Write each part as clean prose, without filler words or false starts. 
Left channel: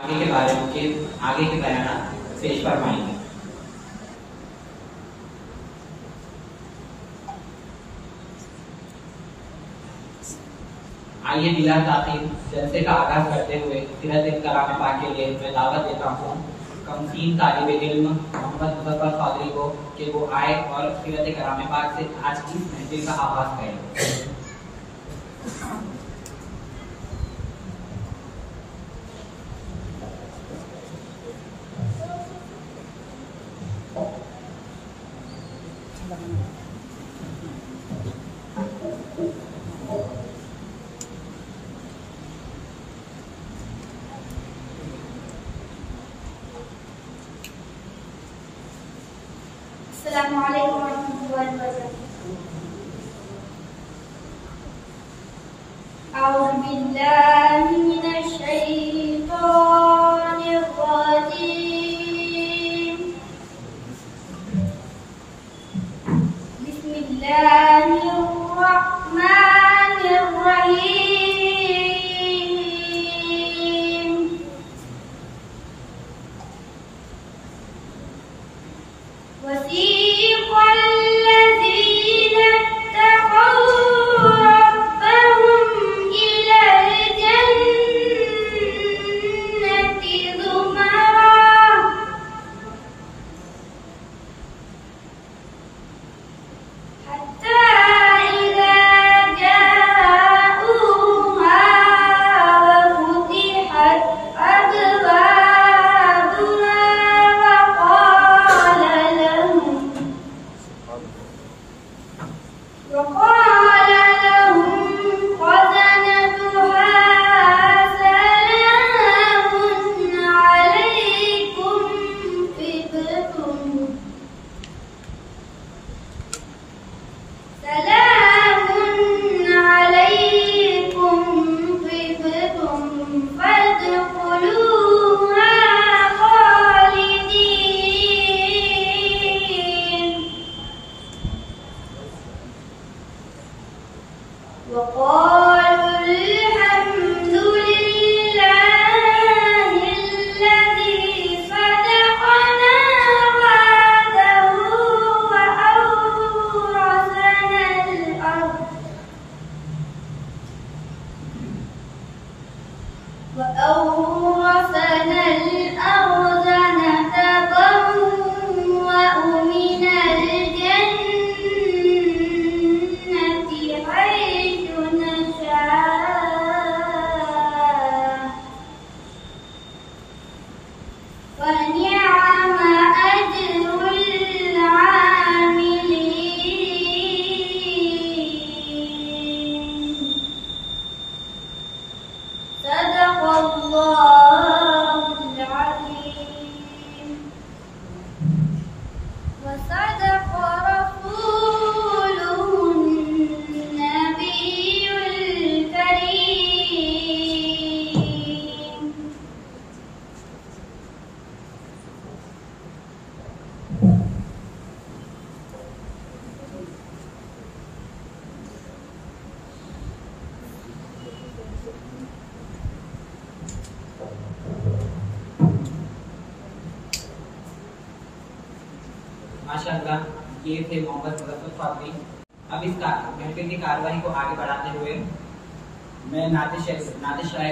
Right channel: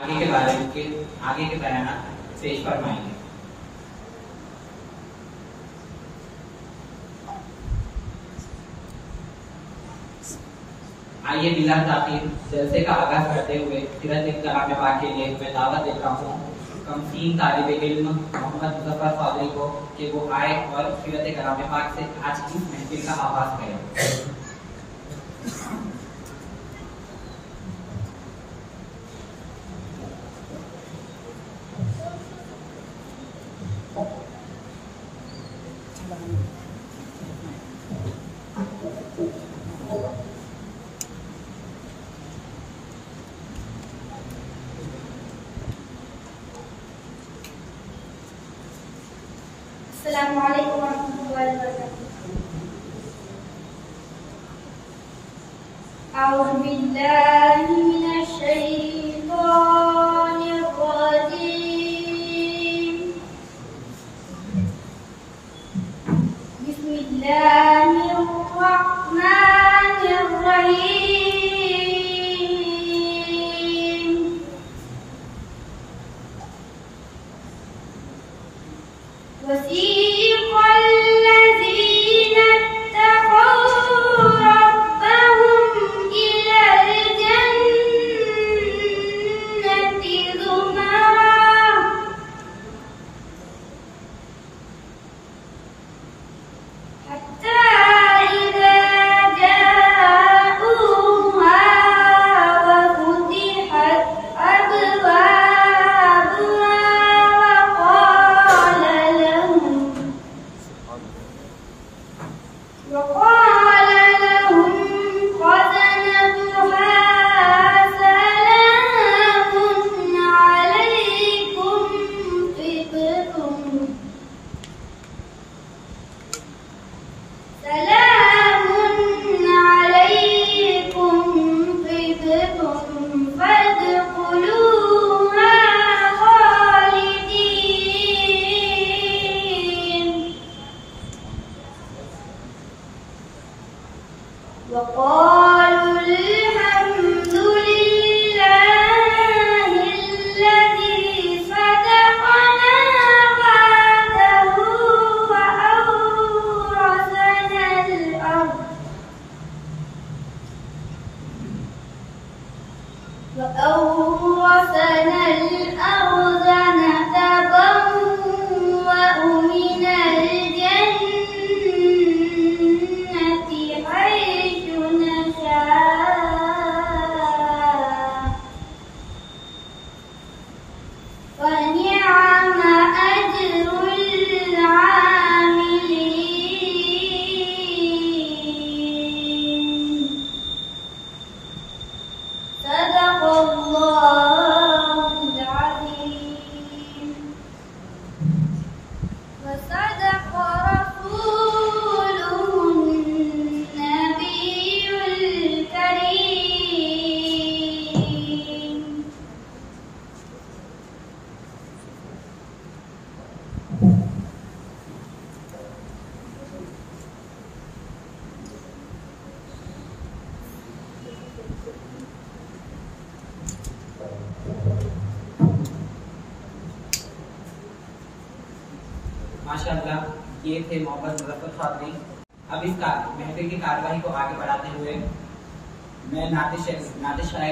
آگے کے بارے میں آگے کے بیانات پیش فرمائیں گے۔ آئیے بلا تاخیر جلسے کا آغاز کرتے ہوئے سیرت کلام پاک کے لیے میں دعوت دیتا ہوں کمسین طالب علم محمد مظفر قادری کو کہ وہ آئے اور سیرت کلام پاک سے آج کی محفل کا آغاز کریں۔ السلام علیکم ورحمۃ اللہ وبرکاتہ۔ اعوذ باللہ من الشیطان الرجیم، بسم اللہ الرحمن الرحیم۔ وسيق الذين اتقوا ربهم إلى الجنة زمرا حتى إذا جاءوها وفتحت أبوابها وقال لهم خزنتها سلام عليكم طبتم فادخلوها خالدين وقالوا الحمد لله الذي صدقنا وعده وأورثنا الأرض نتبوأ من الجنة حيث نشاء فنعم أجر العاملين صدق الله العظيم وصدق رسوله النبي الكريم۔ ماشاءاللہ یہ تھے محمد مظفر قادری۔ اب اس محفل کی کارروائی کو آگے بڑھاتے ہوئے میں نعت شرح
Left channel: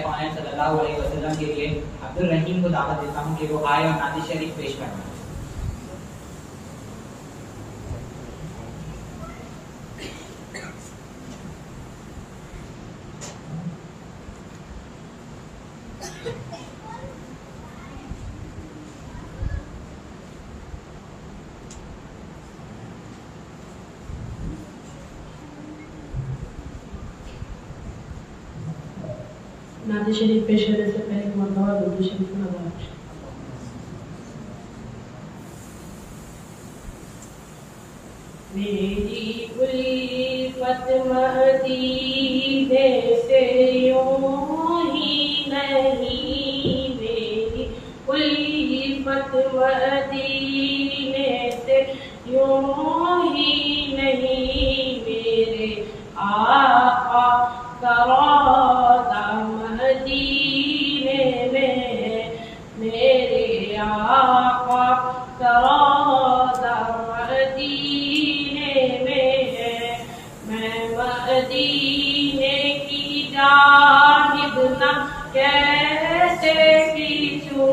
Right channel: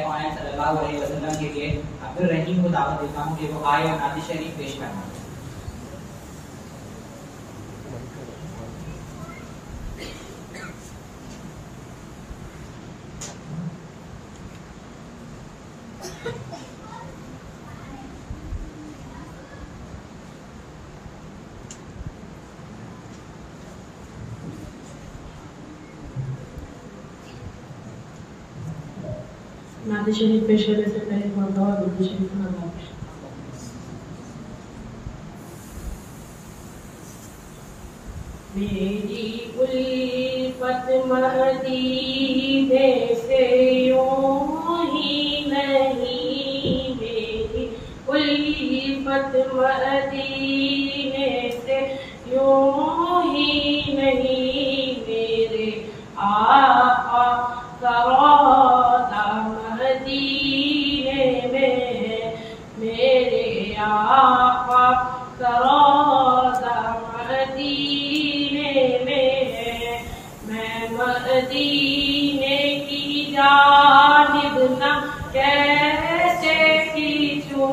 کونین صلی اللہ علیہ وسلم کے لیے عبدالرحیم کو دعوت دیتا ہوں کہ وہ آئے اور نعت شریف پیش کرنا۔ نعت شریف پیش کرنے سے پہلے مرتبہ درود شریف کا آغاز۔ میری الفت مدینے سے یوں ہی نہیں، میری الفت مدینے سے یوں ہی نہیں، میرے آقا کا روضہ مدینے میں میرے آقا کا روضہ مدینے میں ہے، میں مدینے کی جانب نہ کیسے کھینچوں،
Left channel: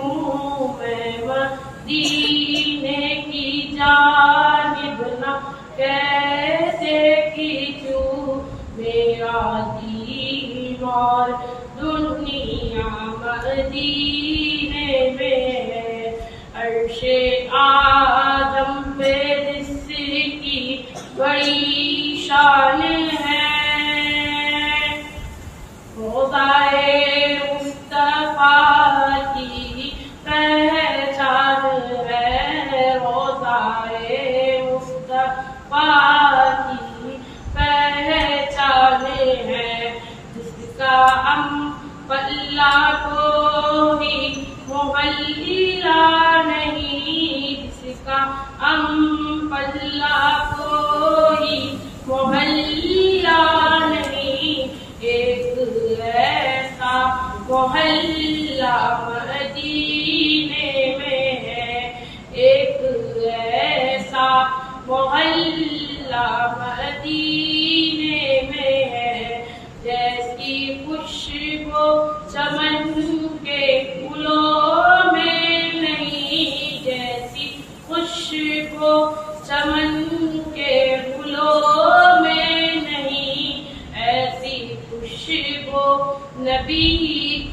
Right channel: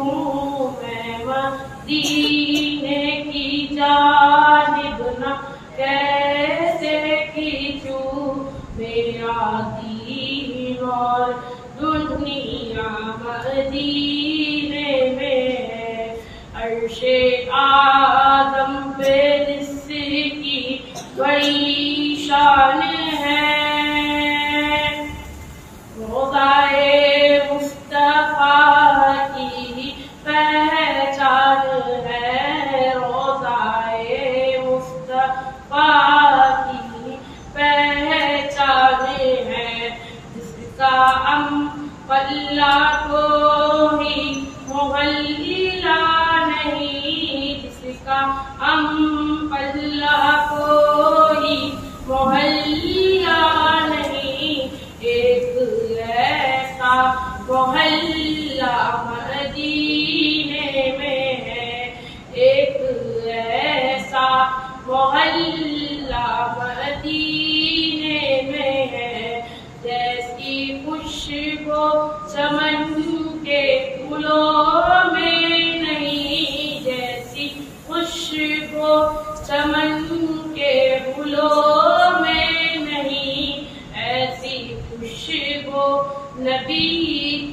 میں مدینے کی جانب نہ کیسے کھینچوں، میرا دین اور دنیا مدینے میں ہے، عرش آدم پہ جس کی بڑی شان ہے، روضائے مصطفیٰ کی پہچان ہے، روضائے مصطفیٰ کی پہچان ہے، جس کا پلہ کوئی محلہ نہیں، جس کا پلہ کوئی محلہ نہیں، ایک ایسا محلہ مدینے میں ہے، ایک ایسا محلہ مدینے میں ہے، جیسی خوشبو چمن کے پھولوں میں نہیں، جیسی خوشبو چمن کے پھولوں میں نہیں، ایسی خوشبو نبی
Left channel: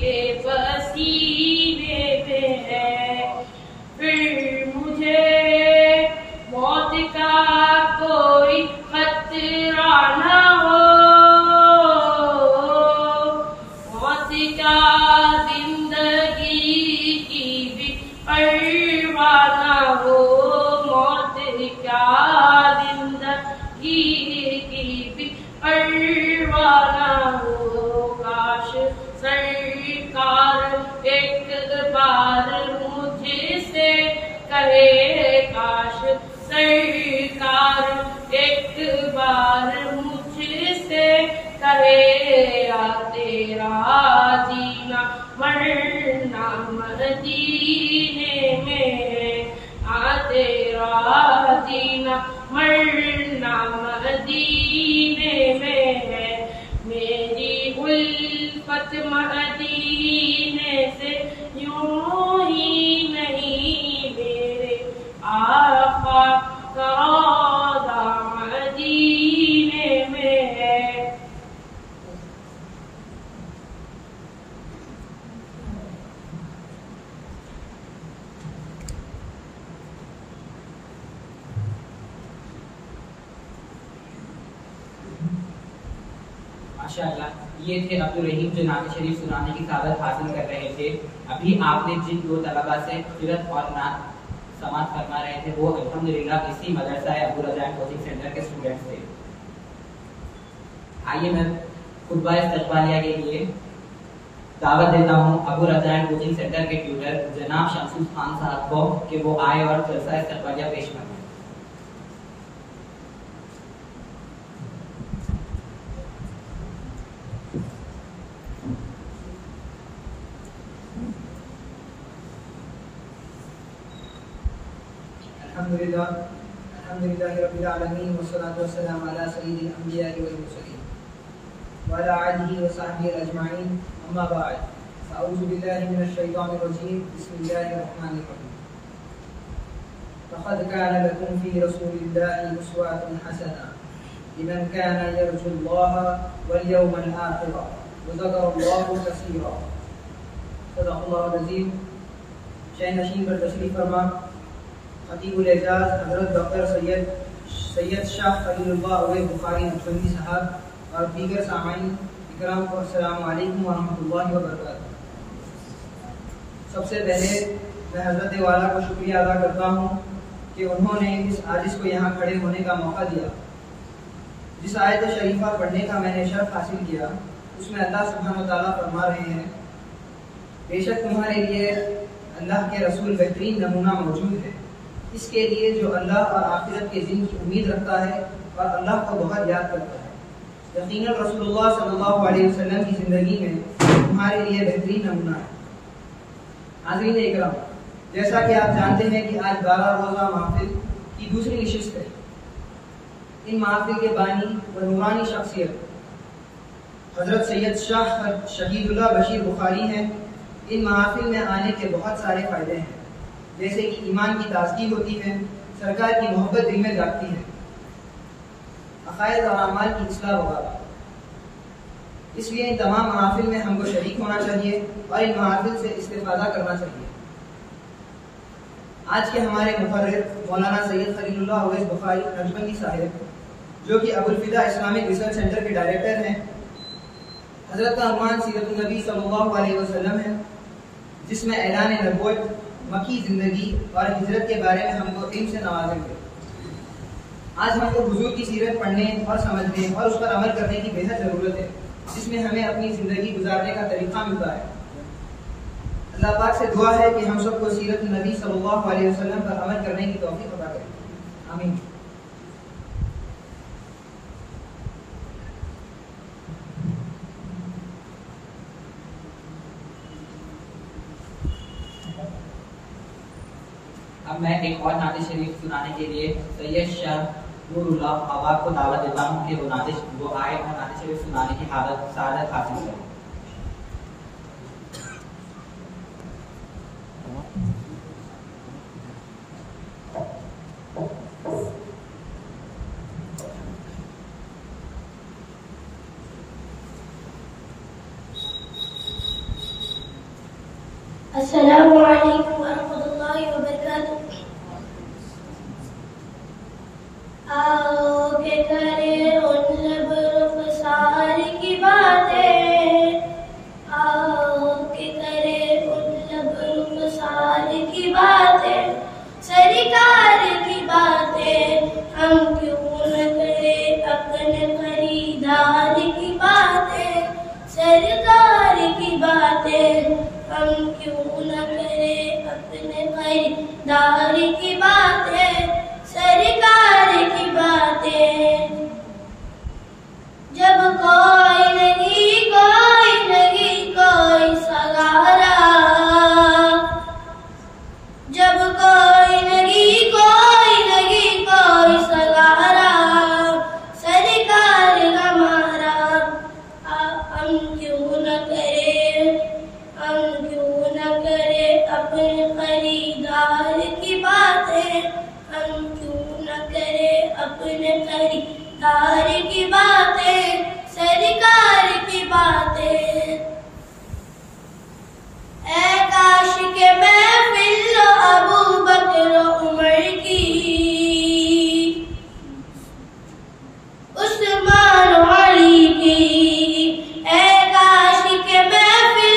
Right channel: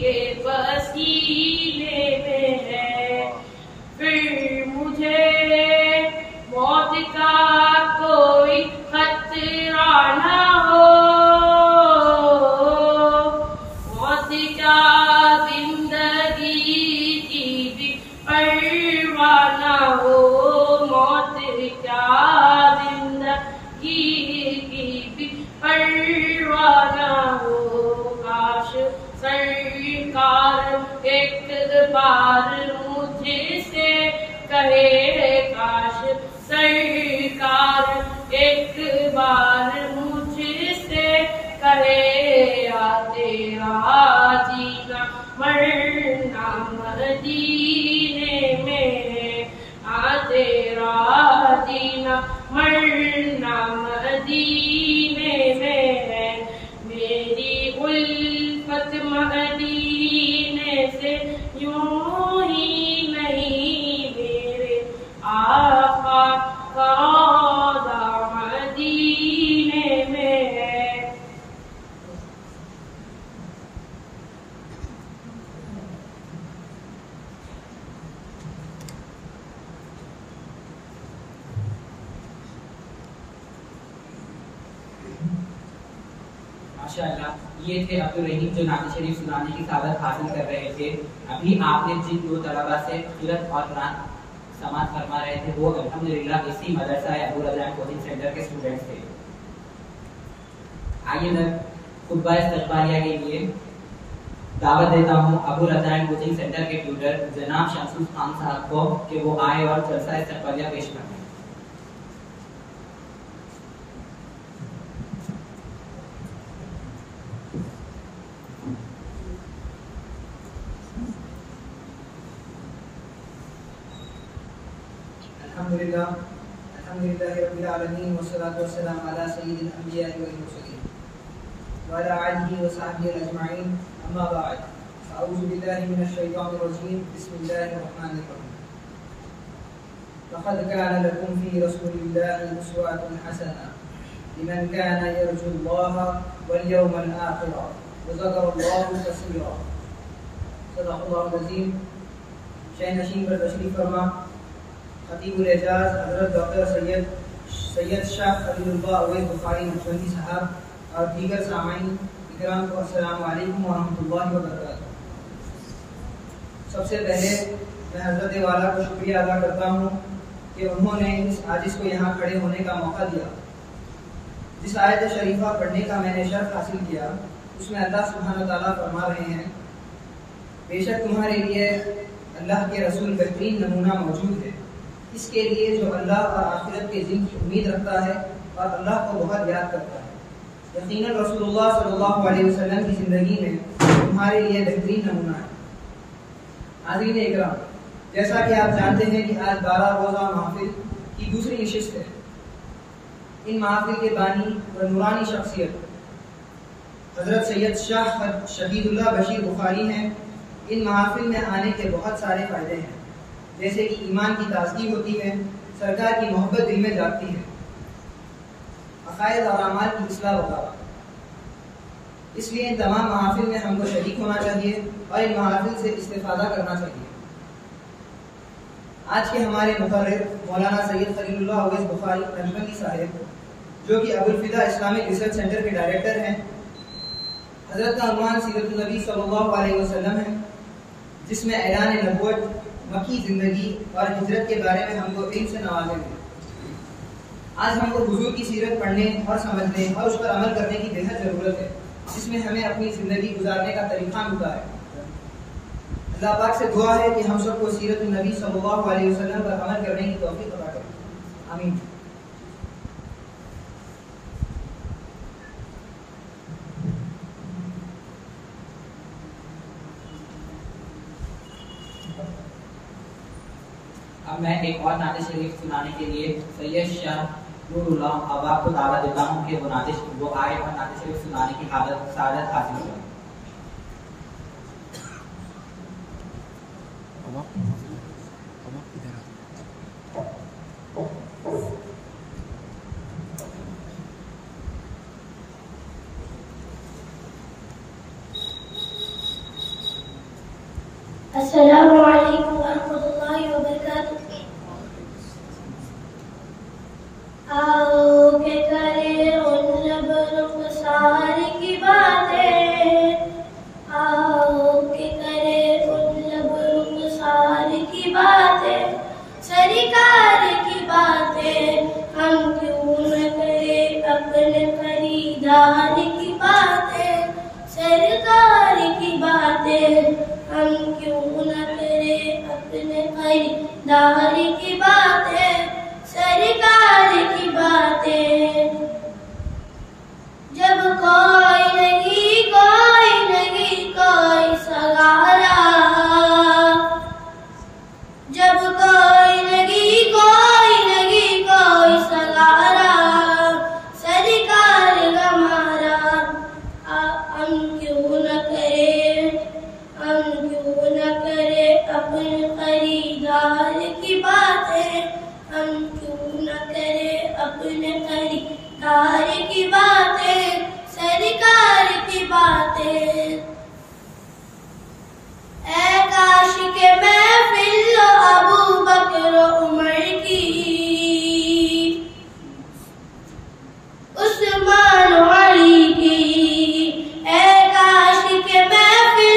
کے پسینے میں ہے، پھر مجھے موت کا کوئی خطرہ نہ ہو، موت کا زندگی کی بھی پرواہ نہ ہو، موت کا زندگی کی بھی پرواہ نہ ہو، کاش سرکار ایک بار مجھ سے کہے، کاش سرکار ایک بار مجھ سے کہے، یا تیرا جینا مرنا مدینے میں ہے، تیرا جینا مرنا مدینے میں ہے، میری الفت مدینے سے یوں ہی نہیں، میرے آقا کا روضہ مدینے میں ہے۔ ماشاءاللہ، یہ تھے عبدالرحیم جو نعت شریف سنانے کی سعادت حاصل کر رہے تھے۔ ابھی آپ نے جن دو طلباء سے قرأت اور نعت سماعت فرما رہے تھے وہ الحمدللہ اسی مدرسہ ابو رضا کوچنگ سینٹر کے اسٹوڈنٹس تھے۔ آئیے میں خطبہ استقبالیہ کے لیے دعوت دیتا ہوں ابو رضا کوچنگ سینٹر کے ٹیوٹر جناب شمسوس خان صاحب کو کہ وہ آئے اور جلسہ استقبالیہ پیش کریں۔ الحمد لله رب العالمين والصلاة والسلام على سيد الأنبياء والمرسلين وعلى آله وصحبه أجمعين، أما بعد، أعوذ بالله من الشيطان الرجيم، بسم الله الرحمن الرحيم، لقد كان لكم في رسول الله أسوة حسنة لمن كان يرجو الله واليوم الآخر وذكر الله كثيرا، صدق الله العظيم۔ شہ نشین پر تشریف فرما خطیب الاعجاز حضرت ڈاکٹر سید شاہ خلیل اللہ اویس بخاری نقشبندی صاحب اور دیگر سامعین اکرام کو السلام علیکم ورحمۃ اللہ وبرکاتہ۔ سب سے پہلے میں حضرت والا کو شکریہ ادا کرتا ہوں کہ انہوں نے اس عاجز کو یہاں کھڑے ہونے کا موقع دیا۔ جس آیت شریفہ پڑھنے کا میں نے شرف حاصل کیا اس میں اللہ سبحانہ وتعالیٰ فرما رہے ہیں، بے شک تمہارے لیے اللہ کے رسول بہترین نمونہ موجود ہے، اس کے لیے جو اللہ اور آخرت کے دن کی امید رکھتا ہے اور اللہ کو بہت یاد کرتا ہے۔ یقیناً رسول اللہ صلی اللہ علیہ وسلم کی زندگی میں تمہارے لیے بہترین نمونہ ہے۔ حاضرین اکرام، جیسا کہ آپ جانتے ہیں کہ آج 12 روزہ محفل کی دوسری نشست ہے۔ ان محافل کے بانی و نورانی شخصیت حضرت سید شاہ شہید اللہ بشیر بخاری ہیں۔ ان محافل میں آنے کے بہت سارے فائدے ہیں، جیسے کہ ایمان کی تازگی ہوتی ہے، سرکار کی محبت دل میں جاگتی ہے، عقائد اور اعمال کی اصلاح وغیرہ۔ اس لیے ان تمام محافل میں ہم کو شریک ہونا چاہیے اور ان محافل سے استفادہ کرنا چاہیے۔ آج کے ہمارے مقرر مولانا سید خلیل اللہ اویس بخاری نقشبندی صاحب، جو کہ ابوالفدا اسلامک ریسرچ سینٹر کے ڈائریکٹر ہیں، حضرت کا عنوان سیرت النبی صلی اللہ علیہ وسلم ہے، جس میں اعلان نبوت، مکی زندگی اور ہجرت کے بارے میں ہم کو علم سے نوازیں گے۔ آج ہم کو حضور کی سیرت پڑھنے اور سمجھنے اور اس پر عمل کرنے کی بے حد ضرورت ہے، جس میں ہمیں اپنی زندگی گزارنے کا طریقہ ملتا ہے۔ اللہ پاک سے دعا ہے کہ ہم سب کو سیرت النبی صلی اللہ علیہ وسلم پر عمل کرنے کی توفیق عطا کرے، آمین۔ اب میں ایک اور نعت شریف سنانے کے لیے سید شاہ نور اللہ احباب کو دعوت دیتا ہوں کہ وہ آئے اور نعت شریف سنانے کی سعادت حاصل کریں۔ السلام علیکم ورحمۃ اللہ وبرکاتہ۔ آؤ کہ کرے ان لب رخسار کی باتیں، آؤ کہ کرے ان لب رخسار کی باتیں، سرکار کی باتیں، ہم کیوں نہ کرے اپنے خریدار کی باتیں، سرکار کی باتیں، ہم کیوں نہ کرے اپنے خریدار کی باتیں، سرکار کی باتیں۔ جب کوئی نہیں کوئی سگارا، جب کوئی نہیں کوئی سگارا، سرکار ہمارا، ہم کیوں نہ کرے اپنے خریدار کی باتیں، ہم کیوں نہ کرے اپنے خریدار کی باتیں، سرکار کی باتیں۔ اے کاش کے محفل ابو بکر عمر کی، عثمان علی کی، اے کاش کے محفل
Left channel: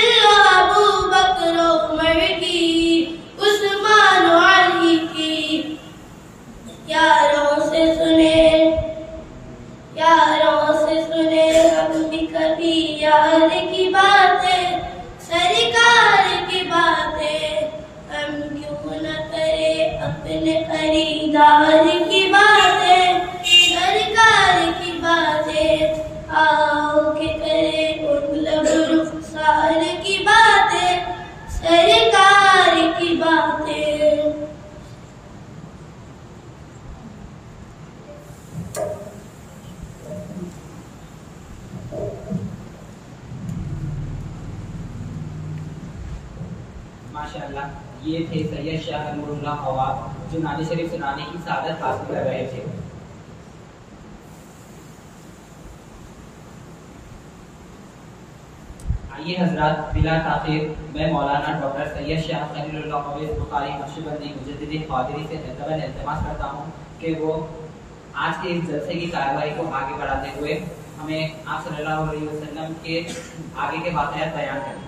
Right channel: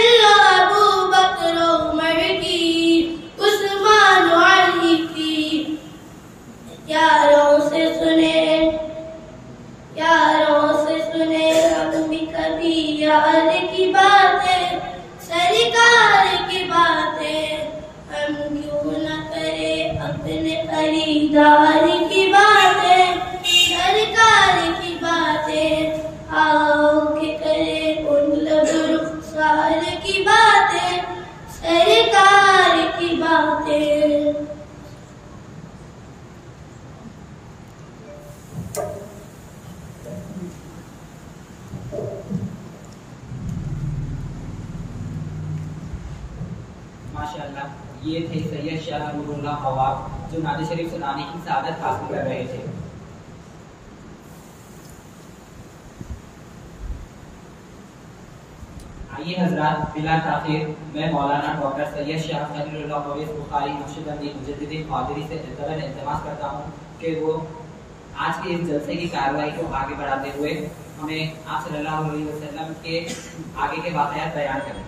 ابو بکر عمر کی، عثمان علی کی، یاروں سے سنے ہم بھی کبھی یار کی باتیں، سرکار کی باتیں، ہم کیوں نہ کرے اپنے خریدار کی باتیں، سرکار کی باتیں۔ آؤ کہ کرے ان لب رخسار کی باتیں، سرکار کی باتیں۔ ماشاءاللہ، یہ تھے سید شاہ نور اللہ احباب جو نعت شریف سنانے کی سعادت حاصل کر رہے تھے۔ آئیے حضرات، بلا تاخیر میں مولانا ڈاکٹر سید شاہ خلیل اللہ اویس بخاری نقشبندی مجدد قادری سے التماس کرتا ہوں کہ وہ آج کے اس جلسے کی کارروائی کو آگے بڑھاتے ہوئے ہمیں آپ صلی اللہ علیہ وسلم کے آگے کے واقعات بیان کریں۔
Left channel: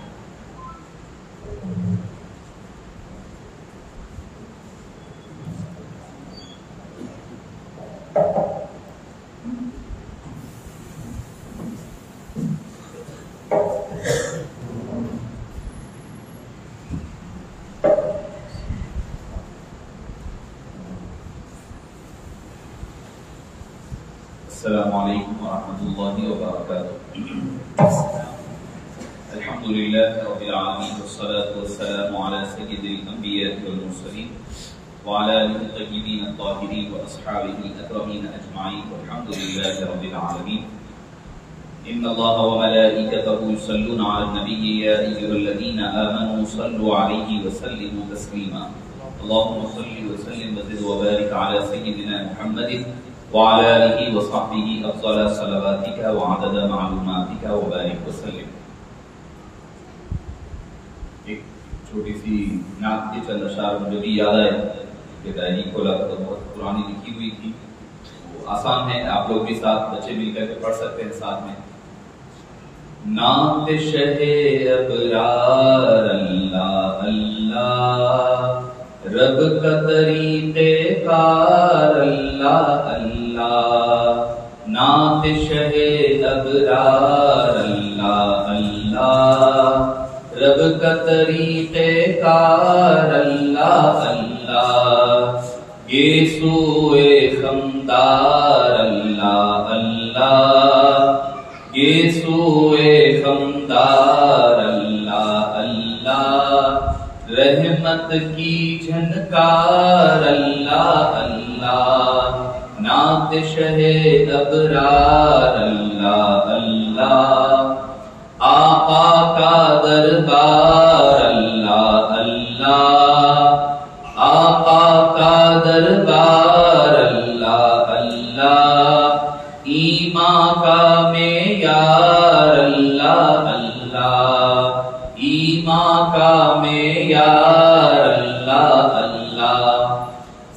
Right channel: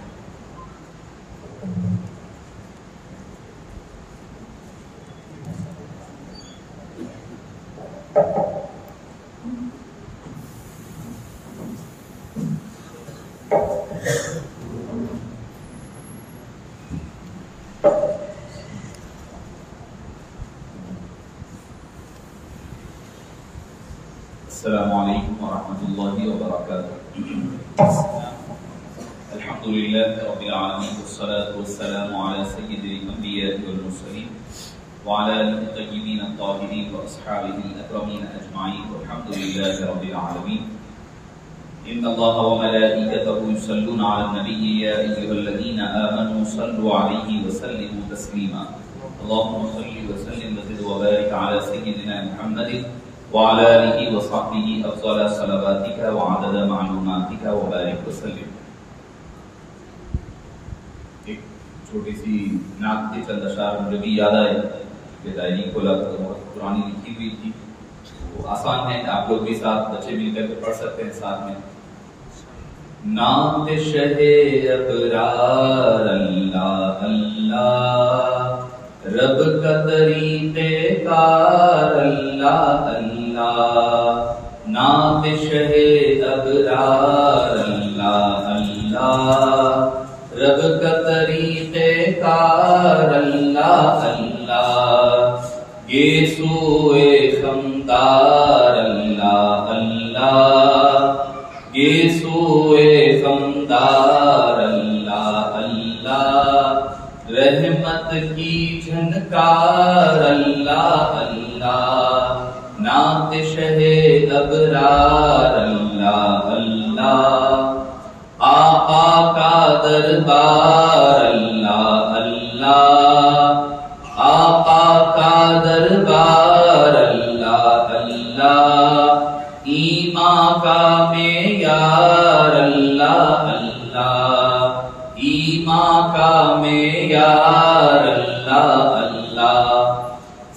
السلام علیکم ورحمۃ اللہ وبرکاتہ۔ الحمد لله رب العالمين والصلاة والسلام على سيد الأنبياء والمرسلين وعلى آله الطيبين الطاهرين وأصحابه الأكرمين أجمعين والحمد لله رب العالمين. إن الله وملائكته يصلون على النبي يا أيها الذين آمنوا صلوا عليه وسلموا تسليما. اللهم صل وسلم وزد وبارك على سيدنا محمد وعلى آله وصحبه أفضل صلواتك وعدد معلوماتك وبارك وسلم. ایک چھوٹی سی نعت کے چند اشعار مجھے بھی یاد آئے کہ ڈائری کھولا تو بہت پرانی لکھی ہوئی تھی، وہ آسان ہے، آپ لوگ بھی ساتھ بچے مل کر کے پڑھ سکتے ہیں ساتھ میں. نعت شہ ابرار اللہ اللہ، رب کا طریق کار اللہ اللہ، نعت شہ ابرار اللہ اللہ، رب کا طریق کار اللہ اللہ، یہ سوئے خمدار اللہ اللہ، یہ سوئے خمدار اللہ اللہ، رحمت کی جھنکار اللہ اللہ، نعت شہ ابرار اللہ اللہ، آقا کا دربار اللہ اللہ، آقا کا دربار اللہ اللہ، ایمان کا معیار اللہ اللہ، ایمان کا معیار اللہ اللہ،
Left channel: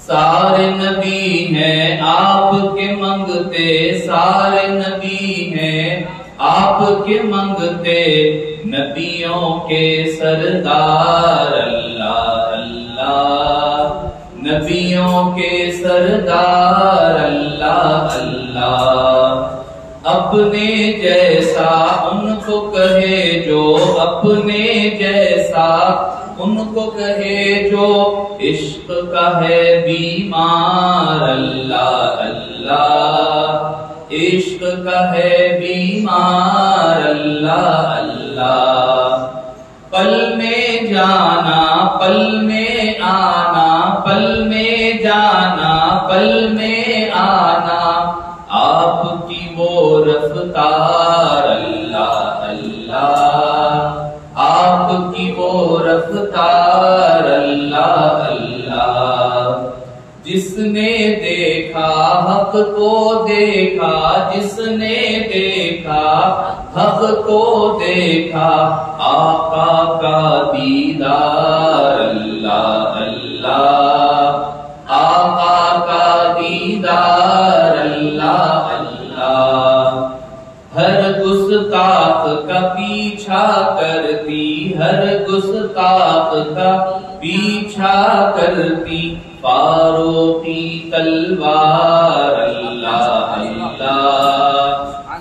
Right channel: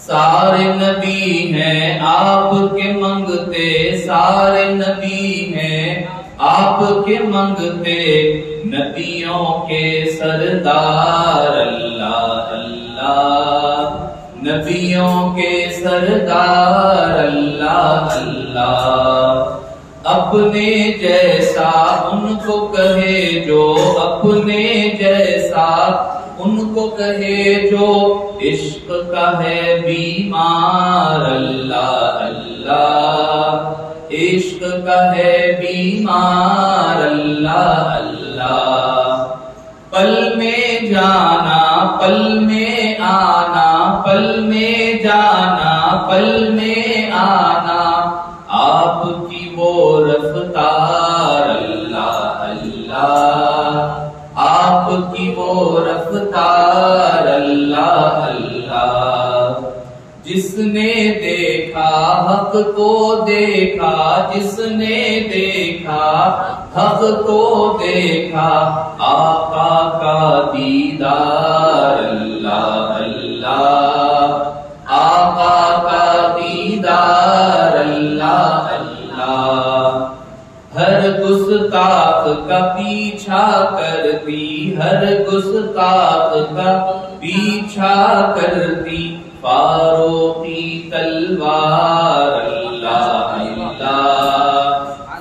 سارے نبی ہیں آپ کے منگتے، سارے نبی ہیں آپ کے منگتے، نبیوں کے سردار اللہ اللہ، نبیوں کے سردار اللہ اللہ، اپنے جیسا ان کو کہے جو، اپنے جیسا ان کو کہے جو، عشق کا ہے بیمار اللہ اللہ، عشق کا ہے بیمار اللہ اللہ، پل میں جانا پل میں آنا، پل میں جانا پل میں آنا، آپ کی وہ رفتار اللہ اللہ، آپ کی وہ رفتار اللہ اللہ، جس نے دیکھا حق کو دیکھا، جس نے دیکھا حق کو دیکھا، آقا کا دیدار اللہ اللہ، آقا کا دیدار اللہ اللہ، ہر گستاخ کا پیچھا کرتی، ہر گستاخ کا پیچھا کرتی، فاروقی تلوار اللہ اللہ،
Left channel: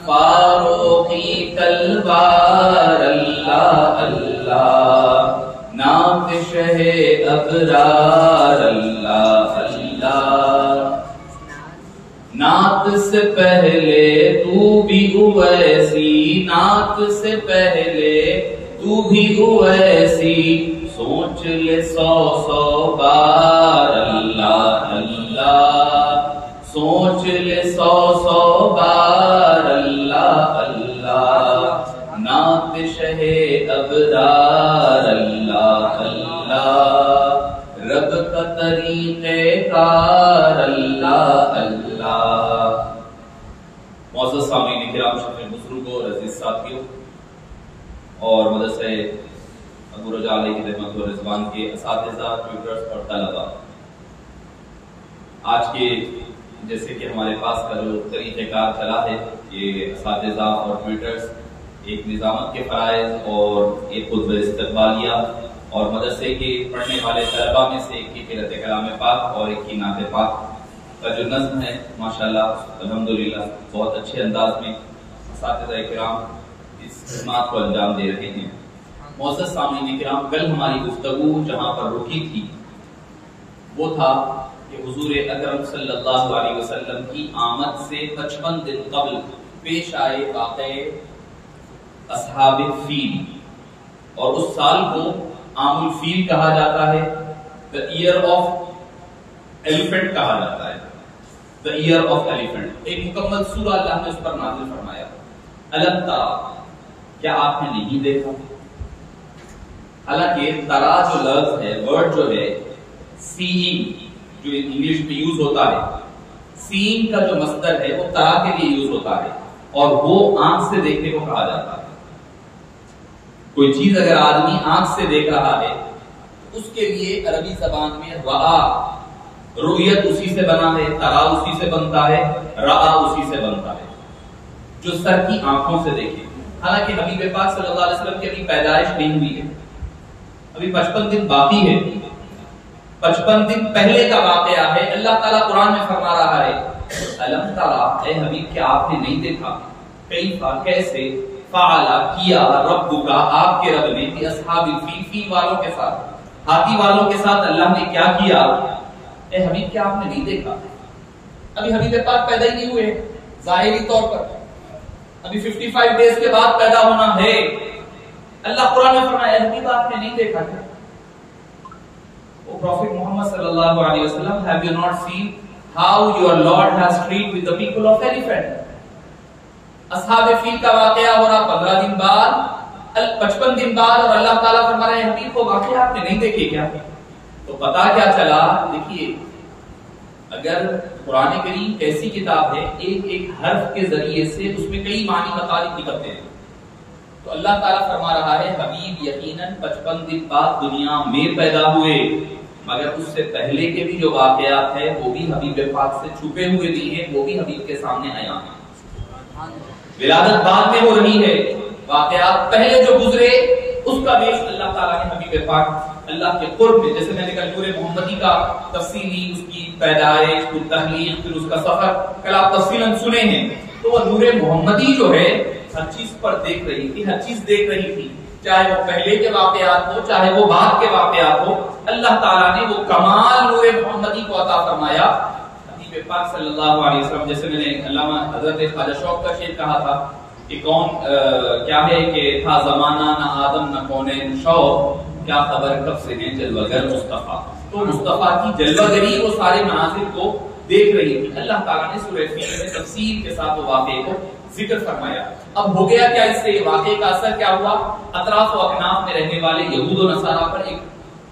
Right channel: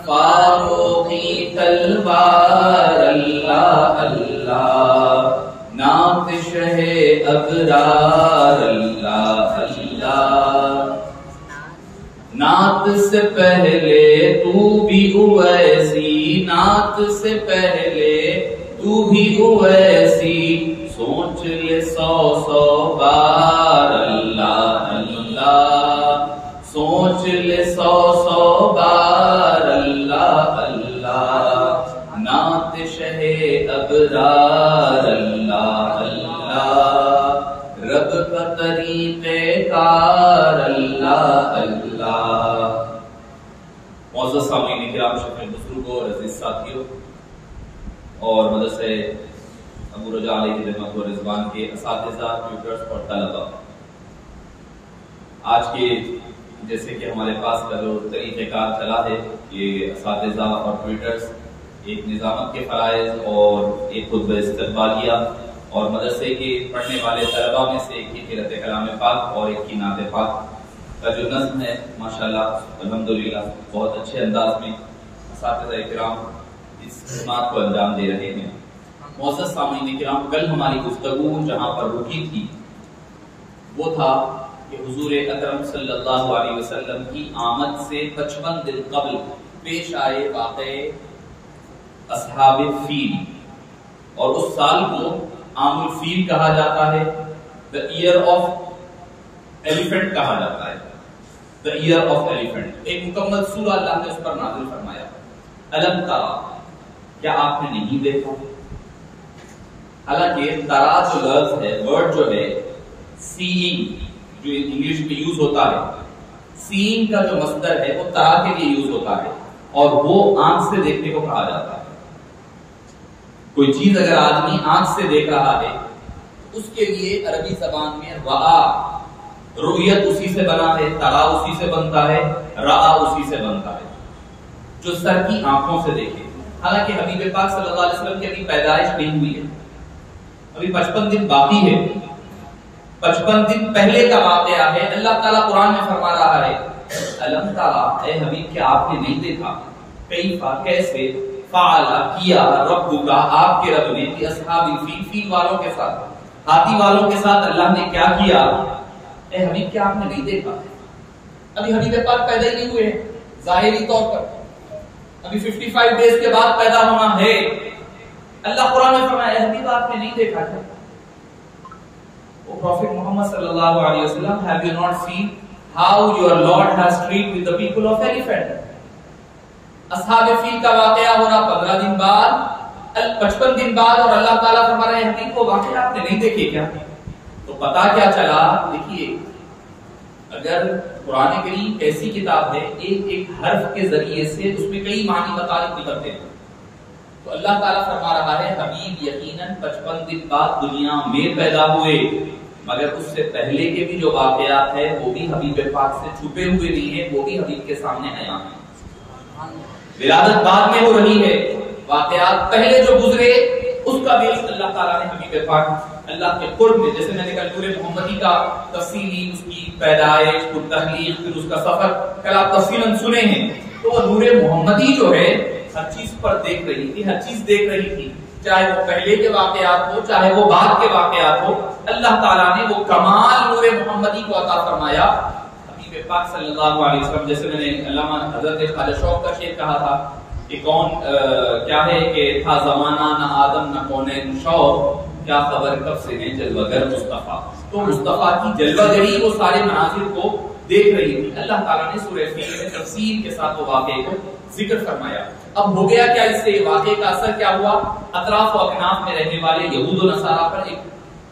فاروقی تلوار اللہ اللہ، نعت شہ ابرار اللہ اللہ، نعت سے پہلے تو بھی اویسی، نعت سے پہلے تو بھی اویسی، سوچ لے سو سو بار اللہ اللہ، سوچ لے سو سو بار اللہ اللہ، نعت شہ ابرار اللہ اللہ، رب کا طریق کار اللہ اللہ. معزز سامعین کرام، شفیع بزرگوں اور عزیز ساتھیوں اور مدرسہ ابو رجا علیہ رحمت و رضوان کے اساتذہ، ٹیوٹرز اور طلباء، آج کے جیسے کہ ہمارے پاس کا جو طریقہ کار چلا ہے، یہ اساتذہ اور ٹیوٹرز ایک نظامت کے فرائض اور ایک خطبہ استقبالیہ اور مدرسے کے پڑھنے والے طلباء میں سے ایک کی قرأت کلام پاک اور ایک کی نعت پاک کا جو نظم ہے، ماشاءاللہ الحمدللہ بہت اچھے انداز میں اساتذہ کرام اس خدمات کو انجام دے رہے ہیں. معزز سامعین کرام، کل ہماری گفتگو جہاں پر رکی تھی وہ تھا کہ حضور اکرم صلی اللہ علیہ وسلم کی آمد سے 55 دن قبل پیش آئے واقعے اصحاب فیل. اور اس سال کو عام الفیل کہا جاتا ہے، the year of elephant کہا جاتا ہے، the year of elephant. ایک مکمل سورہ اللہ نے اس پر نازل فرمایا. الم ترا، کیا آپ نے نہیں دیکھا؟ حالانکہ ترا جو لفظ ہے، ورڈ جو ہے سیئنگ، جو انگلش میں یوز ہوتا ہے، سیئنگ کا جو مصدر ہے وہ ترا کے لیے یوز ہوتا ہے اور وہ آنکھ سے دیکھنے کو کہا جاتا ہے. کوئی چیز اگر آدمی آنکھ سے دیکھ رہا ہے اس کے لیے عربی زبان میں رآ، رؤیت اسی سے بنا ہے، ترا اسی سے بنتا ہے، رآ اسی سے بنتا ہے، جو سر کی آنکھوں سے دیکھے. حالانکہ حبیب پاک صلی اللہ علیہ وسلم کی ابھی پیدائش نہیں ہوئی ہے، ابھی 55 دن باقی ہے. 55 دن پہلے کا واقعہ ہے. اللہ تعالیٰ قرآن میں فرما رہا ہے الم ترا، اے حبیب کیا آپ نے نہیں دیکھا، کیفا کیسے، فعل کیا، ربک آپ کے رب نے، کہ اصحاب الفیل، فیل والوں کے ساتھ، ہاتھی والوں کے ساتھ اللہ نے کیا کیا. اے حبیب کیا آپ نے نہیں دیکھا؟ ابھی حبیب پاک پیدا ہی نہیں ہوئے ظاہری طور پر، ابھی 55 ڈیز کے بعد پیدا ہونا ہے. اللہ قرآن میں فرمایا اے حبیب آپ نے نہیں دیکھا کیا؟ Prophet Muhammad sallallahu alaihi wasallam, have you not seen how your Lord has treated with the people of elephant? اصحاب فیل کا واقعہ ہو رہا 15 دن بعد، 55 دن بعد، اور اللہ تعالیٰ فرما رہے ہیں حبیب کو واقعہ آپ نے نہیں دیکھے کیا؟ تو پتا کیا چلا؟ دیکھیے اگر قرآن کریم ایسی کتاب ہے ایک ایک حرف کے ذریعے سے اس میں کئی معنی مطالب نکلتے ہیں. تو اللہ تعالیٰ فرما رہا ہے حبیب یقیناً 55 دن بعد دنیا میں پیدا ہوئے، مگر اس سے پہلے کے بھی جو واقعات ہیں وہ بھی حبیب پاک سے چھپے ہوئے نہیں ہیں، وہ بھی حبیب کے سامنے آیا ہیں. ولادت بعد میں ہو رہی ہے، واقعات پہلے جو گزرے اس کا بھی اللہ تعالیٰ نے حبیب پاک اللہ کے قرب میں، جیسے میں نے کہا نور محمدی کا تفصیلی اس کی پیدائش، پھر تحلیق، پھر اس کا سفر کل آپ تفصیلاً سنے ہیں. تو وہ نور محمدی جو ہے ہر چیز پر دیکھ رہی تھی، ہر چیز دیکھ رہی تھی، چاہے وہ پہلے کے واقعات ہو چاہے وہ بعد کے واقعات ہو. اللہ تعالیٰ نے وہ کمال نور محمدی کو عطا فرمایا حبیب پاک صلی اللہ علیہ وسلم. جیسے میں نے علامہ حضرت خواجہ شوق کا شعر کہا تھا کہ کون کیا ہے کہ تھا زمانہ نہ آدم نہ کونین شوق، کیا خبر کب سے ہیں جلوہ گر مصطفیٰ. تو مصطفیٰ کی جلوہ گری وہ سارے مناظر کو دیکھ رہی تھی. اللہ تعالیٰ نے سورہ فیل میں تفصیل کے ساتھ وہ واقعے کو ذکر فرمایا. اب ہو گیا کیا، اس سے واقعے کا اثر کیا ہوا؟ اطراف و اکناف میں رہنے والے یہود و نصارہ پر ایک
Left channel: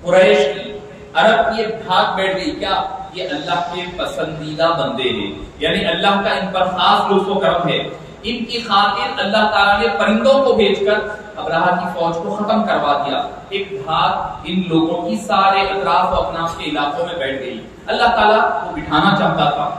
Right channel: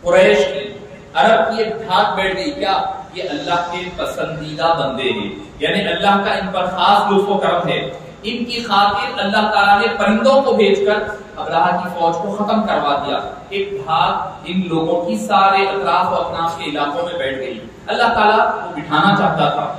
قریش کی، عرب کی ایک دھاک بیٹھ گئی. کیا؟ یہ اللہ کے پسندیدہ بندے ہیں، یعنی اللہ کا ان پر خاص لطف و کرم ہے. ان کی خاطر اللہ تعالیٰ نے پرندوں کو بھیج کر ابراہہ کی فوج کو ختم کروا دیا. ایک دھاک ان لوگوں کی سارے اطراف و اکناف کے علاقوں میں بیٹھ گئی. اللہ تعالیٰ وہ بٹھانا چاہتا تھا.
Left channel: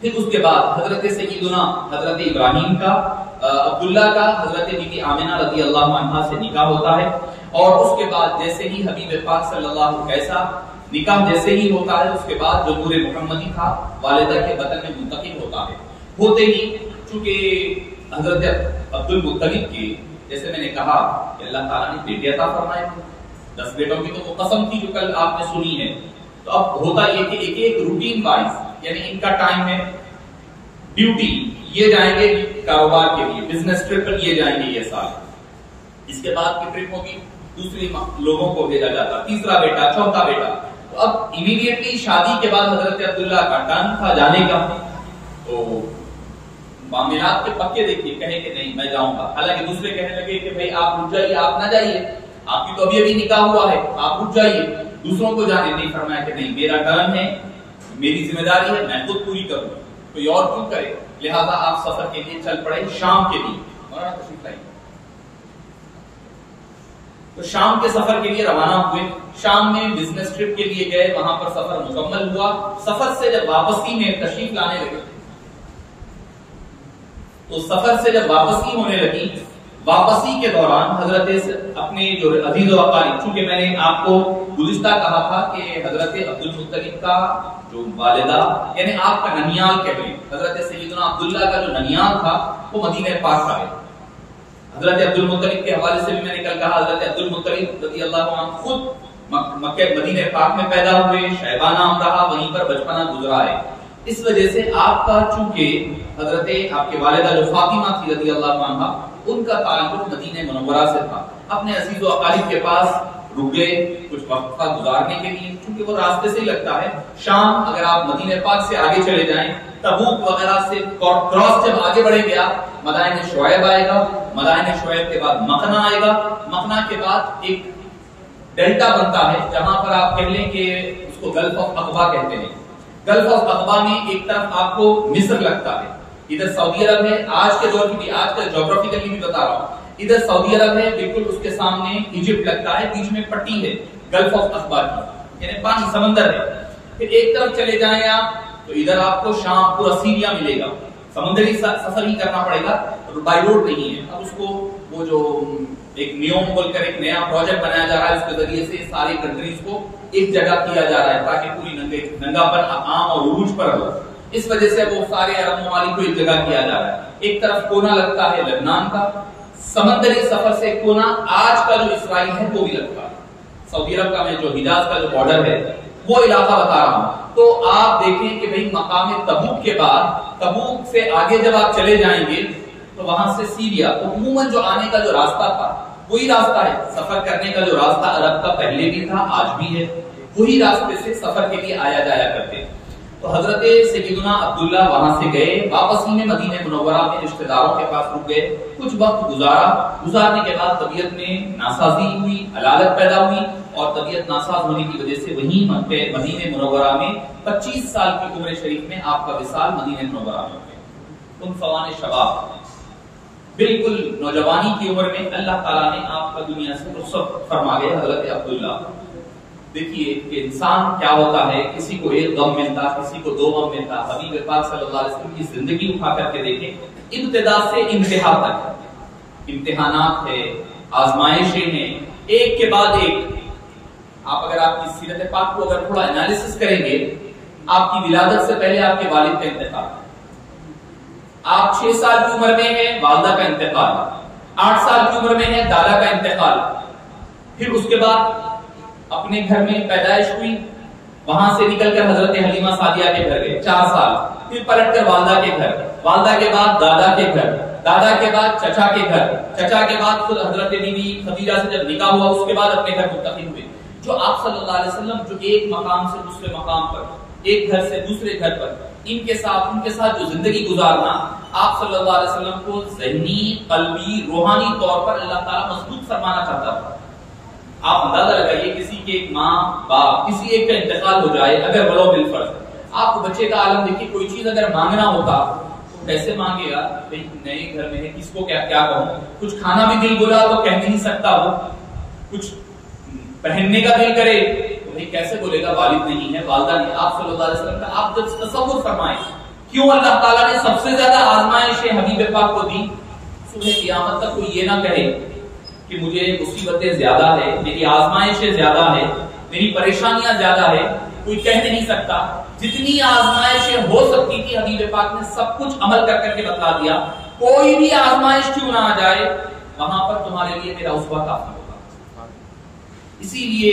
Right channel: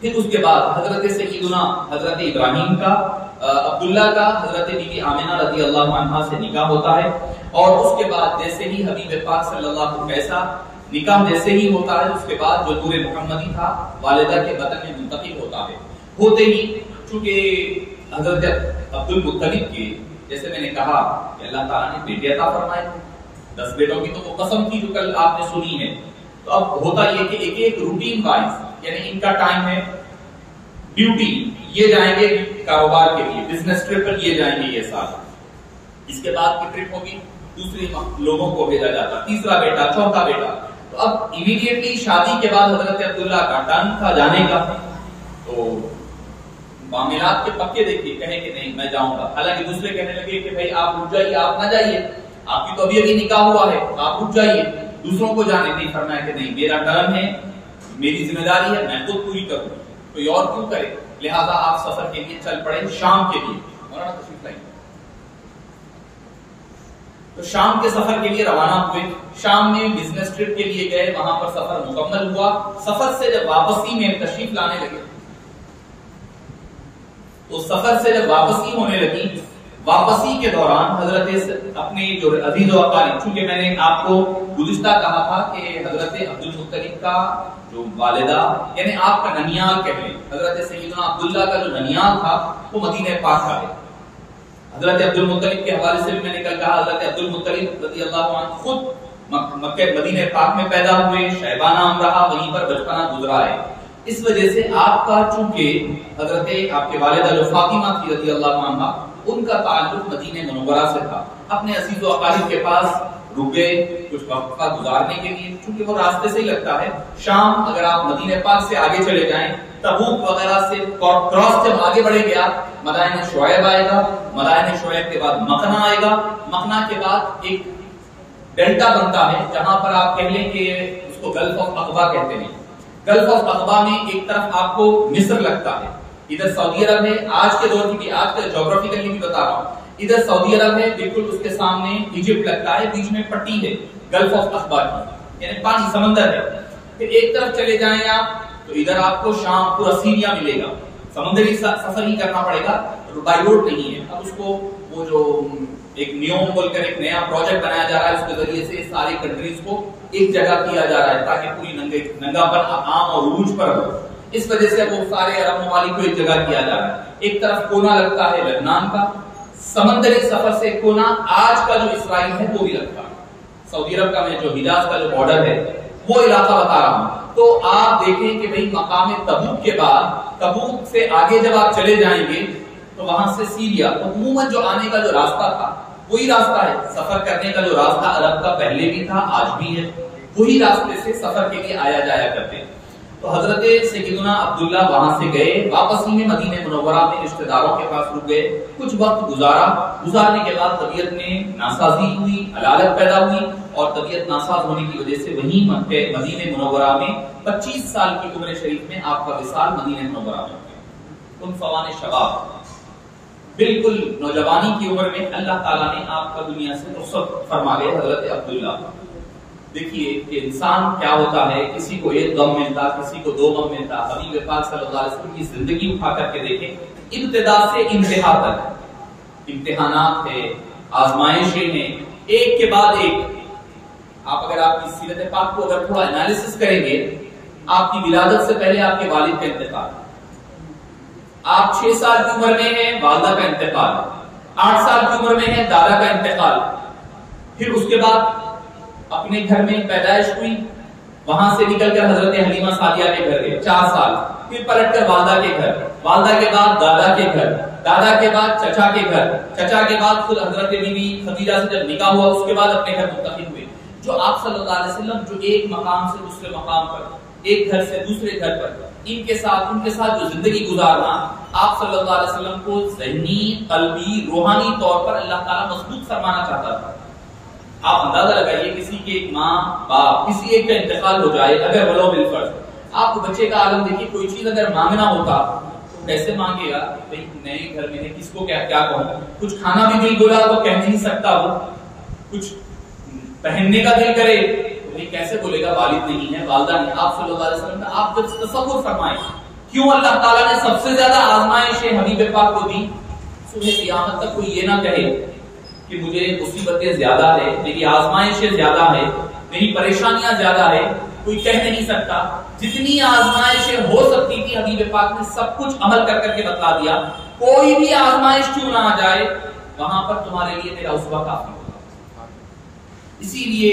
پھر اس کے بعد حضرت سیدنا حضرت ابراہیم کا، عبداللہ کا حضرت بی بی آمنہ رضی اللہ عنہا سے نکاح ہوتا ہے. اور اس کے بعد جیسے ہی حبیب پاک صلی اللہ علیہ وسلم کیسا نکاح جیسے ہی ہوتا ہے، اس کے بعد جو نور محمدی تھا والدہ کے بطن میں منتقل ہوتا ہے. ہوتے ہی چونکہ حضرت عبد المطلب کے، جیسے میں نے کہا کہ اللہ تعالیٰ نے بیٹے عطا فرمائے تھے، 10 بیٹوں کی تو وہ قسم تھی جو کل آپ نے سنی ہے. تو اب ہوتا یہ کہ ایک ایک روٹین وائز، یعنی ان کا ٹائم ہے ڈیوٹی، یہ جائیں گے کاروبار کے لیے، بزنس ٹرپ پر یہ جائیں گے یہ سال. اس کے بعد کی ٹرپ ہوگی دوسری لوگوں کو بھیجا جاتا، تیسرا بیٹا، چوتھا بیٹا. تو اب امیڈیٹلی شادی کے بعد حضرت عبداللہ کا ٹرن تھا جانے کا. تو معاملات کے پکے دیکھیے، کہے کہ نہیں میں جاؤں گا. حالانکہ دوسرے کہنے لگے کہ بھائی آپ رک جائیے، آپ نہ جائیے، آپ کی تو ابھی نکاح ہوا ہے، آپ رک جائیے. دوسروں کو جانے نہیں، فرمایا کہ نہیں میرا ٹرن ہے، میری ذمہ داری ہے، میں خود پوری کروں، کوئی اور کیوں کرے. لہذا آپ سفر کے لیے چل پڑے شام کے لیے. مولانا تشریف لائیں. تو شام کے سفر کے لیے روانہ ہوئے. شام میں بزنس ٹرپ کے لیے گئے، وہاں پر سفر مکمل ہوا. سفر سے جب واپسی میں تشریف لانے لگے، تو سفر سے جب واپسی ہونے لگی، واپسی کے دوران حضرت اپنے جو عزیز و اقارب، چونکہ میں نے آپ کو گزشتہ کہا تھا کہ حضرت عبد المطلب کا جو والدہ، یعنی آپ کا ننیال کہہ لیں، حضرت سیدنا عبداللہ کا جو ننیال تھا وہ مدینہ پاک کا ہے. حضرت عبد المطلب کے حوالے سے بھی میں نے کل کہا، حضرت عبد المطلب رضی اللہ عنہ خود مکہ مدینہ پاک میں پیدا ہوئے، شیبہ نام رہا، وہیں پر بچپنا گزرا ہے. اس وجہ سے آپ کا چونکہ حضرت آپ کے والدہ جو فاطمہ تھی رضی اللہ عنہ، ان کا تعلق مدینہ منورہ سے تھا. اپنے عزیز و اقارب کے پاس رکے کچھ وقفہ گزارنے کے لیے، چونکہ وہ راستے سے ہی لگتا ہے. شام اگر آپ مدینہ پاک سے آگے چلے جائیں، تبوک وغیرہ سے کراس جب آگے بڑھے گیا، مدائن شعیب آئے گا، مدائن شعیب کے بعد مکنا آئے گا، مکنا کے بعد ایک ڈیلٹا بنتا ہے جہاں پر آپ کہہ لیں کہ اس کو گلف آف عقبہ کہتے ہیں. گلف آف عقبہ میں ایک طرف آپ کو مصر لگتا ہے، ادھر سعودی عرب ہے. آج کے دور کی بھی، آج کا جغرافیکلی بھی بتا رہا ہوں، ادھر سعودی عرب ہے، بالکل اس کے سامنے ایجپٹ لگتا ہے، بیچ میں پٹی ہے گلف آف عقبہ کی، یعنی پانی سمندر ہے. پھر ایک طرف چلے جائیں آپ تو ادھر آپ کو شام پورا سیریا ملے گا. سمندری سفر ہی کرنا پڑے گا، بائی روڈ نہیں ہے. اب اس کو وہ جو ایک نیوم بول کر ایک نیا پروجیکٹ بنایا جا رہا ہے، اس کے ذریعے سے ساری کنٹریز کو ایک جگہ کیا جا رہا ہے تاکہ پوری ننگا پن عام اور عروج پر ہو. اس وجہ سے وہ سارے عرب ممالک کو ایک جگہ کیا جا رہا ہے. ایک طرف کونا لگتا ہے لبنان کا، سمندری سفر سے کونا آج کا جو اسرائیل ہے وہ بھی لگتا ہے. سعودی عرب کا میں جو حجاز کا جو بارڈر ہے وہ علاقہ بتا رہا ہوں. تو آپ دیکھیں کہ بھئی مقام تبوک کے بعد، تبوک سے آگے جب آپ چلے جائیں گے تو وہاں سے سیریا، تو عموماً جو آنے کا جو راستہ تھا وہی راستہ ہے. سفر کرنے کا جو راستہ عرب کا پہلے بھی تھا، آج بھی ہے، وہی راستے سے سفر کے لیے آیا جایا کرتے. تو حضرت سیدنا عبداللہ وہاں سے گئے، واپسی میں مدینہ منورہ میں رشتہ داروں کے پاس رک گئے، کچھ وقت گزارا. گزارنے کے بعد طبیعت میں ناسازی ہوئی، علالت پیدا ہوئی، اور طبیعت ناساز ہونے کی وجہ سے وہیں مدینہ منورہ میں 25 سال کی عمر شریف میں آپ کا وصال مدینہ منورہ میں ہو گیا. ان فوان شباب، بالکل نوجوانی کی عمر میں اللہ تعالیٰ نے آپ کا دنیا سے رخصت فرما گئے. حضرت عبداللہ، دیکھیے کہ انسان کیا ہوتا ہے، کسی کو ایک غم ملتا، کسی کو دو غم ملتا. حبیب پاک صلی اللہ علیہ وسلم کی زندگی اٹھا کر کے دیکھیں، ابتدا سے انتہا تک امتحانات ہیں، آزمائشیں ہیں، ایک کے بعد ایک. آپ اگر آپ کی سیرت پاک کو اگر تھوڑا انالیسس کریں گے، آپ کی ولادت سے پہلے آپ کے والد کا انتقال، آپ 6 سال کی عمر میں ہیں والدہ کا انتقال، 8 سال کی عمر میں ہے دادا کا انتقال، پھر اس کے بعد اپنے گھر میں پیدائش ہوئی، وہاں سے نکل کر حضرت حلیمہ سعدیہ کے گھر گئے 4 سال، پھر پلٹ کر والدہ کے گھر، والدہ کے بعد دادا کے گھر، دادا کے بعد چچا کے گھر، چچا کے بعد خود حضرت بیوی خدیجہ سے جب نکاح ہوا اس کے بعد اپنے گھر منتقل ہوئے. جو آپ صلی اللہ علیہ وسلم جو ایک مقام سے دوسرے مقام پر، ایک گھر سے دوسرے گھر پر، ان کے ساتھ جو زندگی گزارنا، آپ صلی اللہ علیہ وسلم کو ذہنی، قلبی، روحانی طور پر اللہ تعالیٰ مضبوط فرمانا چاہتا تھا. آپ اندازہ لگائیے کسی کے ایک ماں باپ، کسی ایک کا انتقال ہو جائے، اگر ولو بالفرض، آپ کو بچے کا عالم دیکھیے، کوئی چیز اگر مانگنا ہوتا تو کیسے مانگے گا؟ بھائی نئے گھر میں ہے، کس کو کیا کہوں، کچھ کھانا بھی دل بولا تو کہہ نہیں سکتا، وہ کچھ پہننے کا دل کرے تو بھائی کیسے بولے گا، والد نہیں ہے، والدہ نہیں ہے. آپ صلی اللہ علیہ وسلم کا آپ جب تصور فرمائیں، کیوں اللہ تعالیٰ نے سب سے زیادہ آزمائشیں حبیب پاک کو دی. صبح قیامت تک کوئی یہ نہ کہے کہ مجھے مصیبتیں زیادہ ہے، میری آزمائشیں زیادہ ہے، میری پریشانیاں زیادہ ہے، کوئی کہہ نہیں سکتا. جتنی آزمائشیں ہو سکتی تھی حبیب پاک نے سب کچھ عمل کر کر کے بتلا دیا. کوئی بھی آزمائش کیوں نہ آ جائے، وہاں پر تمہارے لیے میرا اسوہ کافی ہوگا. اسی لیے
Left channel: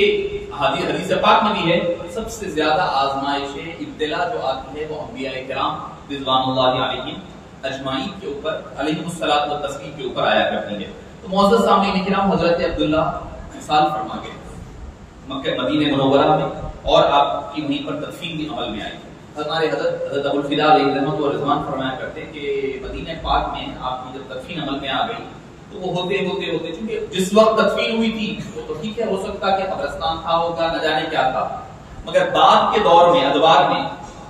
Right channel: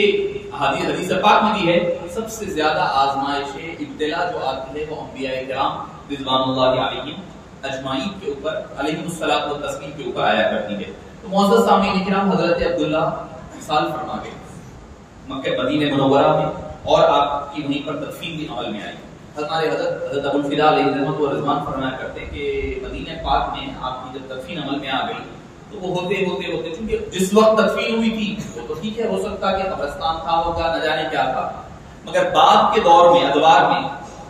حدیث پاک میں بھی ہے، سب سے زیادہ آزمائشیں، ابتلا جو آتی ہے وہ انبیاء کرام رضوان اللہ علیہم اجمعین کے اوپر، علیہم الصلوۃ والتسلیم کے اوپر آیا کرتی ہے. تو معزز سامعین کرام، حضرت عبداللہ مثال فرما گئے مکہ مدینہ منورہ میں، اور آپ کی وہیں پر تدفین بھی عمل میں آئی. ہمارے حضرت ابو الفدا علیہ رحمۃ و رضوان فرمایا کرتے کہ مدینہ پاک میں آپ کی جب تدفین عمل میں آ گئی تو وہ ہوتے چونکہ جس وقت تدفین ہوئی تھی وہ تو ٹھیک ہے، ہو سکتا کہ قبرستان تھا ہوگا، نہ جانے کیا تھا، مگر بعد کے دور میں ادوار میں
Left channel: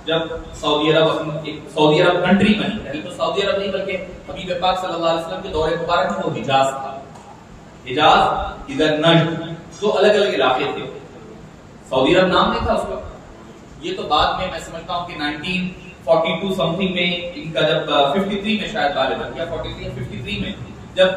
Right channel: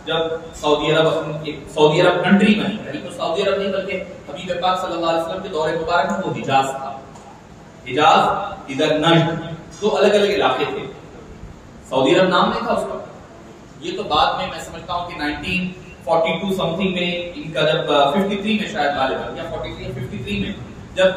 جب سعودی عرب کنٹری بنی، پہلے تو سعودی عرب نہیں بلکہ حبیب پاک صلی اللہ علیہ وسلم کے دور مبارک میں وہ حجاز تھا. حجاز، ادھر نجد، دو الگ الگ علاقے تھے. سعودی عرب نام نہیں تھا اس کا. یہ تو بعد میں سمجھتا ہوں کہ 1942 سم تھنگ میں ان کا جب 53 میں شاید غالباً یا 43 یا 53 میں جب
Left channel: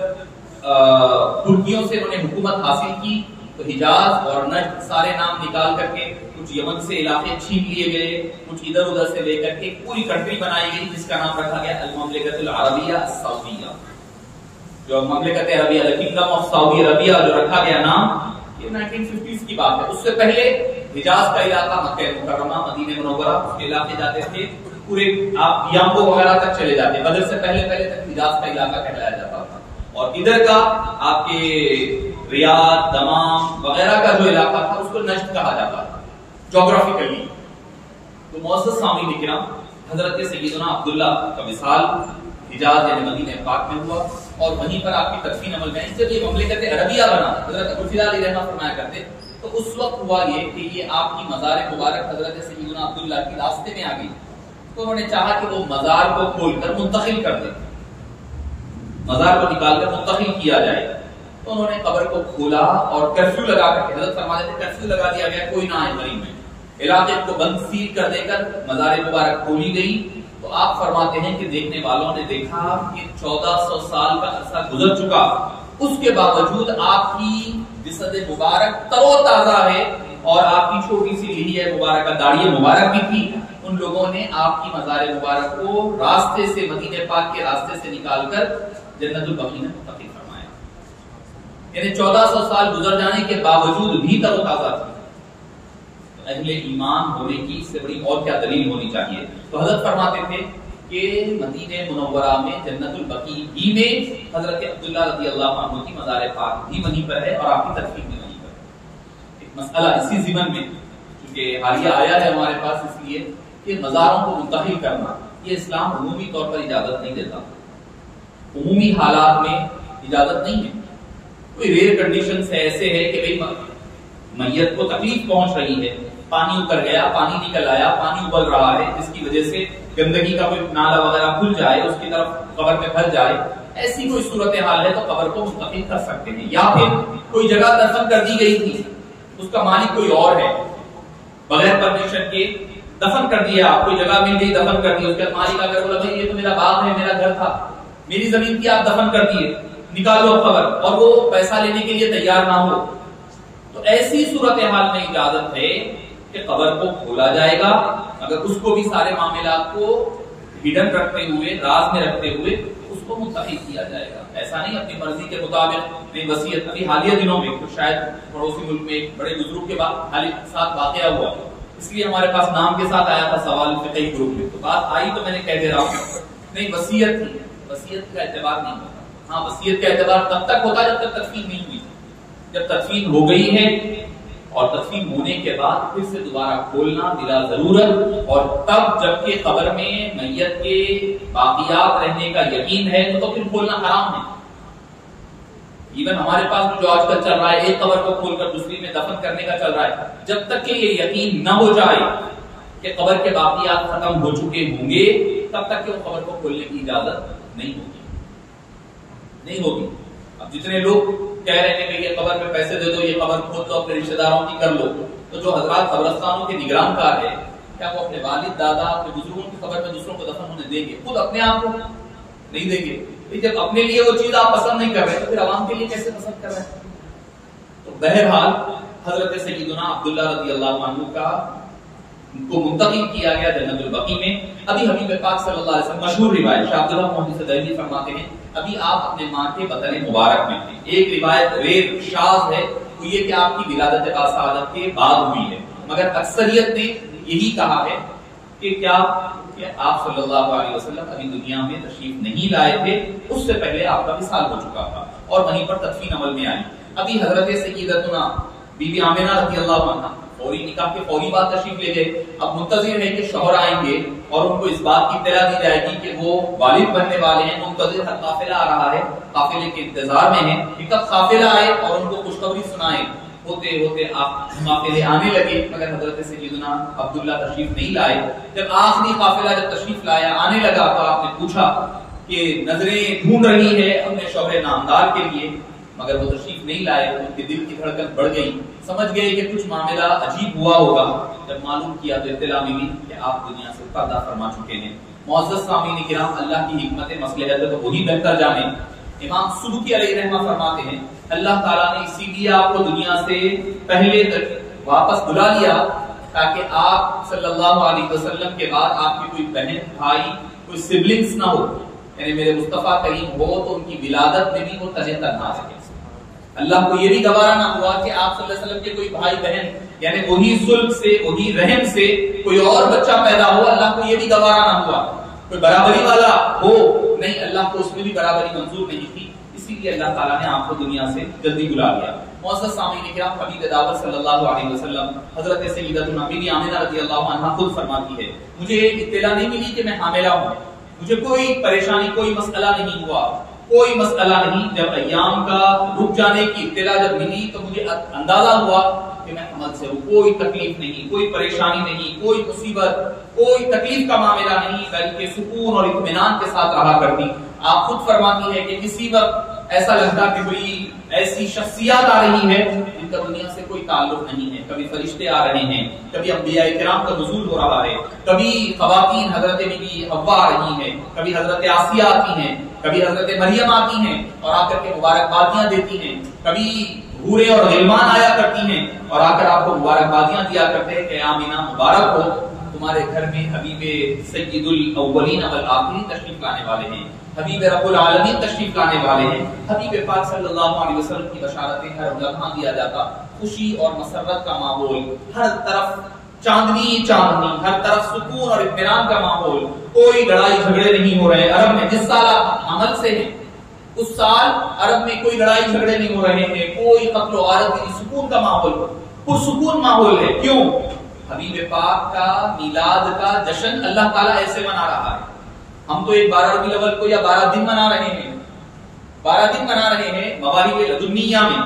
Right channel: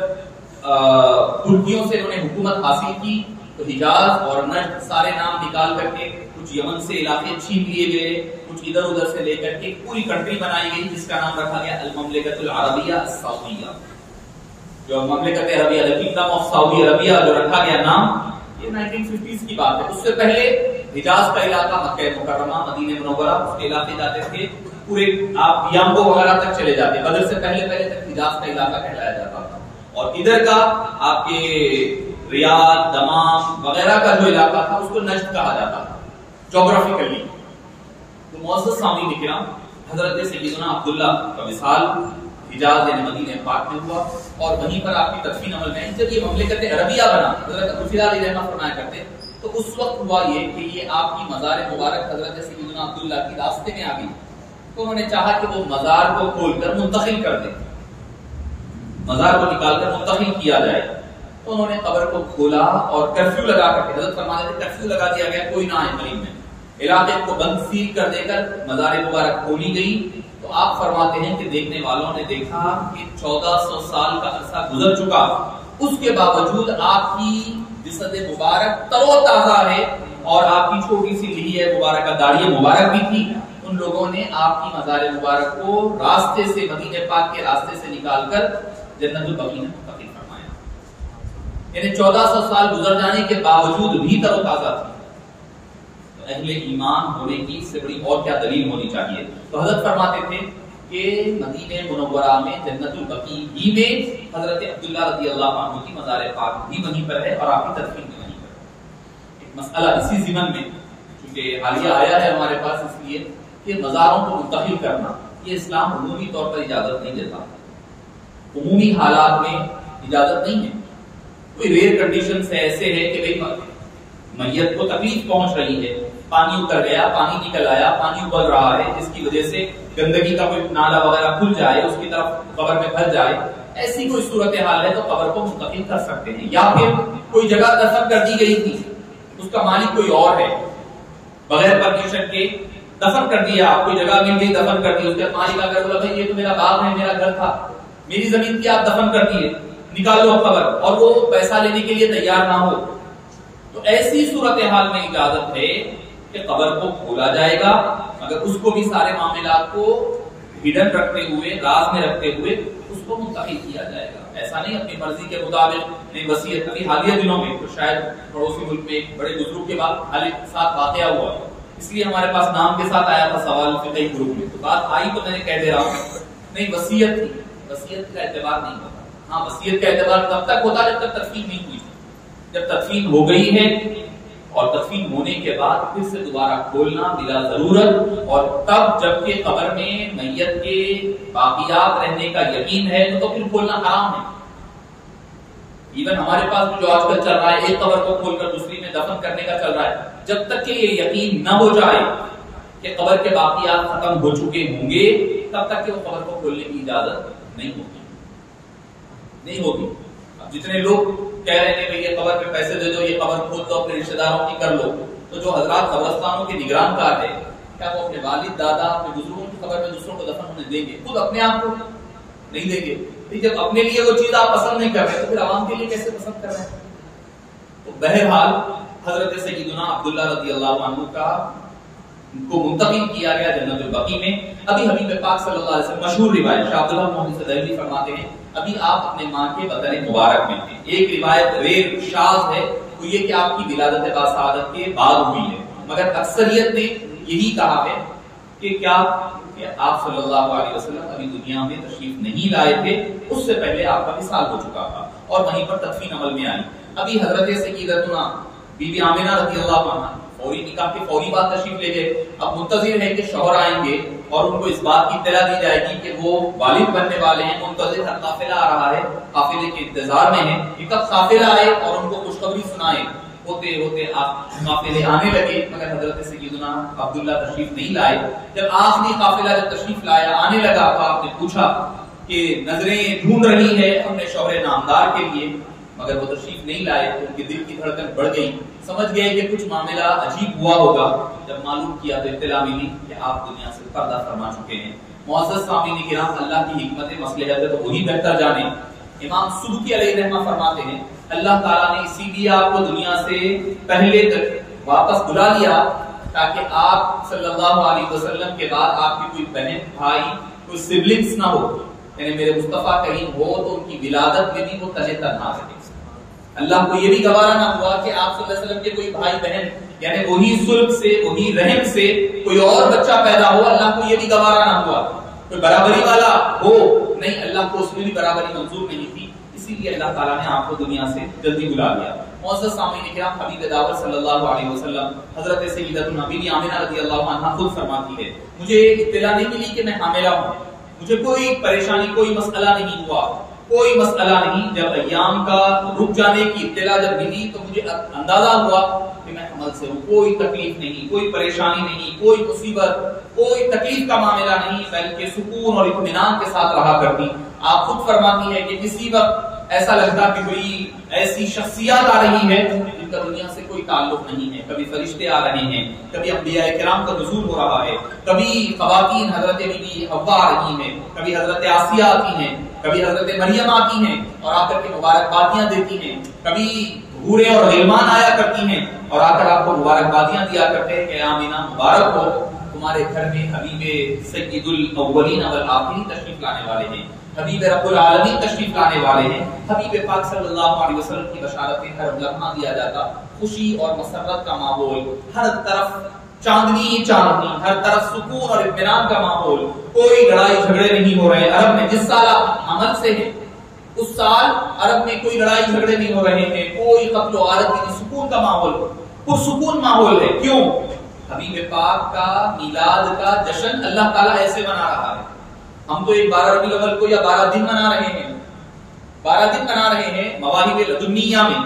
ترکیوں سے انہوں نے حکومت حاصل کی تو حجاز اور نجد سارے نام نکال کر کے کچھ یمن سے علاقے چھین لیے گئے، کچھ ادھر ادھر سے لے کر کے پوری کنٹری بنائی گئی جس کا نام رکھا گیا المملکۃ العربیہ السعودیہ. جو مملکت Arabia, kingdom of Saudi Arabia جو رکھا گیا نام، یہ 1950s کی بات ہے. اس سے پہلے حجاز کا علاقہ مکہ مکرمہ، مدینہ منورہ، اس کے علاقے جاتے تھے پورے، آپ یامبو وغیرہ تک چلے جاتے. بدر سے پہلے تک حجاز کا علاقہ کہلایا جاتا تھا. اور ادھر کا آپ کے ریاض، دمام وغیرہ کا جو علاقہ تھا اس کو نجد کہا جاتا تھا جغرافیکلی. تو معزز سامعین کرام، حضرت سیدنا عبداللہ کا وصال حجاز یعنی مدینہ پاک میں ہوا اور وہیں پر آپ کی تدفین عمل میں. جب یہ مملکت عربیہ بنا، حضرت ابوالفضل علیہ رحمہ فرمایا کرتے تو اس وقت ہوا یہ کہ یہ آپ کی مزار مبارک حضرت سیدنا عبداللہ کی راستے میں آ گئی. تو انہوں نے چاہا کہ وہ مزار کو کھول کر منتقل کر دیں، مزار کو نکال کر منتقل کیا جائے. تو انہوں نے قبر کو کھولا اور کرفیو لگا کر کے، حضرت فرماتے تھے کرفیو لگا دیا گیا کوئی نہ آئے مریم میں، علاقے کو بند سیل کر دے کر مزار مبارک کھولی گئی. تو آپ فرماتے ہیں کہ دیکھنے والوں نے دیکھا کہ 1400 سال کا عرصہ گزر چکا، اس کے باوجود آپ کی جسد مبارک تر و تازہ ہے اور آپ کی چھوٹی سی لحیہ مبارکہ داڑھی مبارک بھی تھی. ان لوگوں نے آپ کی مزار مبارک کو راستے سے، مدینہ پاک کے راستے سے نکال کر جنت البقیع میں منتقل فرمایا. یعنی 1400 سال گزر جانے کے باوجود بھی تر و تازہ تھی. اہل ایمان ہونے کی اس سے بڑی اور کیا دلیل ہونی چاہیے. تو حضرت فرماتے تھے کہ مدینہ منورہ میں جنت البقیع ہی میں حضرت عبداللہ رضی اللہ عنہ کی مزار پاک بھی وہیں پر ہے اور آپ کی تدفین بھی وہیں پر ہے. ایک مسئلہ اسی ضمن میں چونکہ حالیہ آیا ہے ہمارے پاس، اس لیے کہ مزاروں کو منتقل کرنا یہ اسلام عمومی طور پر اجازت نہیں دیتا، عمومی حالات میں اجازت نہیں ہے. کوئی ریئر کنڈیشنز ایسے ہے کہ بھئی میت کو تکلیف پہنچ رہی ہے، پانی اتر گیا، پانی نکل آیا، پانی ابل رہا ہے جس کی وجہ سے گندگی کا کوئی نالا وغیرہ کھل جائے، اس کی طرف قبر میں پھنس جائے، ایسی کوئی صورتحال ہے تو قبر کو منتقل کر سکتے ہیں. یا پھر کوئی جگہ دفن کر دی گئی تھی، اس کا مالک کوئی اور ہے، بغیر پرمیشن کے دفن کر دیا، کوئی جگہ مل گئی دفن کر دی، اس کا مالک اگر بولا بھائی یہ تو میرا باغ ہے، میرا گھر تھا، میری زمین کی آپ دفن کر دیے، نکالو اب قبر، اور وہ پیسہ لینے کے لیے تیار نہ ہو، تو ایسی صورتحال میں اجازت ہے کہ قبر کو کھولا جائے گا. اگر اس کو بھی سارے معاملات کو ہڈن رکھتے ہوئے، راز میں رکھتے ہوئے اس کو منتقل کیا جائے گا. ایسا نہیں اپنی مرضی کے مطابق نہیں. وصیت ابھی حالیہ دنوں میں شاید پڑوسی ملک میں ایک بڑے بزرگ کے ساتھ واقعہ ہوا، اس لیے ہمارے پاس نام کے ساتھ آیا تھا سوال فقہی گروپ میں. تو بات آئی تو میں نے کہہ دے رہا ہوں نہیں، وصیت تھی، وصیت کا اعتبار نہیں ہوتا. ہاں وصیت کا اعتبار تب تک ہوتا جب تک تدفین نہیں ہوئی. جب تدفین ہو گئی ہے اور تدفین ہونے کے بعد پھر سے دوبارہ کھولنا بلا ضرورت، اور تب جب کہ قبر میں میت کے باقیات رہنے کا یقین ہے تو پھر کھولنا حرام ہے. ایون ہمارے پاس جو آج کل چل رہا ہے ایک قبر کو کھول کر دوسری میں دفن کرنے کا چل رہا ہے، جب تک کہ یہ یقین نہ ہو جائے کہ قبر کے باقیات ختم ہو چکے ہوں گے تب تک کہ وہ قبر کو کھولنے کی اجازت نہیں ہوگی. اب جتنے لوگ کہہ رہے ہیں کہ یہ قبر پہ پیسے دے دو، یہ قبر کھود دو، اپنے رشتہ داروں کی کر لو، تو جو حضرات قبرستانوں کے نگران کار ہے کیا وہ اپنے والد دادا اپنے بزرگوں کی قبر میں دوسروں کو دفن ہونے دیں گے؟ خود اپنے آپ کو نہیں دیں گے. جب اپنے لیے وہ چیز آپ پسند نہیں کر رہے تو پھر عوام کے لیے کیسے پسند کر رہے ہیں؟ تو بہرحال حضرت سیدنا عبداللہ رضی اللہ عنہ کو منتقل کیا گیا جنت البقیع میں. ابھی حبیب پاک صلی اللہ علیہ وسلم مشہور روایت شاہ عبداللہ محمد دہلوی فرماتے ہیں ابھی آپ اپنے ماں کے بدن مبارک میں تھے. ایک روایت ریئر شاذ ہے وہ یہ کہ آپ کی ولادت باسعادت کے بعد ہوئی ہے، مگر اکثریت نے یہی کہا ہے کہ کیا کہ آپ صلی اللہ علیہ وسلم ابھی دنیا میں تشریف نہیں لائے تھے، اس سے پہلے آپ کا وصال ہو چکا تھا اور وہیں پر تدفین عمل میں آئی. ابھی حضرت سیدتنا بی بی آمنہ رضی اللہ عنہ فوری نکاح کے فوری بعد تشریف لے گئے. اب منتظر ہے کہ شوہر آئیں گے اور ان کو اس بات کی اطلاع دی جائے گی کہ وہ والد بننے والے ہیں. منتظر ہے، قافلہ آ رہا ہے، قافلے کے انتظار میں ہیں کہ کب قافلہ آئے اور ان کو خوشخبری سنائے. ہوتے ہوتے آپ قافلے آنے لگے مگر حضرت سیدنا عبداللہ تشریف نہیں لائے. جب آخری قافلہ جب تشریف لایا آنے لگا تو آپ نے پوچھا کہ نظریں ڈھونڈ رہی ہے اپنے شوہر نامدار کے لیے مگر وہ تشریف نہیں لائے. ان کے دل کی دھڑکن بڑھ گئی، سمجھ گئے کہ کچھ معاملہ عجیب ہوا ہوگا. جب معلوم کیا تو اطلاع ملی کہ آپ دنیا سے پردہ فرما چکے ہیں. معزز سامعین کرام، اللہ کی حکمت مصلحت ہے تو وہی بہتر جانے. امام سبکی علیہ رحمہ فرماتے ہیں اللہ تعالیٰ نے اسی لیے آپ کو دنیا سے پہلے تک واپس بلا لیا تاکہ آپ صلی اللہ علیہ وسلم کے بعد آپ کی کوئی بہن بھائی کوئی سبلنگز نہ ہو، یعنی میرے مصطفیٰ کریم ہو تو ان کی ولادت میں بھی وہ تنہے تنہا رہے. اللہ کو یہ بھی گوارا نہ ہوا کہ آپ صلی اللہ علیہ وسلم کے کوئی بھائی بہن یعنی وہی سلب سے وہی رحم سے کوئی اور بچہ پیدا ہو. اللہ کو یہ بھی گوارا نہ ہوا کوئی برابری والا ہو، نہیں، اللہ کو اس میں بھی برابری منظور نہیں تھی. اسی لیے اللہ تعالیٰ نے آپ کو دنیا سے جلدی بلا لیا۔ معزز سامعین کرام، حبیب دعوت صلی اللہ علیہ وسلم حضرت سیدتنا بی بی آمنہ رضی اللہ عنہا خود فرماتی ہے مجھے اطلاع نہیں ملی کہ میں حاملہ ہوں، مجھے کوئی پریشانی، کوئی مسئلہ نہیں ہوا، کوئی مسئلہ نہیں۔ جب ایام کا رک جانے کی اطلاع جب ملی تو مجھے اندازہ ہوا کہ میں حمل سے ہوں، کوئی تکلیف نہیں، کوئی پریشانی نہیں، کوئی مصیبت، کوئی تکلیف کا معاملہ نہیں، بلکہ سکون اور اطمینان کے ساتھ رہا کرتی۔ آپ خود فرماتی ہے کہ کسی وقت ایسا لگتا کہ کوئی ایسی شخصیات آ رہی ہے جن کا دنیا سے کوئی تعلق نہیں ہے، کبھی فرشتے آ رہے ہیں، کبھی انبیاء کرام کا نزول ہو رہا ہے، کبھی خواتین حضرت بی بی حوا آ رہی ہیں، کبھی حضرت آسیہ آتی ہیں، کبھی حضرت مریم آتی ہیں اور آ کر کے مبارکبادیاں دیتی ہیں، کبھی حوریں اور غلمان آیا کرتی ہیں اور آ کر آپ کو مبارکبادیاں دیا کرتے ہیں کہ آمینہ مبارک ہو، تمہارے گھر میں حبیب سید الاولین والآخرین تشریف لانے والے ہیں، حبیب رب العالمین تشریف لانے والے ہیں۔ حبیب پاک صلی اللہ علیہ وسلم کی بشارتیں ہر لمحہ دیا جاتا، خوشی اور مسرت کا ماحول، ہر طرف چاندنی چاندنی، ہر طرف سکون اور اطمینان کا ماحول، کوئی لڑائی جھگڑے نہیں ہو رہے۔ عرب میں جس سال آپ عمل سے ہیں اس سال عرب میں کوئی لڑائی جھگڑے نہیں ہو رہے ہیں، کوئی قتل و غارت نہیں، سکون کا ماحول، پرسکون ماحول ہے۔ کیوں؟ حبیب پاک کا میلاد کا جشن اللہ تعالیٰ ایسے منا رہا ہے۔ ہم تو ایک 12 ربیع الاول کو یا 12 دن منا رہے ہیں، 12 دن منا رہے ہیں۔ مواہب لدنیہ میں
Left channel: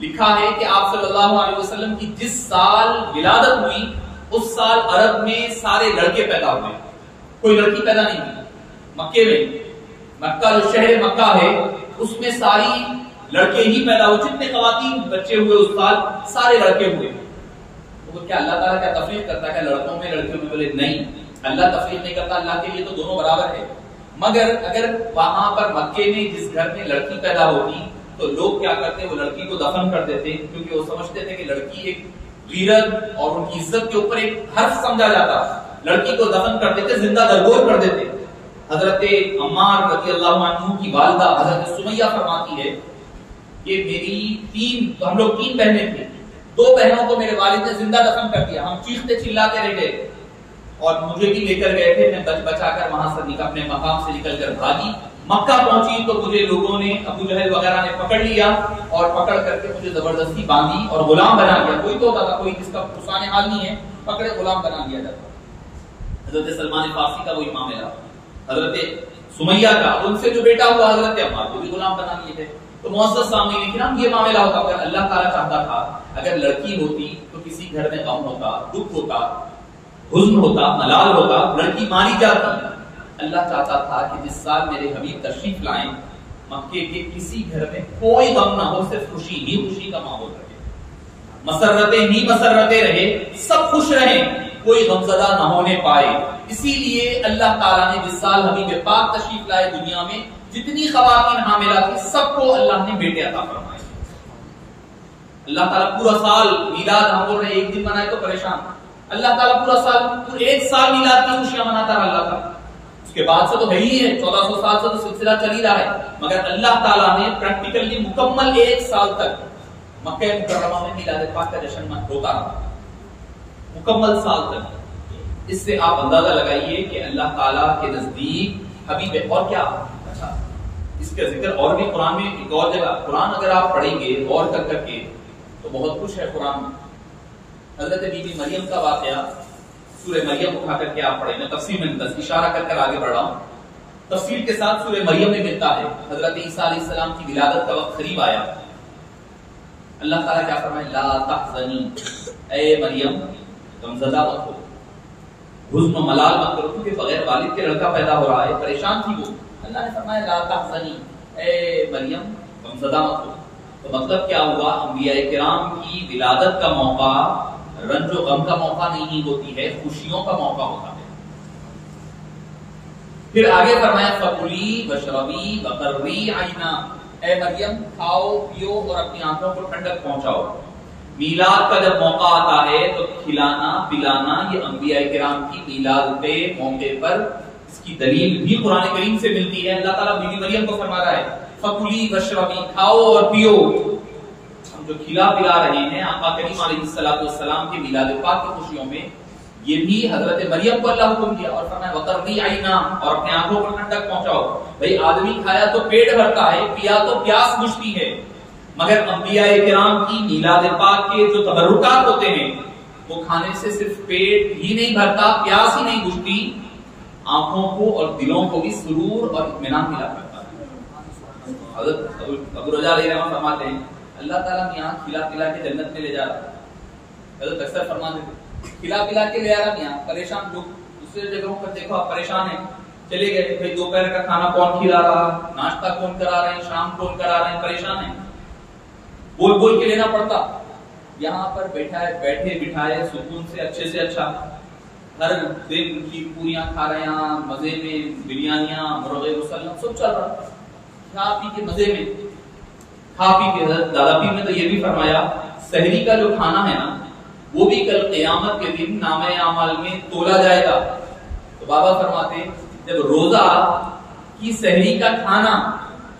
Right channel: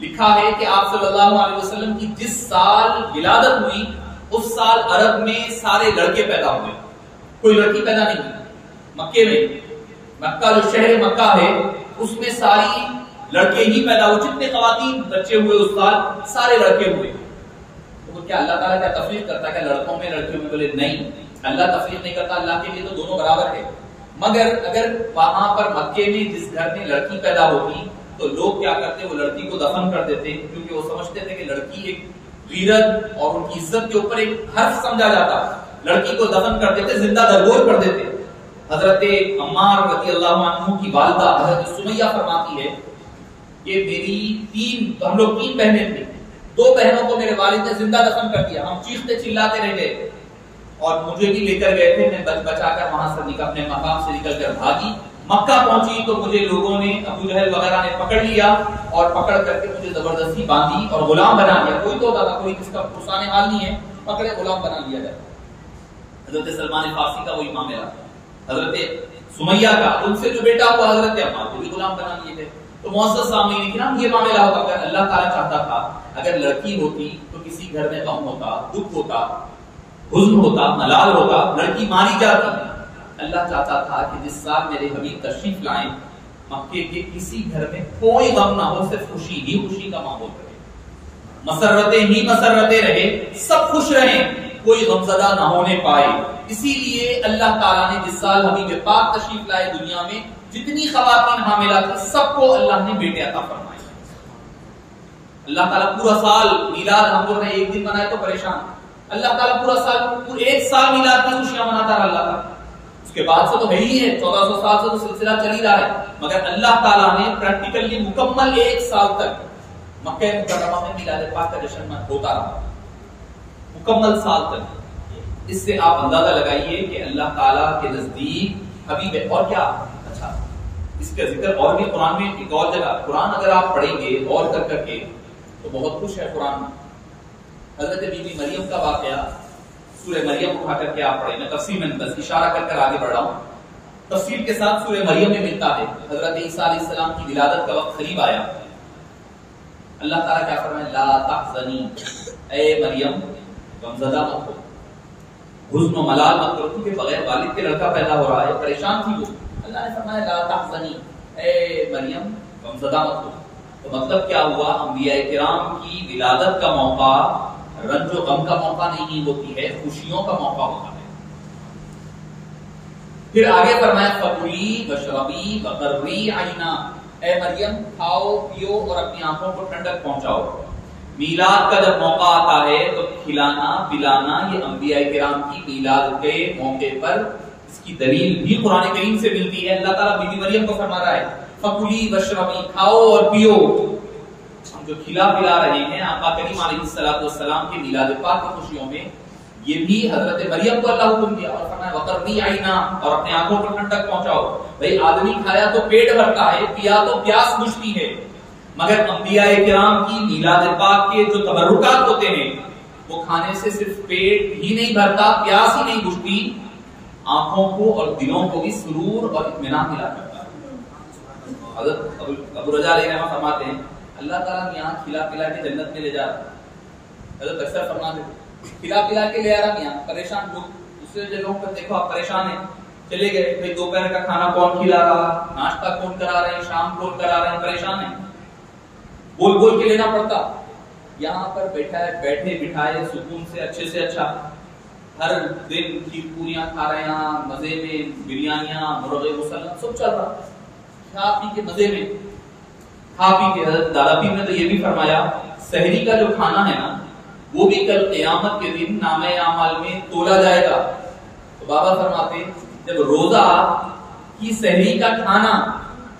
لکھا ہے کہ آپ صلی اللہ علیہ وسلم کی جس سال ولادت ہوئی اس سال عرب میں سارے لڑکے پیدا ہوئے، کوئی لڑکی پیدا نہیں ہوئی۔ مکے میں، مکہ جو شہر مکہ ہے اس میں ساری لڑکے ہی پیدا ہوئے، جتنے خواتین بچے ہوئے اس سال سارے لڑکے ہوئے۔ تو کیا اللہ تعالیٰ کیا تفریق کرتا ہے کہ لڑکوں میں لڑکیوں میں؟ بولے نہیں، اللہ تفریق نہیں کرتا، اللہ کے لیے تو دونوں برابر ہے۔ مگر اگر وہاں پر مکے میں جس گھر میں لڑکی پیدا ہوتی تو لوگ کیا کرتے، وہ لڑکی کو دفن کر دیتے، کیونکہ وہ سمجھتے تھے کہ لڑکی ایک غیرت اور ان کی عزت کے اوپر ایک حرف سمجھا جاتا، لڑکی کو دفن کر دیتے، زندہ درگور کر دیتے۔ حضرت عمار رضی اللہ عنہ کی والدہ حضرت سمیہ فرماتی ہے کہ ہم لوگ 3 بہنیں تھیں، 2 بہنوں کو میرے والد نے زندہ دفن کر دیا، ہم چیختے چلاتے رہ گئے اور مجھے بھی لے کر گئے تھے، میں بچا کر وہاں سے اپنے مقام سے نکل کر بھاگی۔ مکہ پہنچی تو مجھے لوگوں نے، ابو جہل وغیرہ نے پکڑ لیا اور پکڑ کر کے مجھے زبردستی باندھی اور غلام بنا لیا۔ کوئی تو ہوتا تھا، کوئی جس کا پرسان حال نہیں ہے، پکڑے غلام بنا لیا جاتا۔ حضرت سلمان فارسی کا وہی معاملہ، حضرت سمیہ کا، ان سے جو بیٹا ہوا حضرت عمار کو بھی غلام بنا لیے تھے۔ تو معزز سامعین کرام، یہ معاملہ ہوتا اگر اللہ تعالیٰ چاہتا تھا، اگر لڑکی ہوتی تو کسی گھر میں غم ہوتا، دکھ ہوتا، حزن ہوتا، ملال ہوتا، لڑکی ماری جاتی۔ اللہ چاہتا تھا کہ جس سال میرے حبیب تشریف لائیں مکے کے کسی گھر میں کوئی غم نہ ہو، صرف خوشی ہی خوشی کا ماحول رہے، مسرتیں ہی مسرتیں رہے، سب خوش رہیں، کوئی غمزدہ نہ ہونے پائے۔ اسی لیے اللہ تعالیٰ نے جس سال حبیب پاک تشریف لائے دنیا میں، جتنی خواتین حاملہ تھی سب کو اللہ نے بیٹے عطا فرمائے۔ اللہ تعالیٰ پورا سال میلاد، ہم بول رہے ہیں ایک دن منائے تو پریشان، اللہ تعالیٰ پورا سال، ایک سال میلاد کی خوشیاں مناتا رہا اللہ تعالیٰ۔ اس کے بعد سے تو ہے ہی ہے، 1400 سال سے تو سلسلہ چل ہی رہا ہے، مگر اللہ تعالیٰ نے پریکٹیکلی مکمل 1 سال تک مکہ مکرمہ میں میلاد پاک کا جشن ہوتا رہا، مکمل سال تک۔ اس سے آپ اندازہ لگائیے کہ اللہ تعالیٰ کے نزدیک حبیب، اور کیا اچھا اس کا ذکر اور بھی قرآن میں ایک اور جگہ، قرآن اگر آپ پڑھیں گے غور کر کر کے تو بہت کچھ ہے قرآن میں۔ حضرت بی بی مریم کا واقعہ سورہ مریم اٹھا کر کے آپ پڑھیں، میں تفصیل میں بس اشارہ کر کر آگے بڑھ رہا ہوں، تفصیل کے ساتھ سورہ مریم میں ملتا ہے۔ حضرت عیسیٰ علیہ السلام کی ولادت کا وقت قریب آیا، اللہ تعالیٰ کیا فرمائے، لا تحزنی، اے مریم غمزدہ مت ہو، حزن و ملال مت کرو، کیونکہ بغیر والد کے لڑکا پیدا ہو رہا ہے، پریشان تھی وہ۔ اللہ نے فرمایا لا تحزنی، اے مریم غمزدہ مت ہو۔ تو مطلب کیا ہوا، انبیاء کرام کی ولادت کا موقع رنج و غم کا موقع نہیں ہوتی ہے، خوشیوں کا موقع ہوتا ہے۔ پھر آگے فرمایا فکلی واشربی وقرری عینا، اے مریم کھاؤ پیو اور اپنی آنکھوں کو ٹھنڈک پہنچاؤ۔ میلاد کا جب موقع آتا ہے تو کھلانا پلانا، یہ انبیاء کرام کی میلاد کے موقع پر اس کی دلیل بھی قرآن کریم سے ملتی ہے۔ اللہ تعالیٰ بی بی مریم کو فرما رہا ہے فکلی واشربی، کھاؤ اور پیو۔ ہم جو کھلا پلا رہے ہیں آقا کریم علیہ الصلوۃ والسلام کے میلاد پاک کی خوشیوں میں، یہ بھی حضرت مریم کو اللہ حکم دیا اور فرمایا وقرنی عینا، اور اپنے آنکھوں پر ٹھنڈک پہنچاؤ. بھائی آدمی کھایا تو پیٹ بھرتا ہے، پیا تو پیاس بجھتی ہے، مگر انبیاء کرام کی میلاد پاک کے جو تبرکات ہوتے ہیں وہ کھانے سے صرف پیٹ ہی نہیں بھرتا، پیاس ہی نہیں بجھتی، آنکھوں کو اور دلوں کو بھی سرور اور اطمینان ملا کرتا ہے. حضرت ابو رجا علیہ الرحمہ فرماتے ہیں اللہ تعالیٰ یہاں کھلا پلا کے جنت میں لے جا رہا ہے. حضرت اکثر فرماتے تھے کھلا پلا کے لے آ رہا یہاں، پریشان لوگ دوسرے جگہوں پر دیکھو آپ پریشان ہیں، چلے گئے بھائی دوپہر کا کھانا کون کھلا رہا، ناشتہ کون کرا رہے ہیں، شام کون کرا رہے ہیں، پریشان ہیں، بول بول کے لینا پڑتا. یہاں پر بیٹھے بٹھائے سکون سے اچھے سے اچھا، ہر دن کی پوریاں کھا رہے ہیں، مزے میں بریانیاں، مرغے مسلم سب چل رہا، کھا پی کے مزے میں کھا پی کے. حضرت دادا پیر نے تو یہ بھی فرمایا سحری کا جو کھانا ہے نا وہ بھی کل قیامت کے دن نامہ اعمال میں تولا جائے گا. تو بابا فرماتے جب روزہ کی سحری کا کھانا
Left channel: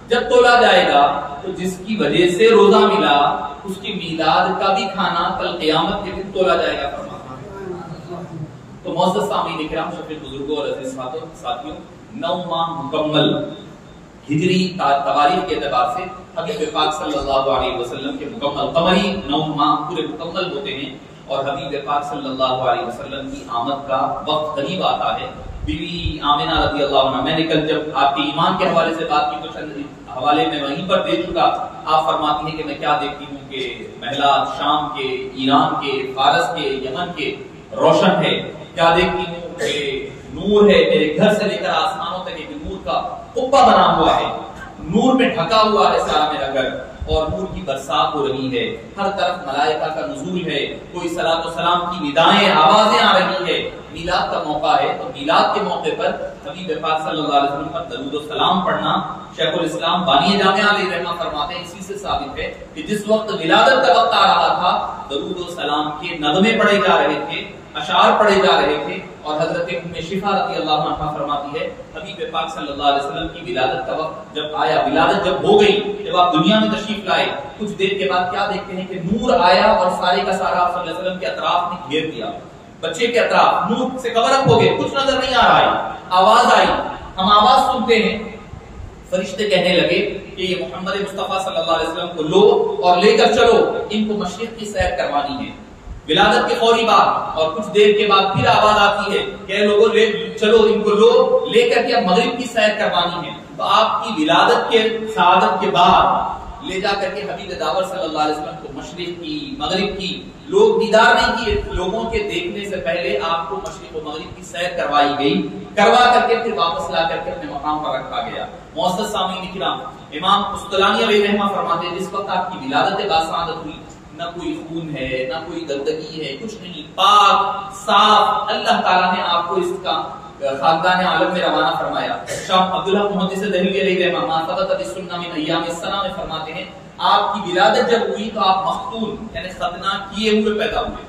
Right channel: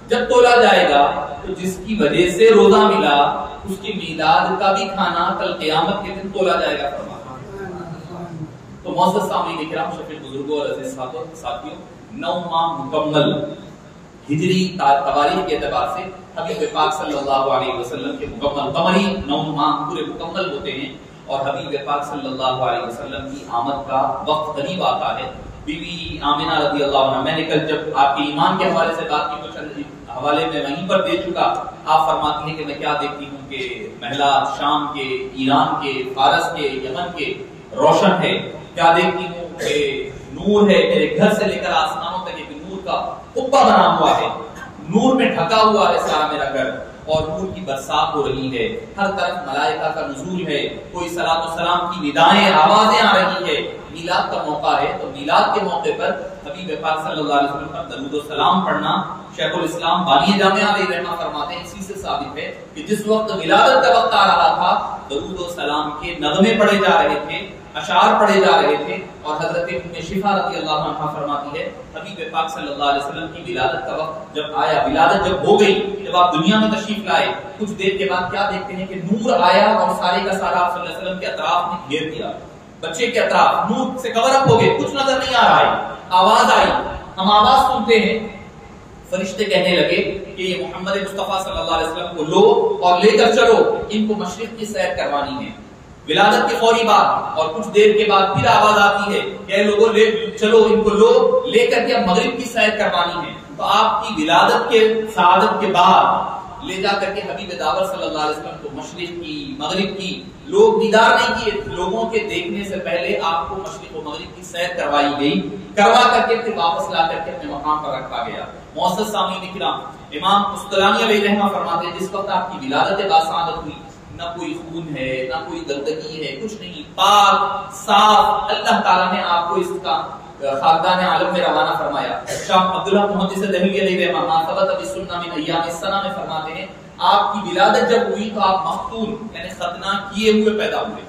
جب تولا جائے گا تو جس کی وجہ سے روزہ ملا اس کی میلاد کا بھی کھانا کل قیامت کے دن تولا جائے گا. فرماتے تو معزز سامعین کرام، شفیق بزرگوں اور عزیز ساتھیوں، 9 ماہ مکمل ہجری تواریخ کے اعتبار سے حبیب پاک صلی اللہ علیہ وسلم کے مکمل قمری 9 ماہ پورے مکمل ہوتے ہیں اور حبیب پاک صلی اللہ علیہ وسلم کی آمد کا وقت قریب آتا ہے. بیوی آمنہ رضی اللہ عنہ، میں نے کل جب آپ کے ایمان کے حوالے سے بات کی تو چند حوالے میں وہیں پر دے چکا. آپ فرماتی ہیں کہ میں کیا دیکھتی ہوں کہ محلات شام کے، ایران کے، فارس کے، یمن کے روشن ہے. کیا دیکھتی ہوں کہ نور ہے، میرے گھر سے لے کر آسمانوں تک ایک نور کا قبہ بنا ہوا ہے، نور میں ڈھکا ہوا ہے سارا میرا گھر، اور نور کی برسات ہو رہی ہے، ہر طرف ملائکہ کا نزول ہے، کوئی صلاۃ و سلام کی ندائیں آوازیں آ رہی ہے. میلاد کا موقع ہے تو میلاد کے موقع پر حبیب پاک صلی اللہ علیہ وسلم پر درود و سلام پڑھنا شیخ الاسلام بانی جامعہ علیہ رحمہ فرماتے ہیں اسی سے ثابت ہے کہ جس وقت ولادت کا وقت آ رہا تھا درود و سلام کے نغمے پڑھے جا رہے تھے، اشعار پڑھے جا رہے تھے. اور حضرت ام شفا رضی اللہ عنہا فرماتی ہے حبیب پاک صلی اللہ علیہ وسلم کی ولادت کا وقت جب آیا، ولادت جب ہو گئی، جب آپ دنیا میں تشریف لائے، کچھ دیر کے بعد کیا دیکھتے ہیں کہ نور آیا اور سارے کا سارا آپ صلی اللہ علیہ وسلم کے اطراف نے گھیر دیا. بچے کے اطراف نور سے کور اپ ہو گئے، کچھ نظر نہیں آ رہا ہے. آواز آئی، ہم آواز سنتے ہیں، فرشتے کہنے لگے کہ یہ محمد مصطفیٰ صلی اللہ علیہ وسلم کو لو اور لے کر چلو، ان کو مشرق کی سیر کروانی ہے. ولادت کے فوری بعد اور کچھ دیر کے بعد پھر آواز آتی ہے کہ لوگوں لے چلو، ان کو لو لے کر کے اب مغرب کی سیر کروانی ہے. تو آپ کی ولادت کے سعادت کے بعد لے جا کر کے حبیب داور صلی اللہ علیہ وسلم کو مشرق کی مغرب کی لوگ دیدار نہیں کیے، لوگوں کے دیکھنے سے پہلے آپ کو مشرق و مغرب کی سیر کروائی گئی، کروا کر کے پھر واپس لا کر کے اپنے مقام پر رکھا گیا. معزز سامعین کرام، امام قسطلانی علیہ رحمہ فرماتے ہیں جس وقت آپ کی ولادت باسعادت ہوئی نہ کوئی خون ہے، نہ کوئی گندگی ہے، کچھ نہیں، پاک صاف اللہ تعالیٰ نے آپ کو اس کا خاکدان عالم میں روانہ فرمایا. شاہ عبداللہ محدث دہلوی علیہ رحمہ ما ثبت بالسنہ من ایام السنہ میں فرماتے ہیں آپ کی ولادت جب ہوئی تو آپ مختون یعنی ختنہ کیے ہوئے پیدا ہوئے،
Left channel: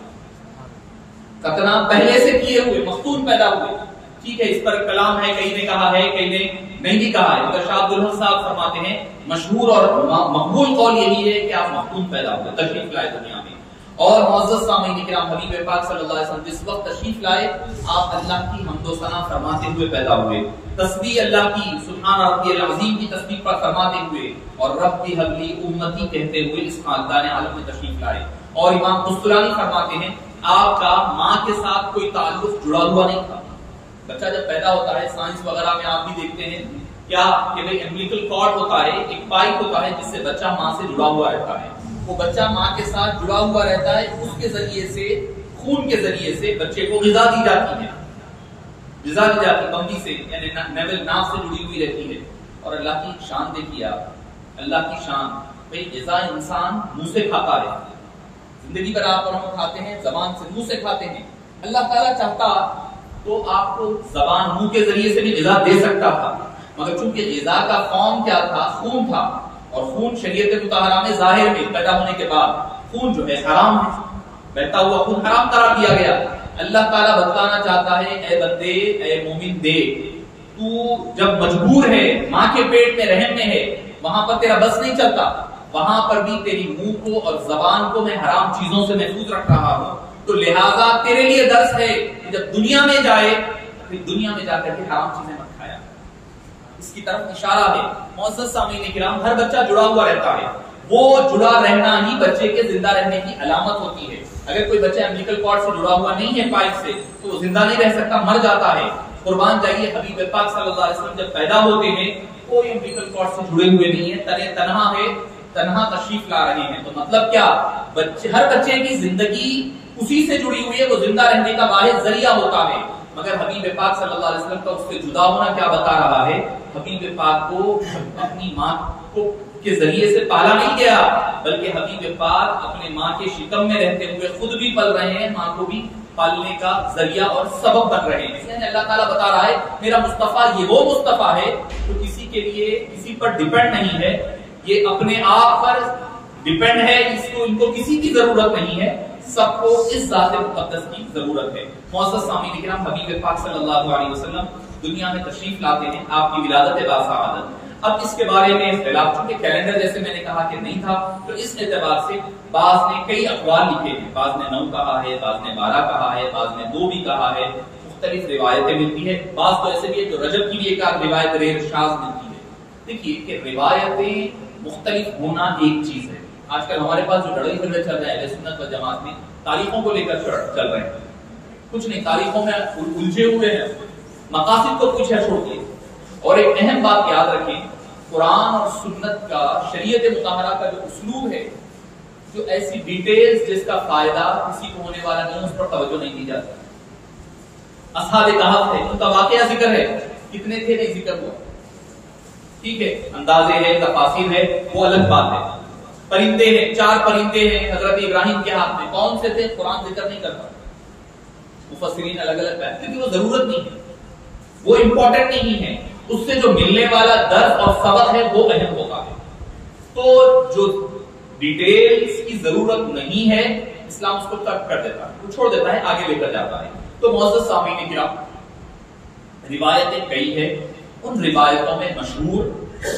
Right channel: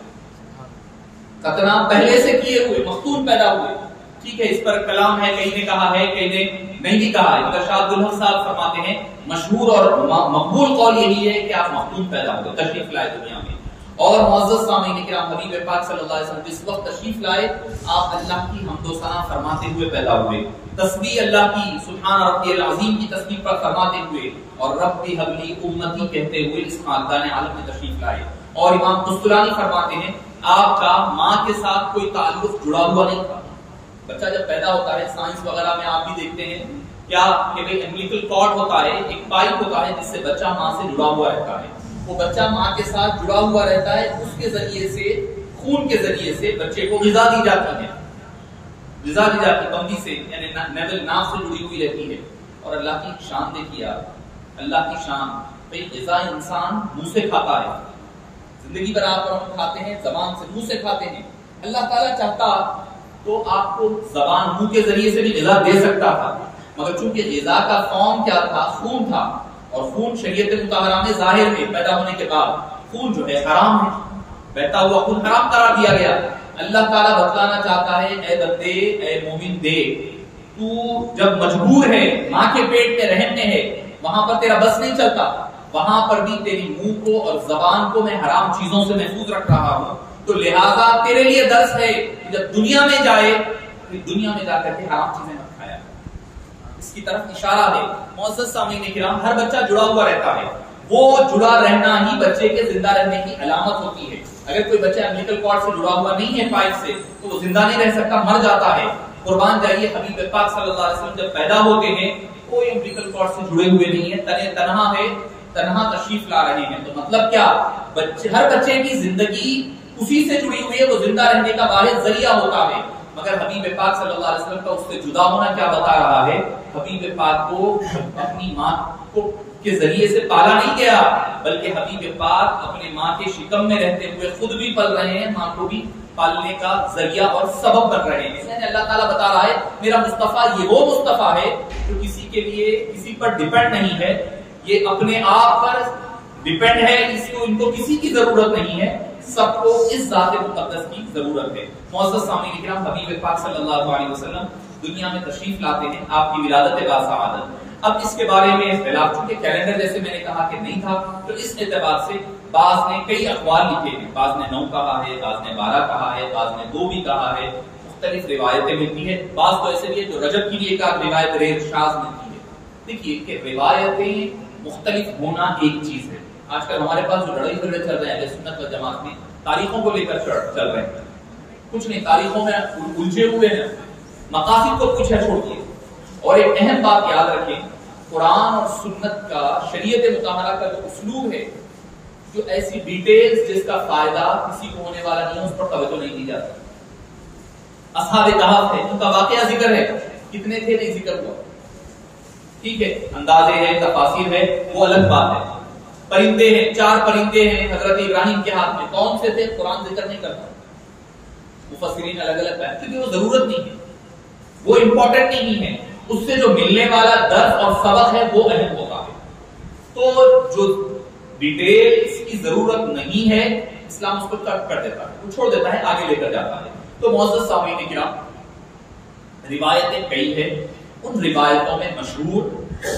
ختنہ پہلے سے کیے ہوئے، مختون پیدا ہوئے. ٹھیک ہے، اس پر کلام ہے، کہیں نے کہا ہے کہیں نے نہیں بھی کہا ہے، مگر شاہ عبدالحق صاحب فرماتے ہیں مشہور اور مقبول قول یہی ہے کہ آپ مختون پیدا ہوئے، تشریف لائے دنیا میں. اور معزز سامعین کرام، حبیب پاک صلی اللہ علیہ وسلم جس وقت تشریف لائے آپ اللہ کی حمد و ثنا فرماتے ہوئے پیدا ہوئے، تسبیح اللہ کی سبحان ربی العظیم کی تسبیح پر فرماتے ہوئے اور رب حبلی امتی کہتے ہوئے اس خاکدان عالم میں تشریف لائے. اور امام قسطلانی فرماتے ہیں آپ کا ماں کے ساتھ کوئی تعلق جڑا ہوا نہیں تھا. بچہ جب پیدا ہوتا ہے سائنس وغیرہ میں آپ بھی دیکھتے ہیں کیا کہ بھئی امبلیکل کارڈ ہوتا ہے، ایک پائپ ہوتا ہے جس سے بچہ ماں سے جڑا ہوا رہتا ہے. وہ بچہ ماں کے ساتھ جڑا ہوا رہتا ہے، اس کے ذریعے سے خون کے ذریعے سے بچے کو غذا دی جاتی ہے، غذا دی جاتی ہے بمبی سے، یعنی نیول ناف سے جڑی ہوئی رہتی ہے. اور اللہ کی شان دیکھیے آپ، اللہ کی شان، بھئی غذا انسان منہ سے کھاتا ہے، زندگی بھر آپ اور ہم کھاتے ہیں زبان سے، منہ سے کھاتے ہیں. اللہ تعالیٰ چاہتا تو آپ کو زبان منہ کے ذریعے سے بھی غذا دے سکتا تھا، مگر چونکہ غذا کا فارم کیا تھا، خون تھا، اور خون شریعت مطہرہ میں ظاہر میں پیدا ہونے کے بعد خون جو ہے حرام ہے، بہتا ہوا خون حرام قرار دیا گیا. اللہ تعالیٰ بتانا چاہتا ہے اے بندے، اے مومن دیکھ، تو جب مجبور ہے ماں کے پیٹ میں رحم میں ہے، وہاں پر تیرا بس نہیں چلتا، وہاں پر بھی تیری منہ کو اور زبان کو میں حرام چیزوں سے محفوظ رکھ رہا ہوں. تو لہٰذا تیرے لیے درس ہے کہ جب دنیا میں جائے پھر دنیا میں جا کر کے حرام چیزیں مت کھایا. اس کی طرف اشارہ ہے. معزز سامعین کرام، ہر بچہ جڑا ہوا رہتا ہے. وہ جڑا رہنا ہی بچے کے زندہ رہنے کی علامت ہوتی ہے. اگر کوئی بچہ امبلیکل کارڈ سے جڑا ہوا نہیں ہے پائپ سے تو وہ زندہ نہیں رہ سکتا، مر جاتا ہے. قربان جائیے، حبیب پاک صلی اللہ علیہ وسلم جب پیدا ہوتے ہیں کوئی امبلیکل کارڈ سے جڑے ہوئے نہیں ہے، تنہا ہے، تنہا تشریف لا رہے ہیں. تو مطلب کیا، ہر بچے کی زندگی اسی سے جڑی ہوئی ہے، وہ زندہ رہنے کا واحد ذریعہ ہوتا ہے. مگر حبیب پاک صلی اللہ علیہ وسلم کا اس سے جدا ہونا کیا بتا رہا ہے؟ حبیب پاک کو اپنی ماں کو کے ذریعے سے پالا نہیں گیا، بلکہ حبیب پاک اپنے ماں کے شکم میں رہتے ہوئے خود بھی پل رہے ہیں، ماں کو بھی پالنے کا ذریعہ اور سبب بن رہے ہیں. یعنی اللہ تعالیٰ بتا رہا ہے میرا مصطفیٰ یہ وہ مصطفیٰ ہے جو کسی کے لیے کسی پر ڈیپینڈ نہیں ہے، یہ اپنے آپ پر ڈیپینڈ ہے، ان کو کسی کی ضرورت نہیں ہے، سب کو اس ذات مقدس کی ضرورت ہے. معزز سامعین کرام، حبیب پاک صلی اللہ علیہ وسلم دنیا میں تشریف لاتے ہیں، آپ کی ولادت باسعادت. اب اس کے بارے میں اختلاف، چونکہ کیلنڈر جیسے میں نے کہا کہ نہیں تھا، تو اس اعتبار سے بعض نے کئی اقوال لکھے ہیں. بعض نے 9 کہا ہے، بعض نے 12 کہا ہے، بعض نے 2 بھی کہا ہے. مختلف روایتیں ملتی ہیں. بعض تو ایسے بھی ہے جو رجب کی ایک آدھ روایت ریل شاذ ملتی ہے. دیکھیے کہ روایتیں مختلف ہونا ایک چیز ہے. آج کل ہمارے پاس جو لڑائی جھگڑے چل رہے ہیں اہل سنت و جماعت میں تاریخوں کو لے کر چل رہے ہیں. کچھ نہیں، تاریخوں میں الجھے ہوئے ہیں، مقاصد کو کچھ ہے چھوڑیے. اور ایک اہم بات یاد رکھیں، قرآن اور سنت کا، شریعت مطہرہ کا جو اسلوب ہے، جو ایسی ڈیٹیلز جس کا فائدہ کسی کو ہونے والا نہیں، اس پر توجہ نہیں دی جاتی. اصحاب کہف ہے، ان کا واقعہ ذکر ہے، کتنے تھے نہیں ذکر ہوا، ٹھیک ہے، اندازے ہیں، تفاصیل ہے، وہ الگ بات ہے. پرندے ہیں، 4 پرندے ہیں حضرت ابراہیم کے ہاتھ میں، کون سے تھے قرآن ذکر نہیں کرتا. مفسرین الگ الگ بیان، کیونکہ وہ ضرورت نہیں ہے، وہ امپورٹنٹ نہیں ہے. اس سے جو ملنے والا درس اور سبق ہے وہ اہم ہوتا ہے. تو جو ڈیٹیلز کی ضرورت نہیں ہے اسلام اس کو کٹ کر دیتا ہے، وہ چھوڑ دیتا ہے، آگے لے کر جاتا ہے. تو معزز سامعین کرام، روایتیں کئی ہیں. ان روایتوں میں مشہور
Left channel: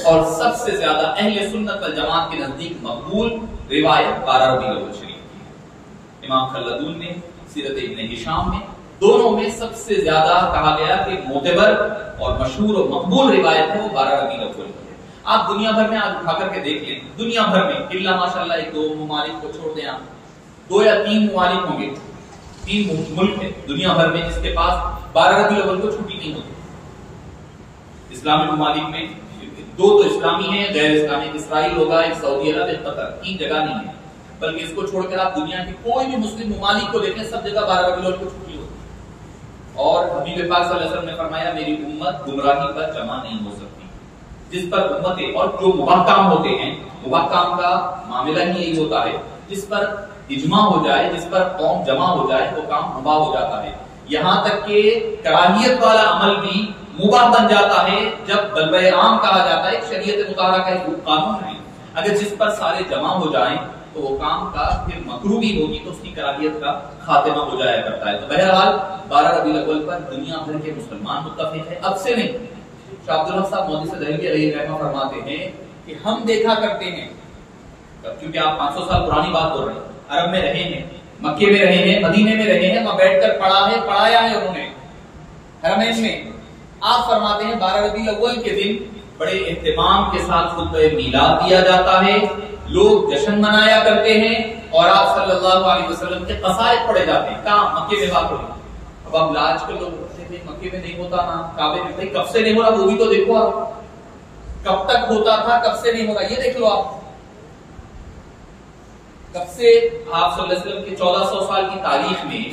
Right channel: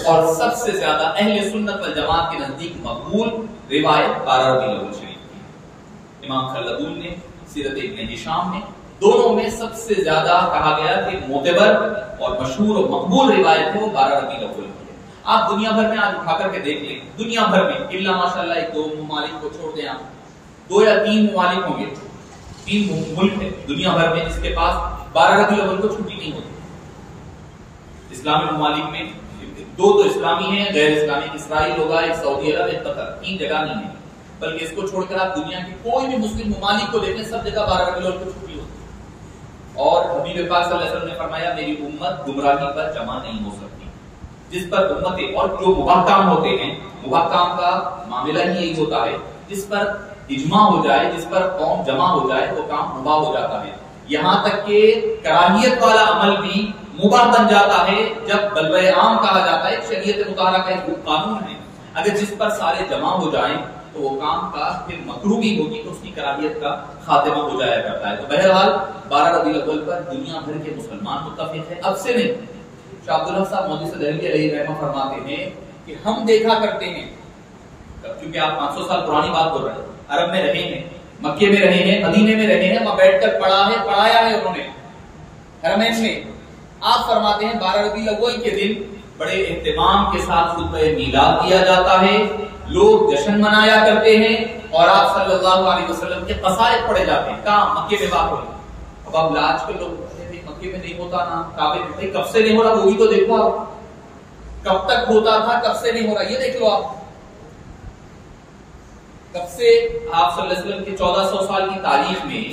اور سب سے زیادہ اہل سنت والجماعت کے نزدیک مقبول روایت 12 ربیع الاول شریف کی. امام خلدون نے سیرت ابن ہشام میں دونوں میں سب سے زیادہ کہا گیا کہ معتبر اور مشہور اور مقبول روایت ہے وہ 12 ربیع الاول کی ہے. آپ دنیا بھر میں آج اٹھا کر کے دیکھ لیں، دنیا بھر میں الا ماشاءاللہ 1-2 ممالک کو چھوڑ دیں، آپ 2 یا 3 ممالک ہوں گے، 3 ملک ہے دنیا بھر میں جس کے پاس 12 ربیع الاول کو چھٹی نہیں ہوتی. اسلامی ممالک میں 2 تو اسلامی ہیں، غیر اسلامی اسرائیل ہوگا، ایک سعودی عرب، ایک قطر. 3 جگہ نہیں ہے، بلکہ اس کو چھوڑ کر آپ دنیا کے کوئی بھی مسلم ممالک کو دیکھیں، سب جگہ 12 ربیع الاول کو چھٹی ہوتی. اور حبیب پاک صلی اللہ علیہ وسلم نے فرمایا میری امت گمراہی پر جمع نہیں ہو سکتی. جس پر امتیں اور جو مباح کام ہوتے ہیں، مباح کام کا معاملہ ہی یہی ہوتا ہے، جس پر اجماع ہو جائے، جس پر قوم جمع ہو جائے وہ کام مباح ہو جاتا ہے. یہاں تک کہ کراہیت والا عمل بھی مباح بن جاتا ہے جب بلوہ عام کہا جاتا ہے. شریعت مطہرہ کا ایک قانون ہے، اگر جس پر سارے جمع ہو جائیں تو وہ کام کا پھر مکروہی ہوگی تو اس کی کراہیت کا خاتمہ ہو جایا کرتا ہے. تو بہرحال 12 ربیع الاول پر دنیا بھر کے مسلمان متفق ہیں. اب سے نہیں، شاہ عبدالحق صاحب مودی سے دہلوی علیہ رحمہ فرماتے ہیں کہ ہم دیکھا کرتے ہیں، کیونکہ آپ 500 سال پرانی بات بول رہے ہیں، عرب میں رہے ہیں، مکے میں رہے ہیں، مدینے میں رہے ہیں، وہاں بیٹھ کر پڑھا ہے، پڑھایا ہے انہوں نے حرمین میں. آپ فرماتے ہیں 12 ربیع الاول کے دن بڑے اہتمام کے ساتھ خطبہ میلاد دیا جاتا ہے، لوگ جشن منایا کرتے ہیں، اور آپ صلی اللہ علیہ وسلم کے قصائد پڑھے جاتے ہیں. کہاں؟ مکے میں بات ہوئی. اب آپ لاج کے لوگ کہتے ہیں مکے میں نہیں ہوتا نا، کعبے میں. بھائی کب سے نہیں ہو رہا وہ بھی تو دیکھو آپ، کب تک ہوتا تھا، کب سے نہیں ہو رہا یہ دیکھ لو آپ. کب سے آپ صلی اللہ علیہ وسلم کے 1400 سال کی تاریخ میں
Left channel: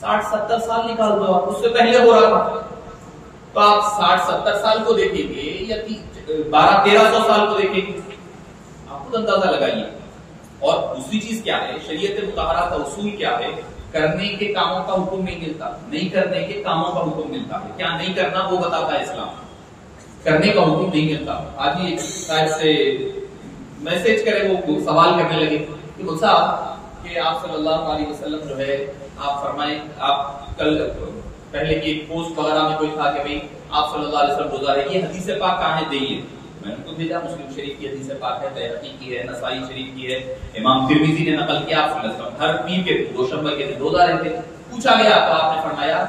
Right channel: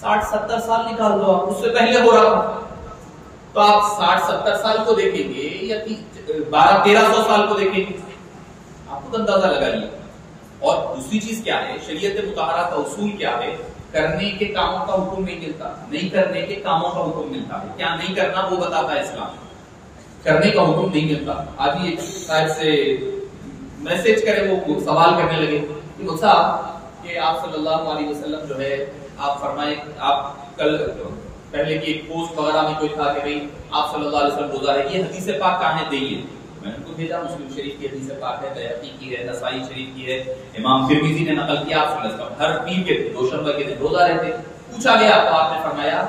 60-70 سال نکال دو آپ، اس سے پہلے ہو رہا تھا. تو آپ 60-70 سال کو دیکھیں گے یا 1200-1300 سال کو دیکھیں گے، آپ خود اندازہ لگائیے. اور دوسری چیز کیا ہے، شریعت مطہرہ کا اصول کیا ہے، کرنے کے کاموں کا حکم نہیں ملتا، نہیں کرنے کے کاموں کا حکم ملتا ہے. کیا نہیں کرنا وہ بتاتا ہے اسلام، کرنے کا حکم نہیں ملتا. آج ہی ایک صاحب سے میسج کرے، وہ سوال کرنے لگے کہ صاحب کہ آپ صلی اللہ علیہ وسلم جو ہے، آپ فرمائیں، آپ کل پہلے کی ایک پوسٹ وغیرہ میں کوئی تھا کہ بھئی آپ صلی اللہ علیہ وسلم روزہ رکھیے، حدیث پاک کہاں ہے دئیے. میں نے ان کو بھیجا، مسلم شریف کی حدیث پاک ہے، بیہقی کی ہے، نسائی شریف کی ہے، امام ترمذی نے نقل کیا، آپ سن لیں ہر پیر کے دوشنبہ کے دن روزہ رہتے. پوچھا گیا تو آپ نے فرمایا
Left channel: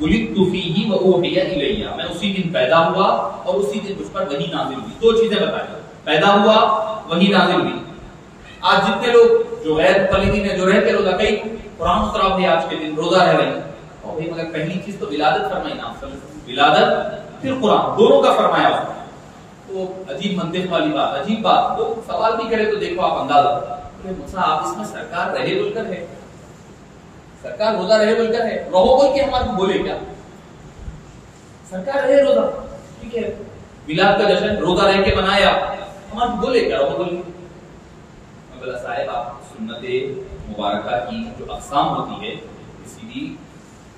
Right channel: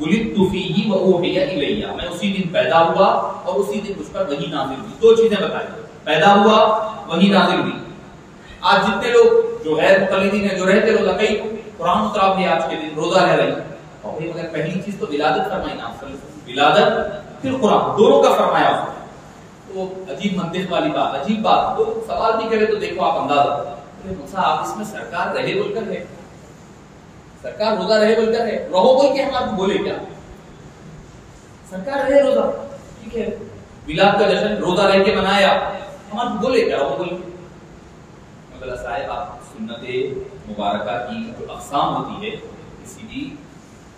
ولدت فیہ واوحی الی، میں اسی دن پیدا ہوا اور اسی دن مجھ پر وحی نازل ہوئی. دو چیزیں بتائیں، پیدا ہوا، وحی نازل ہوئی. آج جتنے لوگ جو غیر مقلدین ہیں جو رہتے روزہ، کئی قرآن اترا بھی آج کے دن روزہ رہ رہے ہیں، اور بھائی مگر پہلی چیز تو ولادت فرمائی نا صلی اللہ علیہ وسلم، ولادت پھر قرآن، دونوں کا فرمایا. تو عجیب منطق والی بات، عجیب بات. تو سوال بھی کرے تو دیکھو آپ اندازہ، آپ اس میں سرکار رہے بول کر ہے، سرکار روزہ رہے بول کر ہے، رہو بول کے ہمارے بولے کیا؟ سرکار رہے روزہ، ٹھیک ہے، میلاد کا جشن روزہ رہ کے منایا، ہمارے بولے کیا رہو بول کے؟ مگر صاحب آپ سنت مبارکہ کی جو اقسام ہوتی ہے، کسی بھی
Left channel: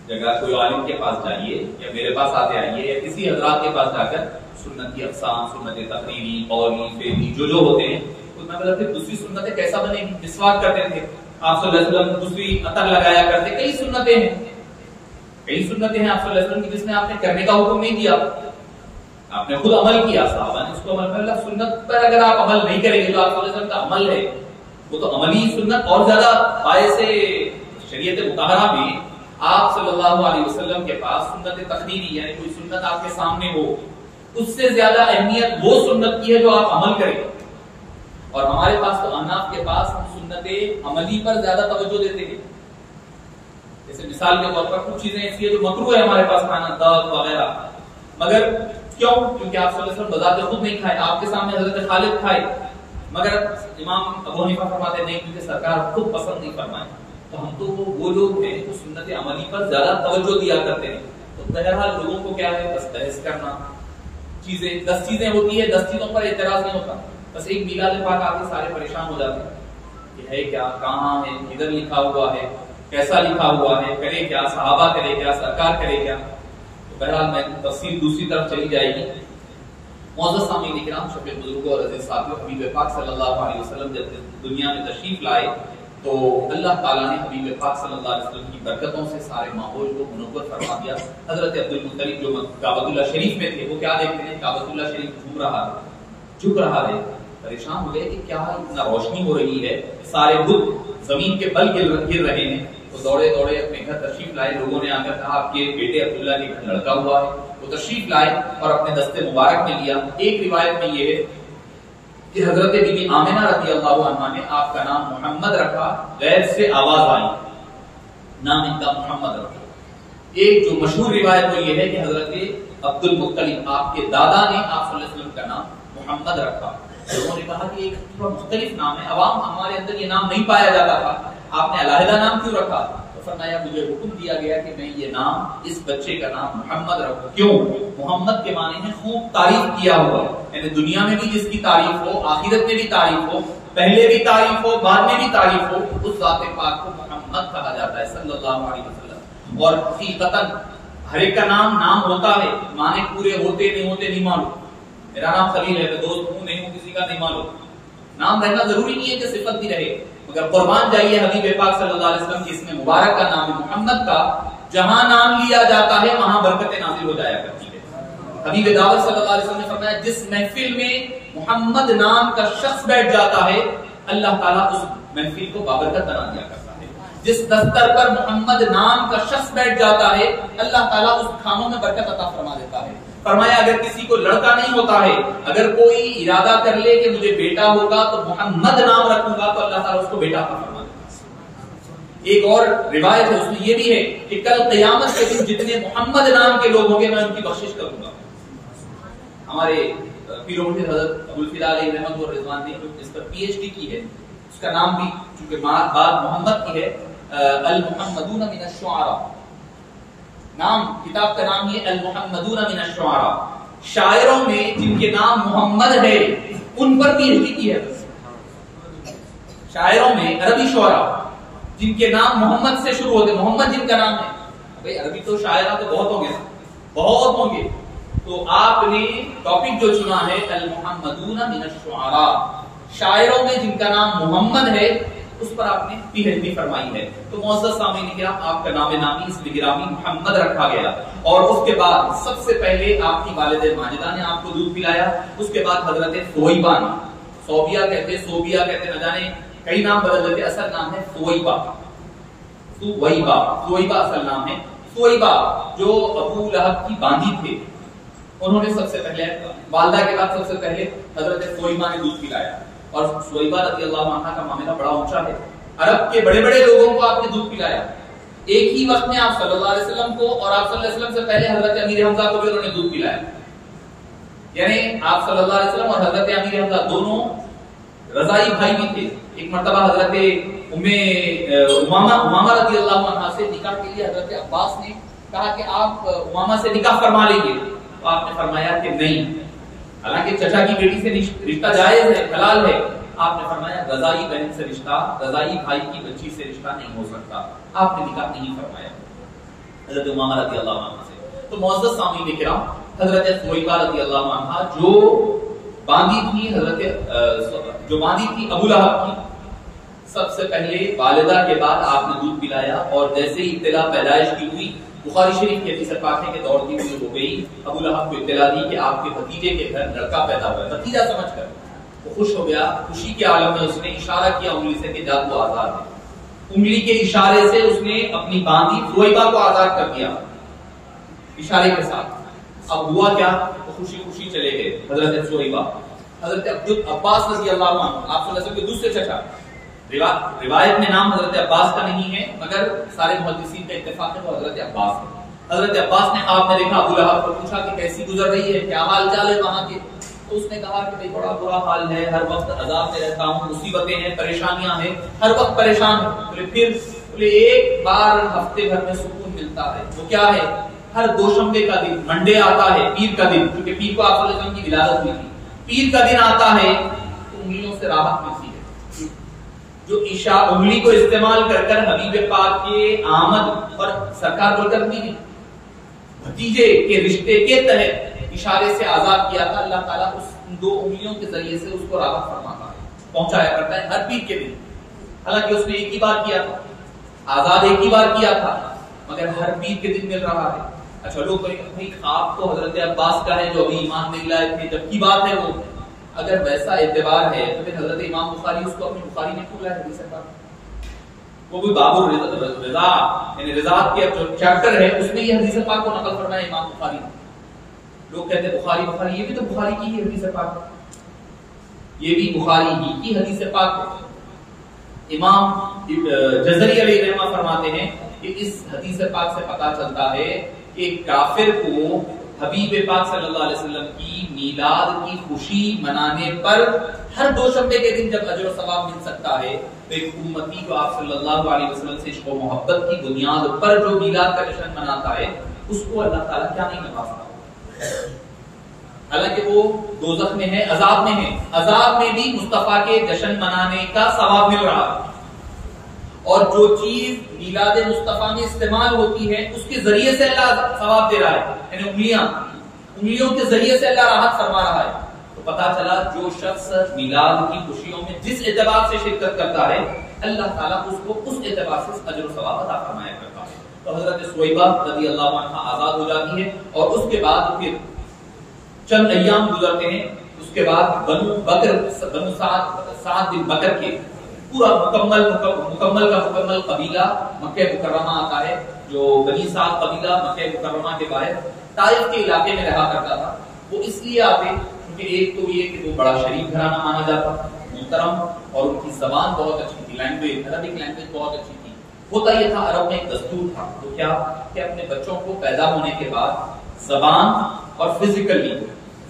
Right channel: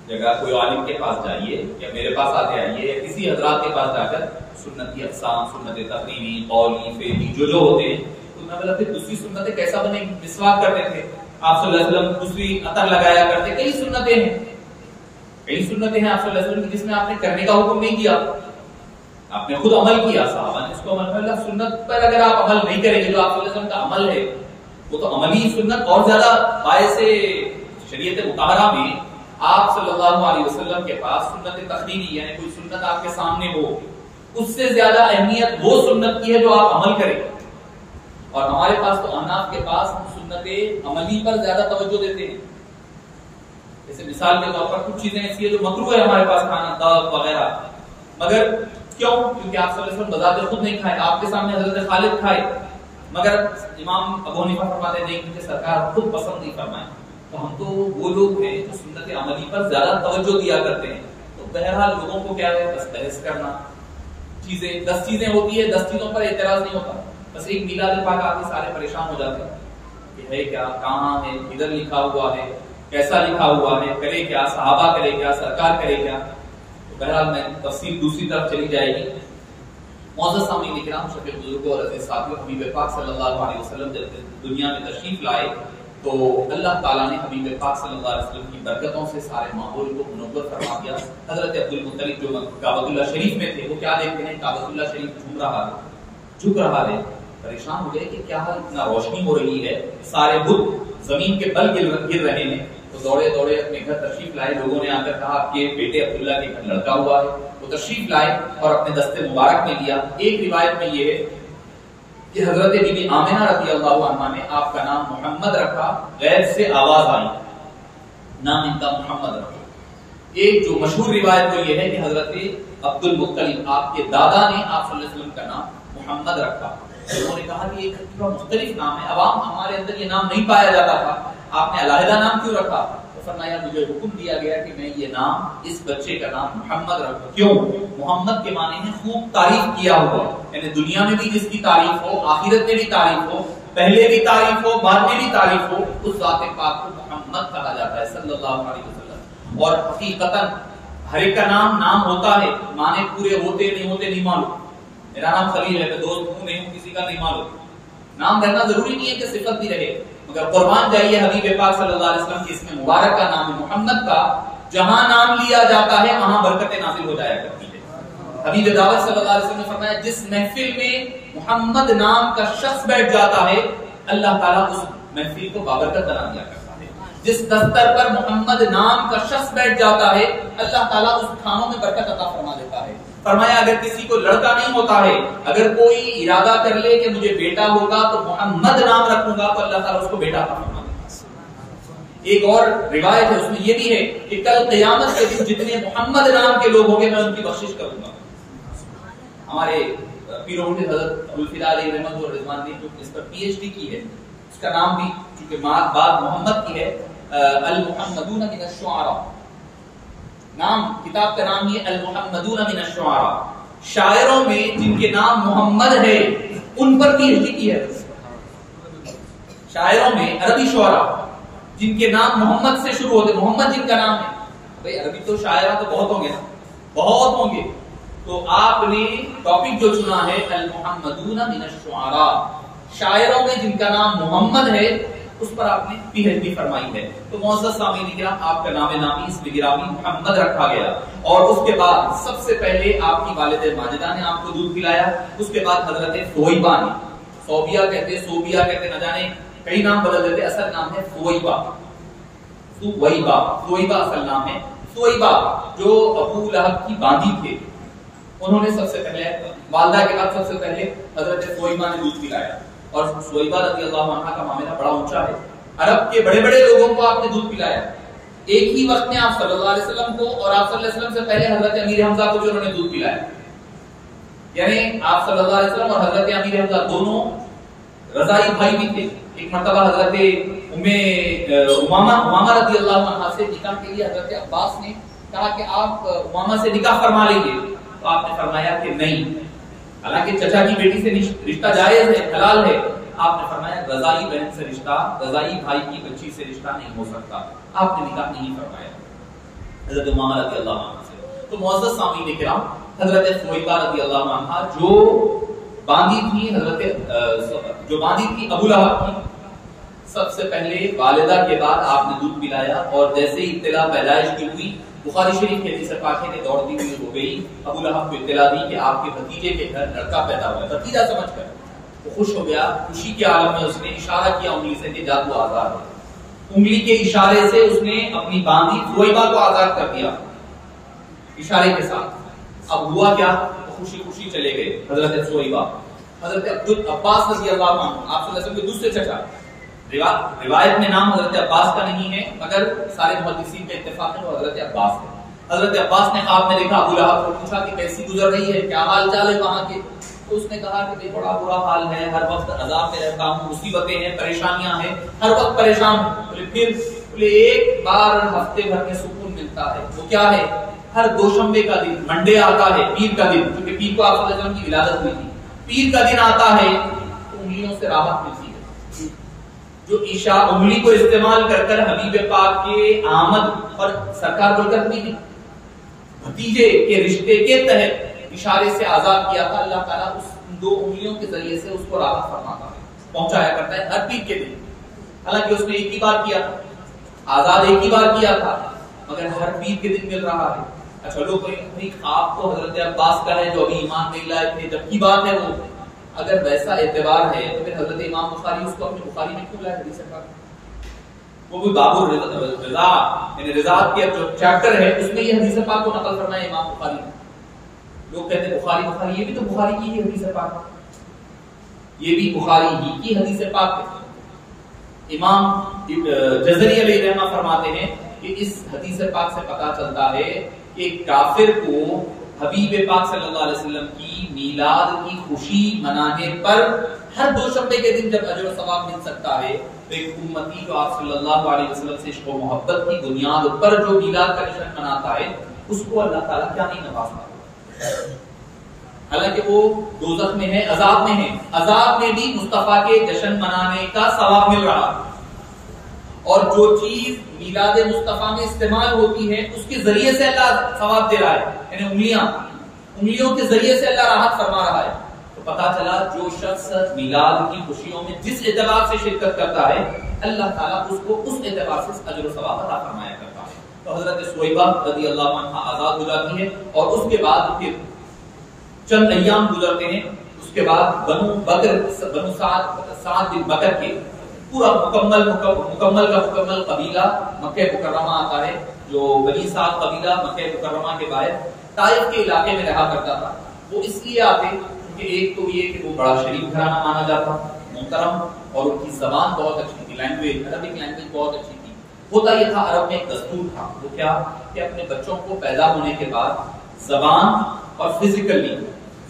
جگہ کوئی عالم کے پاس جائیے یا میرے پاس آتے آئیے، کسی حضرات کے پاس جا کر سنت کی اقسام، سنت تقریری، قولی، فعلی جو ہوتے ہیں، تو میں بولا پھر دوسری سنتیں کیسا بنے گی؟ مسواک کرتے تھے آپ صلی اللہ علیہ وسلم، دوسری عطر لگایا کرتے، کئی سنتیں ہیں، کئی سنتیں ہیں آپ صلی اللہ علیہ وسلم کی جس میں آپ نے کرنے کا حکم نہیں دیا، آپ نے خود عمل کیا، صحابہ نے اس کو عمل کیا. سنت پر اگر آپ عمل نہیں کریں گے، جو آپ صلی اللہ علیہ وسلم کا عمل ہے وہ تو عملی سنت اور زیادہ باعث شریعت مطہرہ میں آپ صلی اللہ علیہ وسلم کے پاس سنت تقریری یعنی کوئی سنت آپ کے سامنے ہو، اس سے زیادہ اہمیت وہ سنت کی ہے جو آپ عمل کریں. اور ہمارے پاس تو احناف کے پاس ہم سنت عملی پر زیادہ توجہ دیتے ہیں. جیسے مثال کے طور پر کچھ چیزیں ایسی ہیں جو مکروہ ہے ہمارے پاس کھانا، دودھ وغیرہ، مگر کیوں؟ کیونکہ آپ صلی اللہ علیہ وسلم بذات خود نہیں کھائے، آپ کے سامنے حضرت خالد کھائے، مگر امام ابو حنیفہ فرماتے ہیں نہیں، کیونکہ سرکار خود پسند نہیں فرمائے. تو ہم تو وہ لوگ ہیں جو سنت عملی پر زیادہ توجہ دیا کرتے ہیں. تو بہرحال لوگوں کو کیا ہے، بس بحث کرنا، چیزیں 10 چیزیں ہوتی ہے، 10 چیزوں پر اعتراض نہیں ہوتا، بس ایک میلاد پاک آ کے سارے پریشان ہو جاتے ہیں کہ ہے کیا، کہاں ہے، ادھر لکھا ہوا ہے، کیسا لکھا ہوا ہے، کرے کیا، صحابہ کرے کیا، سرکار کرے کیا. تو بہرحال میں تفصیل دوسری طرف چلی جائے گی. معزز سامعین کرام، شفیع بزرگوں اور عزیز ساتھیوں، حبیب پاک صلی اللہ علیہ وسلم جب دنیا میں تشریف لائے تو اللہ تعالیٰ نے حبیب پاک صلی اللہ علیہ وسلم کی برکتوں سے سارے ماحول کو منور فرما دیا. حضرت عبد المطلب جو کعبۃ اللہ شریف میں تھے، وہ کیا دیکھتے ہیں، کعبۃ اللہ شریف جھک رہا ہے، پریشان ہو گئے کہ کیا اتنا روشنی ہو رہی ہے، سارے بت زمین کے بل گر رہے ہیں. تو دوڑے دوڑے اپنے گھر تشریف لائے. لوگوں نے آ کر کہا آپ کے بیٹے عبداللہ کے گھر لڑکا ہوا ہے. وہ تشریف لائے اور اپنے دستے مبارک میں لیا. ایک روایت میں یہ ہے کہ حضرت بی بی آمنہ رضی اللہ عنہا نے آپ کا نام محمد رکھا، غیب سے آواز آئی، نام ان کا محمد رکھا. ایک جو مشہور روایت وہ یہ ہے کہ حضرت عبد المطلب آپ کے دادا نے آپ صلی اللہ علیہ وسلم کا نام محمد رکھا. لوگوں نے کہا کہ ایک تھوڑا مختلف نام ہے، عوام ہمارے اندر یہ نام نہیں پایا جاتا تھا، آپ نے علیحدہ نام کیوں رکھا؟ تو فرمایا مجھے حکم دیا گیا کہ میں یہ نام اس بچے کا نام محمد رکھوں. کیوں؟ محمد کے معنی ہے خوب تعریف کیا ہوا، یعنی دنیا میں بھی جس کی تعریف ہو، آخرت میں بھی تعریف ہو، پہلے بھی تعریف ہو، بعد میں بھی تعریف ہو، اس ذات پاک کو محمد کہا جاتا ہے صلی اللہ علیہ وسلم. اور حقیقتاً ہر ایک کا نام ہوتا ہے، معنی پورے ہوتے نہیں معلوم. میرا نام خلیل ہے، میں دوست ہوں نہیں ہوں کسی کا نہیں معلوم. نام رہنا ضروری نہیں ہے کہ صفت بھی رہے، مگر قربان جائیے حبیب پاک صلی اللہ علیہ وسلم کی اس میں مبارک کا نام محمد کا، جہاں نام لیا جاتا ہے وہاں برکتیں نازل ہو جایا کرتی ہے. حبیب دعوت صلی اللہ علیہ وسلم نے فرمایا جس محفل میں محمد نام کا شخص بیٹھ جاتا ہے اللہ تعالیٰ اس محفل کو بابرکت بنا دیا کرتا ہے. جس دفتر پر محمد نام کا شخص بیٹھ جاتا ہے اللہ تعالیٰ اس کھانوں میں برکت عطا فرما دیتا ہے. فرمایا اگر کسی کو لڑکا نہیں ہوتا ہے، اگر کوئی ارادہ کر لے کہ مجھے بیٹا ہوگا تو محمد نام رکھوں گا تو اللہ تعالیٰ اس کو بیٹا عطا فرما دیتا ہے. ایک اور روایت ہے اس میں یہ بھی ہے کہ کل قیامت کے دن جتنے محمد نام کے لوگ ہوں گے میں ان کی بخشش کروں گا. ہمارے پیر و مرشد حضرت ابوالفدا علیہ رحمت و رضوان نے جو اس پر پی ایچ ڈی کی ہے، اس کا نام بھی چونکہ بعد محمد کی ہے، المحمدون من الشعراء، نام کتاب کا نام یہ المحمدون من الشعراء، شاعروں میں جن کے نام محمد ہے ان پر پی ایچ ڈی کی ہے. شاعروں میں عربی شعراء جن کے نام محمد سے شروع ہوتے، محمد جن کا نام ہے، بھائی عربی تو شاعرہ تو بہت ہوں گے نا، بہت ہوں گے، تو آپ نے ٹاپک جو چنا ہے المحمدون من الشعراء، شاعروں میں جن کا نام محمد ہے اس پر آپ نے پی ایچ ڈی فرمائی ہے. تو معزز سامعین کرام، آپ کا نام نامی اس میں گرامی محمد رکھا گیا. اور اس کے بعد سب سے پہلے آپ کی والدہ ماجدہ نے آپ کو دودھ پلایا. اس کے بعد حضرت سویبہ نے، صوبیہ کہتے نہ جانے کئی نام بدل دیتے، اصل نام ہے سویبہ اصل نام ہے. سویبہ جو ابو لہب کی باندھی تھے، انہوں نے سب سے پہلے والدہ کے بعد سب سے پہلے حضرت سویبہ نے دودھ پلایا. اور سویبہ رضی اللہ عنہا کا معاملہ بڑا اونچا ہے. عرب کے بڑے بڑے لوگوں کو آپ نے دودھ پلایا. ایک ہی وقت میں آپ صلی اللہ علیہ وسلم کو اور آپ صلی اللہ علیہ وسلم سے پہلے حضرت امیر حمزہ کو بھی انہوں نے دودھ پلایا. یعنی آپ صلی اللہ علیہ وسلم اور حضرت امیر حمزہ دونوں رضائی بھائی بھی تھے. ایک مرتبہ حضرت امامہ رضی اللہ عنہا سے نکاح کے لیے حضرت عباس نے کہا کہ آپ امامہ سے نکاح فرما لیں گے، تو آپ نے فرمایا کہ نہیں، حالانکہ چچا کی بیٹی سے رشتہ جائز ہے، حلال ہے. آپ نے فرمایا رضائی بہن سے رشتہ، رضائی بھائی کی بچی سے رشتہ نہیں ہو سکتا. آپ نے نکاح نہیں فرمایا حضرت امامہ رضی اللہ عنہ سے. تو معزز سامعین کرام، حضرت سویبہ رضی اللہ عنہ جو باندھی تھی ابو لہب کی، سب سے پہلے والدہ کے بعد آپ نے دودھ پلایا. اور جیسے ہی اطلاع پیدائش کی ہوئی، بخاری شریف کے حدیث پاک ہے کہ دوڑتی ہوئی ہو گئی، ابو لہب کو اطلاع دی کہ آپ کے بھتیجے کے گھر لڑکا پیدا ہوا ہے. بھتیجا سمجھ کر وہ خوش ہو گیا. خوشی کے عالم میں اس نے اشارہ کیا انگلی سے کہ جا تو آزاد ہے. انگلی کے اشارے سے اس نے اپنی باندھی سویبہ کو آزاد کر دیا اشارے کے ساتھ. اب ہوا کیا؟ خوشی خوشی چلے گئے حضرت سویبہ. حضرت عباس رضی اللہ عنہ، آپ صلی اللہ علیہ وسلم کے دوسرے چچا، روایت میں نام حضرت عباس کا نہیں ہے مگر سارے محدثین کا اتفاق ہے وہ حضرت عباس ہے. حضرت عباس نے خواب میں دیکھا ابو لہب کو، پوچھا کہ کیسی گزر رہی ہے، کیا حال چال ہے وہاں کے؟ تو اس نے کہا کہ بڑا برا حال ہے، ہر وقت عذاب میں رہتا ہوں، مصیبتیں ہیں، پریشانیاں ہیں، ہر وقت پریشان ہوں. بولے ایک بار ہفتے بھر میں سکون ملتا ہے، وہ کیا ہے؟ ہر دوشنبے کا دن، منڈے آتا ہے، پیر کا دن، کیونکہ پیر کو آپ صلی اللہ علیہ وسلم کی ولادت ہوئی تھی، پیر کا دن آتا ہے تو انگلیوں سے راحت ملتی ہے. جو عشاء انگلی کو استعمال کر کر حبیب پاک کے آمد اور سرکار بول کر بھی بھتیجے کے رشتے کے تحت اشارے سے آزاد کیا تھا. اللہ تعالیٰ اس دو انگلیوں کے ذریعے سے اس کو راحت فرماتا ہے، پہنچایا کرتا ہے ہر پیر کے دن. حالانکہ اس نے ایک ہی بار کیا تھا، آزاد ایک ہی بار کیا تھا، مگر ہر پیر کے دن مل رہا ہے. اچھا لوگ خواب تو حضرت عباس کا ہے جو ابھی ایمان نہیں لائے تھے، جب کی بات ہے وہ. اگر ویسا اعتبار ہے تو پھر حضرت امام بخاری اس کو اپنی بخاری میں کیوں لائے حدیث پاک؟ وہ بھی باب الرضا یعنی رضاعت کے جو چیپٹر ہے اس میں یہ حدیث پاک کو نقل فرمایا امام بخاری نے. لوگ کہتے ہیں بخاری یہ بھی تو بخاری کی ہی حدیث پاک ہے، یہ بھی بخاری ہی کی حدیث پاک ہے. امام جزری علیہ رحمہ فرماتے ہیں کہ اس حدیث پاک سے پتہ چلتا ہے کہ کافر کو حبیب پاک صلی اللہ علیہ وسلم کی میلاد کی خوشی منانے پر ہر دوشنبے کے دن جب اجر و ثواب مل سکتا ہے، تو ایک امتی جو آپ صلی اللہ علیہ وسلم سے عشق و محبت کی بنیاد پر جو میلاد کا جشن مناتا ہے اس کو اللہ تعالیٰ کیا نہیں نوازتا. حالانکہ وہ دوزخ میں ہے، عذاب میں ہے، عذاب میں بھی مصطفیٰ کے جشن منانے کا ثواب مل رہا ہے. اور جو چیز میلاد مصطفیٰ میں استعمال ہوتی ہے اس کے ذریعے سے اللہ ثواب دے رہا ہے، یعنی انگلیوں کے ذریعے سے اللہ راحت فرما رہا ہے. تو پتا چلا جو شخص میلاد کی خوشیوں میں جس اعتبار سے شرکت کرتا ہے اللہ تعالیٰ اس کو اس اعتبار سے اجر و ثواب عطا فرمایا کرتا ہے. تو حضرت سویبہ رضی اللہ عنہ آزاد ہو جاتی ہے اور اس کے بعد پھر چند ایام گزرتے ہیں. اس کے بعد بنو سعد بن بکر کے پورا مکمل قبیلہ مکہ مکرمہ آتا ہے. جو بنی سعد قبیلہ مکہ مکرمہ کے باہر طائف کے علاقے میں رہا کرتا تھا. وہ اس لیے آتے کیونکہ ایک تو یہ کہ وہ بڑا شریف گھرانہ مانا جاتا، محترم، اور ان کی زبان بہت اچھی تھی، لینگویج عربک لینگویج بہت اچھی تھی. ہوتا یہ تھا عرب میں ایک دستور تھا، وہ کیا کہ اپنے بچوں کو پیدا ہونے کے بعد زبان اور فزیکلی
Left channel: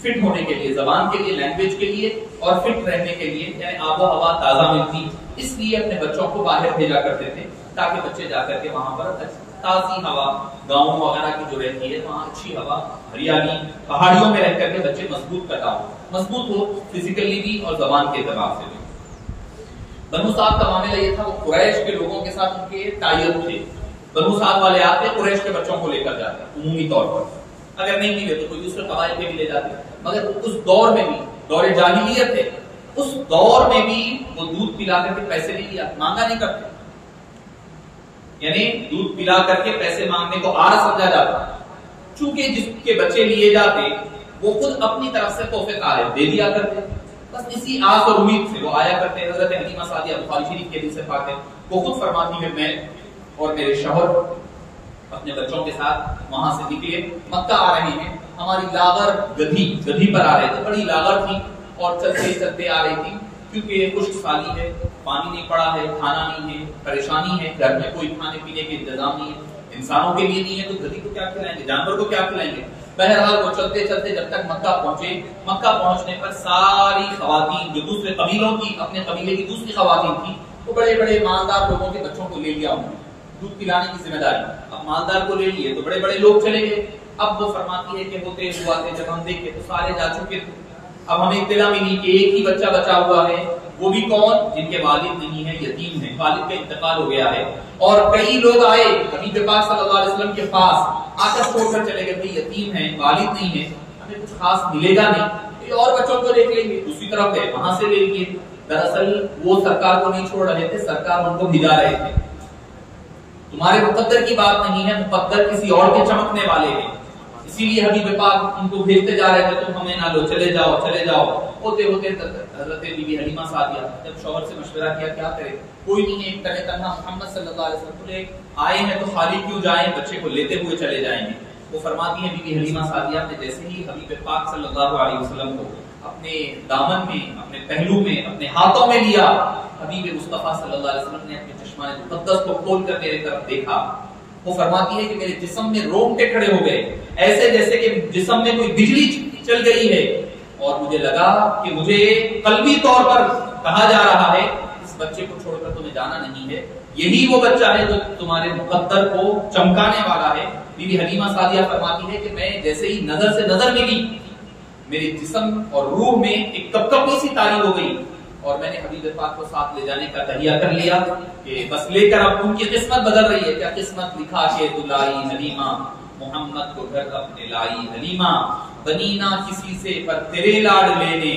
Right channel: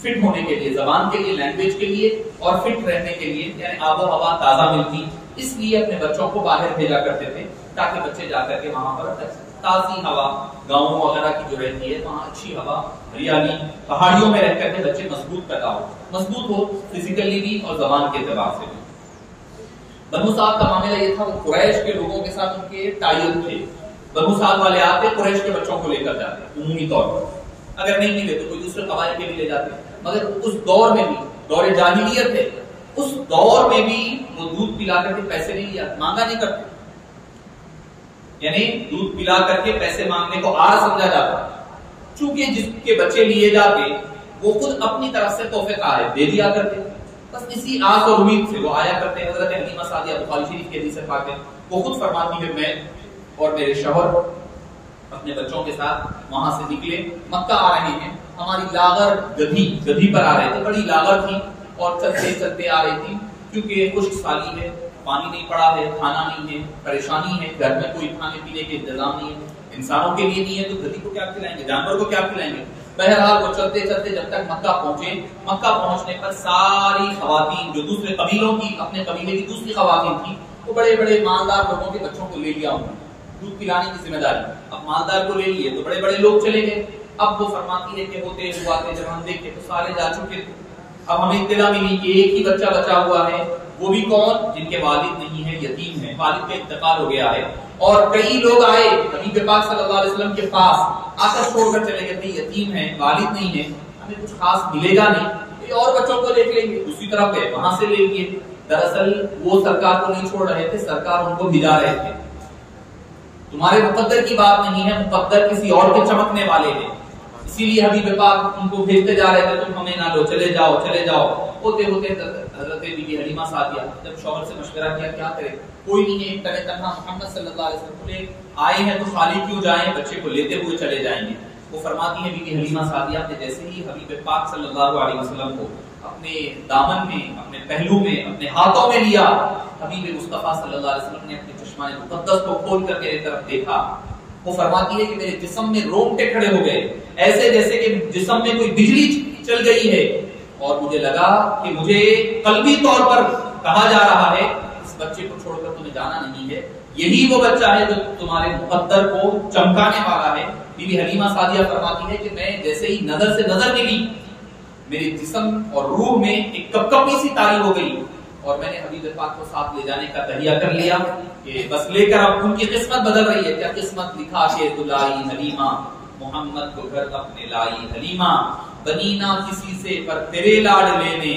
فٹ ہونے کے لیے، زبان کے لیے، لینگویج کے لیے اور فٹ رہنے کے لیے، یعنی آب و ہوا تازہ ملتی، اس لیے اپنے بچوں کو باہر بھیجا کرتے تھے تاکہ بچے جا کر کے وہاں پر تازی ہوا، گاؤں وغیرہ کی جو رہتی ہے وہاں اچھی ہوا، ہریالی، پہاڑیوں میں رہ کر کے بچے مضبوط ہو فزیکلی بھی اور زبان کے اعتبار سے بھی. بنو سعد کا معاملہ یہ تھا، وہ قریش کے لوگوں کے ساتھ ان کے ٹائل تھے. بنو سعد والے آتے قریش کے بچوں کو لے کر جاتے عمومی طور پر، اگر نہیں ملے تو کوئی دوسرے قبائل کے بھی لے جاتے. مگر اس دور میں بھی دور جاہلیت ہے اس دور میں بھی وہ دودھ پلا کر کے پیسے نہیں لیا، مانگا نہیں کرتے، یعنی دودھ پلا کر کے پیسے مانگنے کو آر سمجھا جاتا، چونکہ جس کے بچے لیے جاتے وہ خود اپنی طرف سے تحفے کا دے دیا کرتے، بس اسی آس اور امید سے وہ آیا کرتے۔ حضرت حلیمہ سعدیہ بخاری شریف کی حدیث سے پاک ہے، وہ خود فرماتی ہے میں اور میرے شوہر اپنے بچوں کے ساتھ وہاں سے نکلے، مکہ آ رہے ہیں، ہماری لاغر گدھی پر آ رہے تھے، بڑی لاغر تھی اور چلتے چلتے آ رہی تھی، کیونکہ خشک سالی ہے، پانی نہیں پڑا ہے، کھانا نہیں ہے، پریشانی ہے، گھر میں کوئی کھانے پینے کے انتظام نہیں ہے، انسانوں کے لیے نہیں ہے تو گدھی کو کیا کھلائیں گے، جانور کو کیا کھلائیں گے۔ بہرحال وہ چلتے چلتے جب تک مکہ پہنچے، مکہ پہنچنے پر ساری خواتین جو دوسرے قبیلوں کی، اپنے قبیلے کی دوسری خواتین تھیں، وہ بڑے بڑے مالدار لوگوں کے بچوں کو لے لیا، انہوں نے دودھ پلانے کی ذمہ داری، اب مالدار کو لے لیے تو بڑے بڑے لوگ چلے گئے۔ اب وہ فرماتی ہے کہ ہوتے ہوئے جب ہم دیکھے تو سارے جا چکے تھے، اب ہمیں اطلاع ملی کہ ایک ہی بچہ بچا ہوا ہے، وہ بھی کون؟ جن کے والد نہیں ہے، یتیم ہے، والد کا انتقال ہو گیا ہے۔ اور کئی لوگ آئے حبیب پاک صلی اللہ علیہ وسلم کے پاس، آ کر چھوڑ کر چلے گئے، بھائی یتیم ہے، والد نہیں ہے، ہمیں کچھ خاص ملے گا نہیں، اور بچوں کو دیکھ لیں گے، دوسری طرف گئے وہاں سے لے لیے۔ دراصل وہ سرکار کو نہیں چھوڑ رہے تھے، سرکار ان کو بھجا رہے تھے، تمہارے مقدر کی بات نہیں ہے، مقدر کسی اور کے چمکنے والے ہیں، اسی لیے حبیب پاک ان کو بھیجتے جا رہے تھے، تم ہمیں نہ لو، چلے جاؤ چلے جاؤ۔ ہوتے ہوتے حضرت بی بی حلیمہ سعدیہ جب شوہر سے مشورہ کیا کیا کرے، کوئی نہیں ہے، تنہا تنہا محمد صلی اللہ علیہ وسلم کو لے آئے ہیں تو خالی کیوں جائیں، بچے کو لیتے ہوئے چلے جائیں گے۔ وہ فرماتی ہیں بی بی حلیمہ سعدیہ نے جیسے ہی حبیب پاک صلی اللہ علیہ وسلم کو اپنے دامن میں، اپنے پہلو میں، اپنے ہاتھوں میں لیا، حبیب مصطفیٰ صلی اللہ علیہ وسلم نے اپنے چشمائے مقدس کو کھول کر میری طرف دیکھا۔ وہ فرماتی ہے کہ میرے جسم میں رونگٹے کھڑے ہو گئے، ایسے جیسے کہ جسم میں کوئی بجلی چل گئی ہے، اور مجھے لگا کہ مجھے قلبی طور پر کہا جا رہا ہے اس بچے کو چھوڑ کر تمہیں جانا نہیں ہے، یہی وہ بچہ ہے جو تمہارے مقدر کو چمکانے والا ہے۔ بی بی حلیمہ سعدیہ فرماتی ہے کہ میں جیسے ہی نظر سے نظر ملی، میرے جسم اور روح میں ایک کپکپی سی تاری ہو گئی، اور میں نے حبیب پاک کو ساتھ لے جانے کا تہیہ کر لیا کہ بس لے کر اب ان کی قسمت بدل رہی ہے۔ کیا قسمت لکھا کہ تو لائی حلیمہ، محمد کو گھر اپنے لائی حلیمہ، بنی نہ کسی سے پر تیرے لاڈ لینے،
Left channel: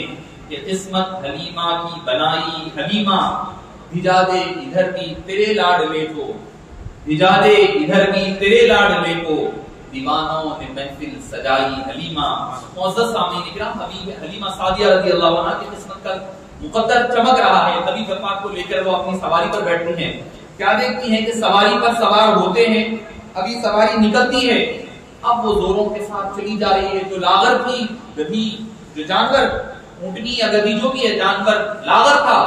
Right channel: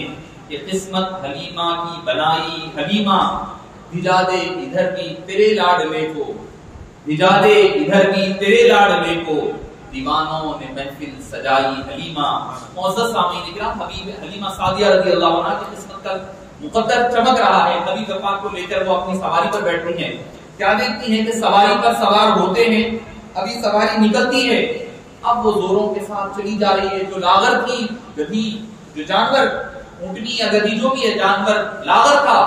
یہ قسمت حلیمہ کی بنائی حلیمہ، بھجا دے ادھر بھی تیرے لاڈ لے کو، بھجا دے ادھر بھی تیرے لاڈ لے کو، دیوانوں نے محفل سجائی حلیمہ۔ معزز سامعین اکرام، حبیب حلیمہ سعدیہ رضی اللہ عنہا کی قسمت کا مقدر چمک رہا ہے۔ حبیب پاک کو لے کر وہ اپنی سواری پر بیٹھتی ہیں، کیا دیکھتی ہیں کہ سواری پر سوار ہوتے ہیں، ابھی سواری نکلتی ہے، اب وہ زوروں کے ساتھ چلی جا رہی ہے۔ جو لاغر تھی گدھی، جو جانور اونٹنی یا گدھی جو بھی ہے جانور لاغر تھا،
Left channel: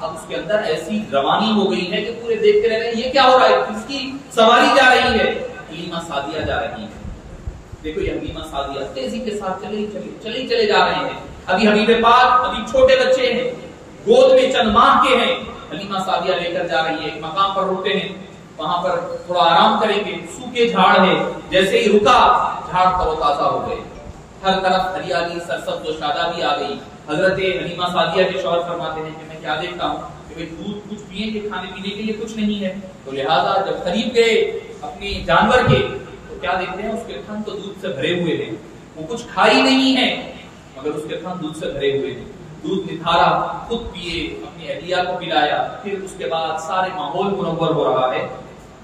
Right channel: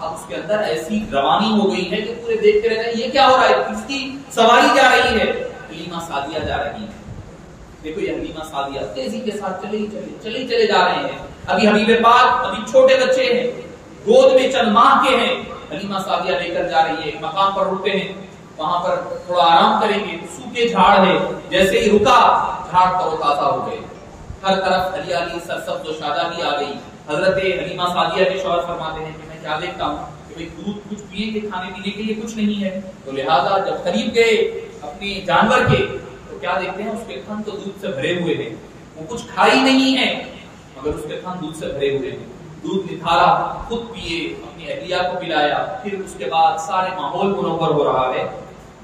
اب اس کے اندر ایسی روانی ہو گئی ہے کہ پورے دیکھتے رہ گئے یہ کیا ہو رہا ہے، کس کی سواری جا رہی ہے؟ حلیمہ سعدیہ جا رہی ہے۔ دیکھو یہ حلیمہ سعدیہ تیزی کے ساتھ چلے جا رہے ہیں، ابھی حبیب پاک ابھی چھوٹے بچے ہیں، گود میں چند ماہ کے ہیں، حلیمہ سعدیہ لے کر جا رہی ہے۔ ایک مقام پر رکتے ہیں، وہاں پر تھوڑا آرام کریں گے، سوکھے جھاڑ ہے، جیسے ہی رکا جھاڑ تر و تازہ ہو گئے، ہر طرف ہریالی سرسبز و شادابی آ گئی۔ حضرت حلیمہ سعدیہ کے شوہر فرماتے ہیں کہ میں کیا دیکھتا ہوں کہ بھئی دودھ کچھ پیے کے کھانے پینے کے لیے کچھ نہیں ہے، تو لہٰذا جب قریب گئے اپنے جانور کے تو کیا دیکھتے ہیں اس کے تھن تو دودھ سے بھرے ہوئے ہیں، وہ کچھ کھائی نہیں ہے مگر اس کے تھن دودھ سے بھرے ہوئے ہیں۔ دودھ نکھارا، خود پیے، اپنی اہلیہ کو پلایا، پھر اس کے بعد سارے ماحول منور ہو رہا ہے،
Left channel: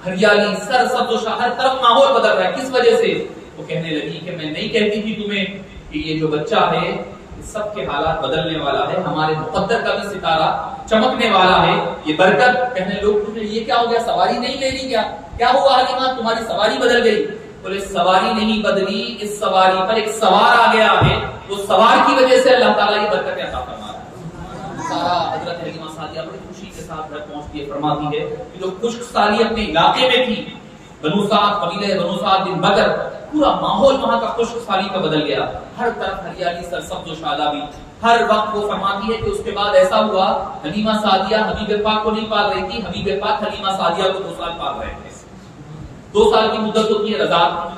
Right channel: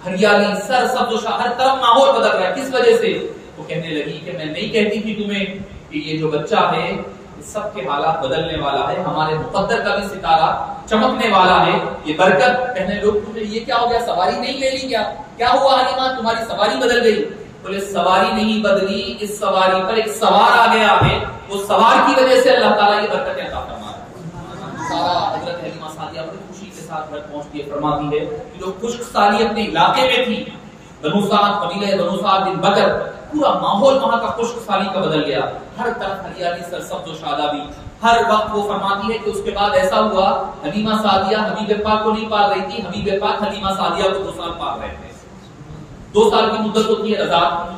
ہریالی سر سبز و شاہ، ہر طرف ماحول بدل رہا ہے۔ کس وجہ سے؟ وہ کہنے لگی کہ میں نہیں کہتی تھی تمہیں کہ یہ جو بچہ ہے سب کے حالات بدلنے والا ہے، ہمارے مقدر کا بھی ستارہ چمکنے والا ہے، یہ برکت۔ کہنے لوگ تمہیں یہ کیا ہو گیا، سواری نہیں لے لی کیا ہوا حلیمہ، تمہاری سواری بدل گئی؟ بولے سواری نہیں بدلی، اس سواری پر ایک سوار آ گیا ہے، وہ سوار کی وجہ سے اللہ تعالیٰ یہ برکت عطا فرما رہا ہے۔ سارا حضرت حلیمہ سعدیہ بڑی خوشی کے ساتھ گھر پہنچتی ہے، فرماتی ہے کہ جو خشک سالی اپنے علاقے میں تھی، بنو سعد، قبیلہ بنو سعد بن بکر، پورا ماحول وہاں کا خشک سالی کا بدل گیا، ہر طرف ہریالی سرسبز و شادابی۔ ہر وقت وہ فرماتی ہے کہ اس کے بعد ایسا ہوا حلیمہ سعدیہ حبیب پاک کو نہیں پال رہی تھی، حبیب پاک حلیمہ سعدیہ کو 2 سال پال رہے تھے۔ 2 سال کی مدت ہوتی ہے رضاعت،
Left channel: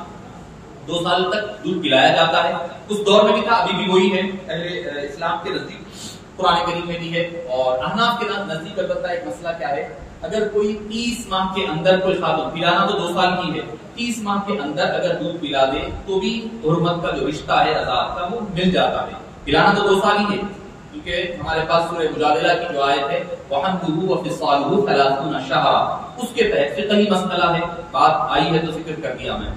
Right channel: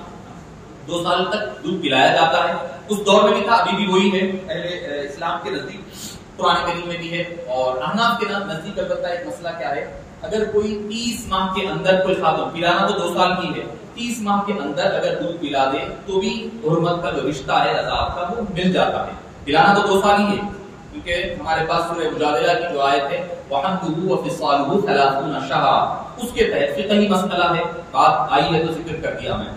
2 سال تک دودھ پلایا جاتا ہے۔ اس دور میں بھی تھا، ابھی بھی وہی ہے، اہل اسلام کے نزدیک قرآن کریم میں بھی ہے، اور احناف کے نزدیک البتہ ایک مسئلہ کیا ہے، اگر کوئی 30 ماہ کے اندر کوئی خاتون، پلانا تو 2 سال کی ہے، 30 ماہ کے اندر اگر دودھ پلا دے تو بھی حرمت کا جو رشتہ ہے رضاعت کا وہ مل جاتا ہے، پلانا تو 2 سال ہی ہے، کیونکہ ہمارے پاس سورہ مجادلہ کی جو آیت ہے وَحَمْدُهُ وَفِصَالُهُ 30 شَهْرًا، اس کے تحت فقہی مسئلہ ہے، بات آئی ہے تو ذکر کر دیا میں۔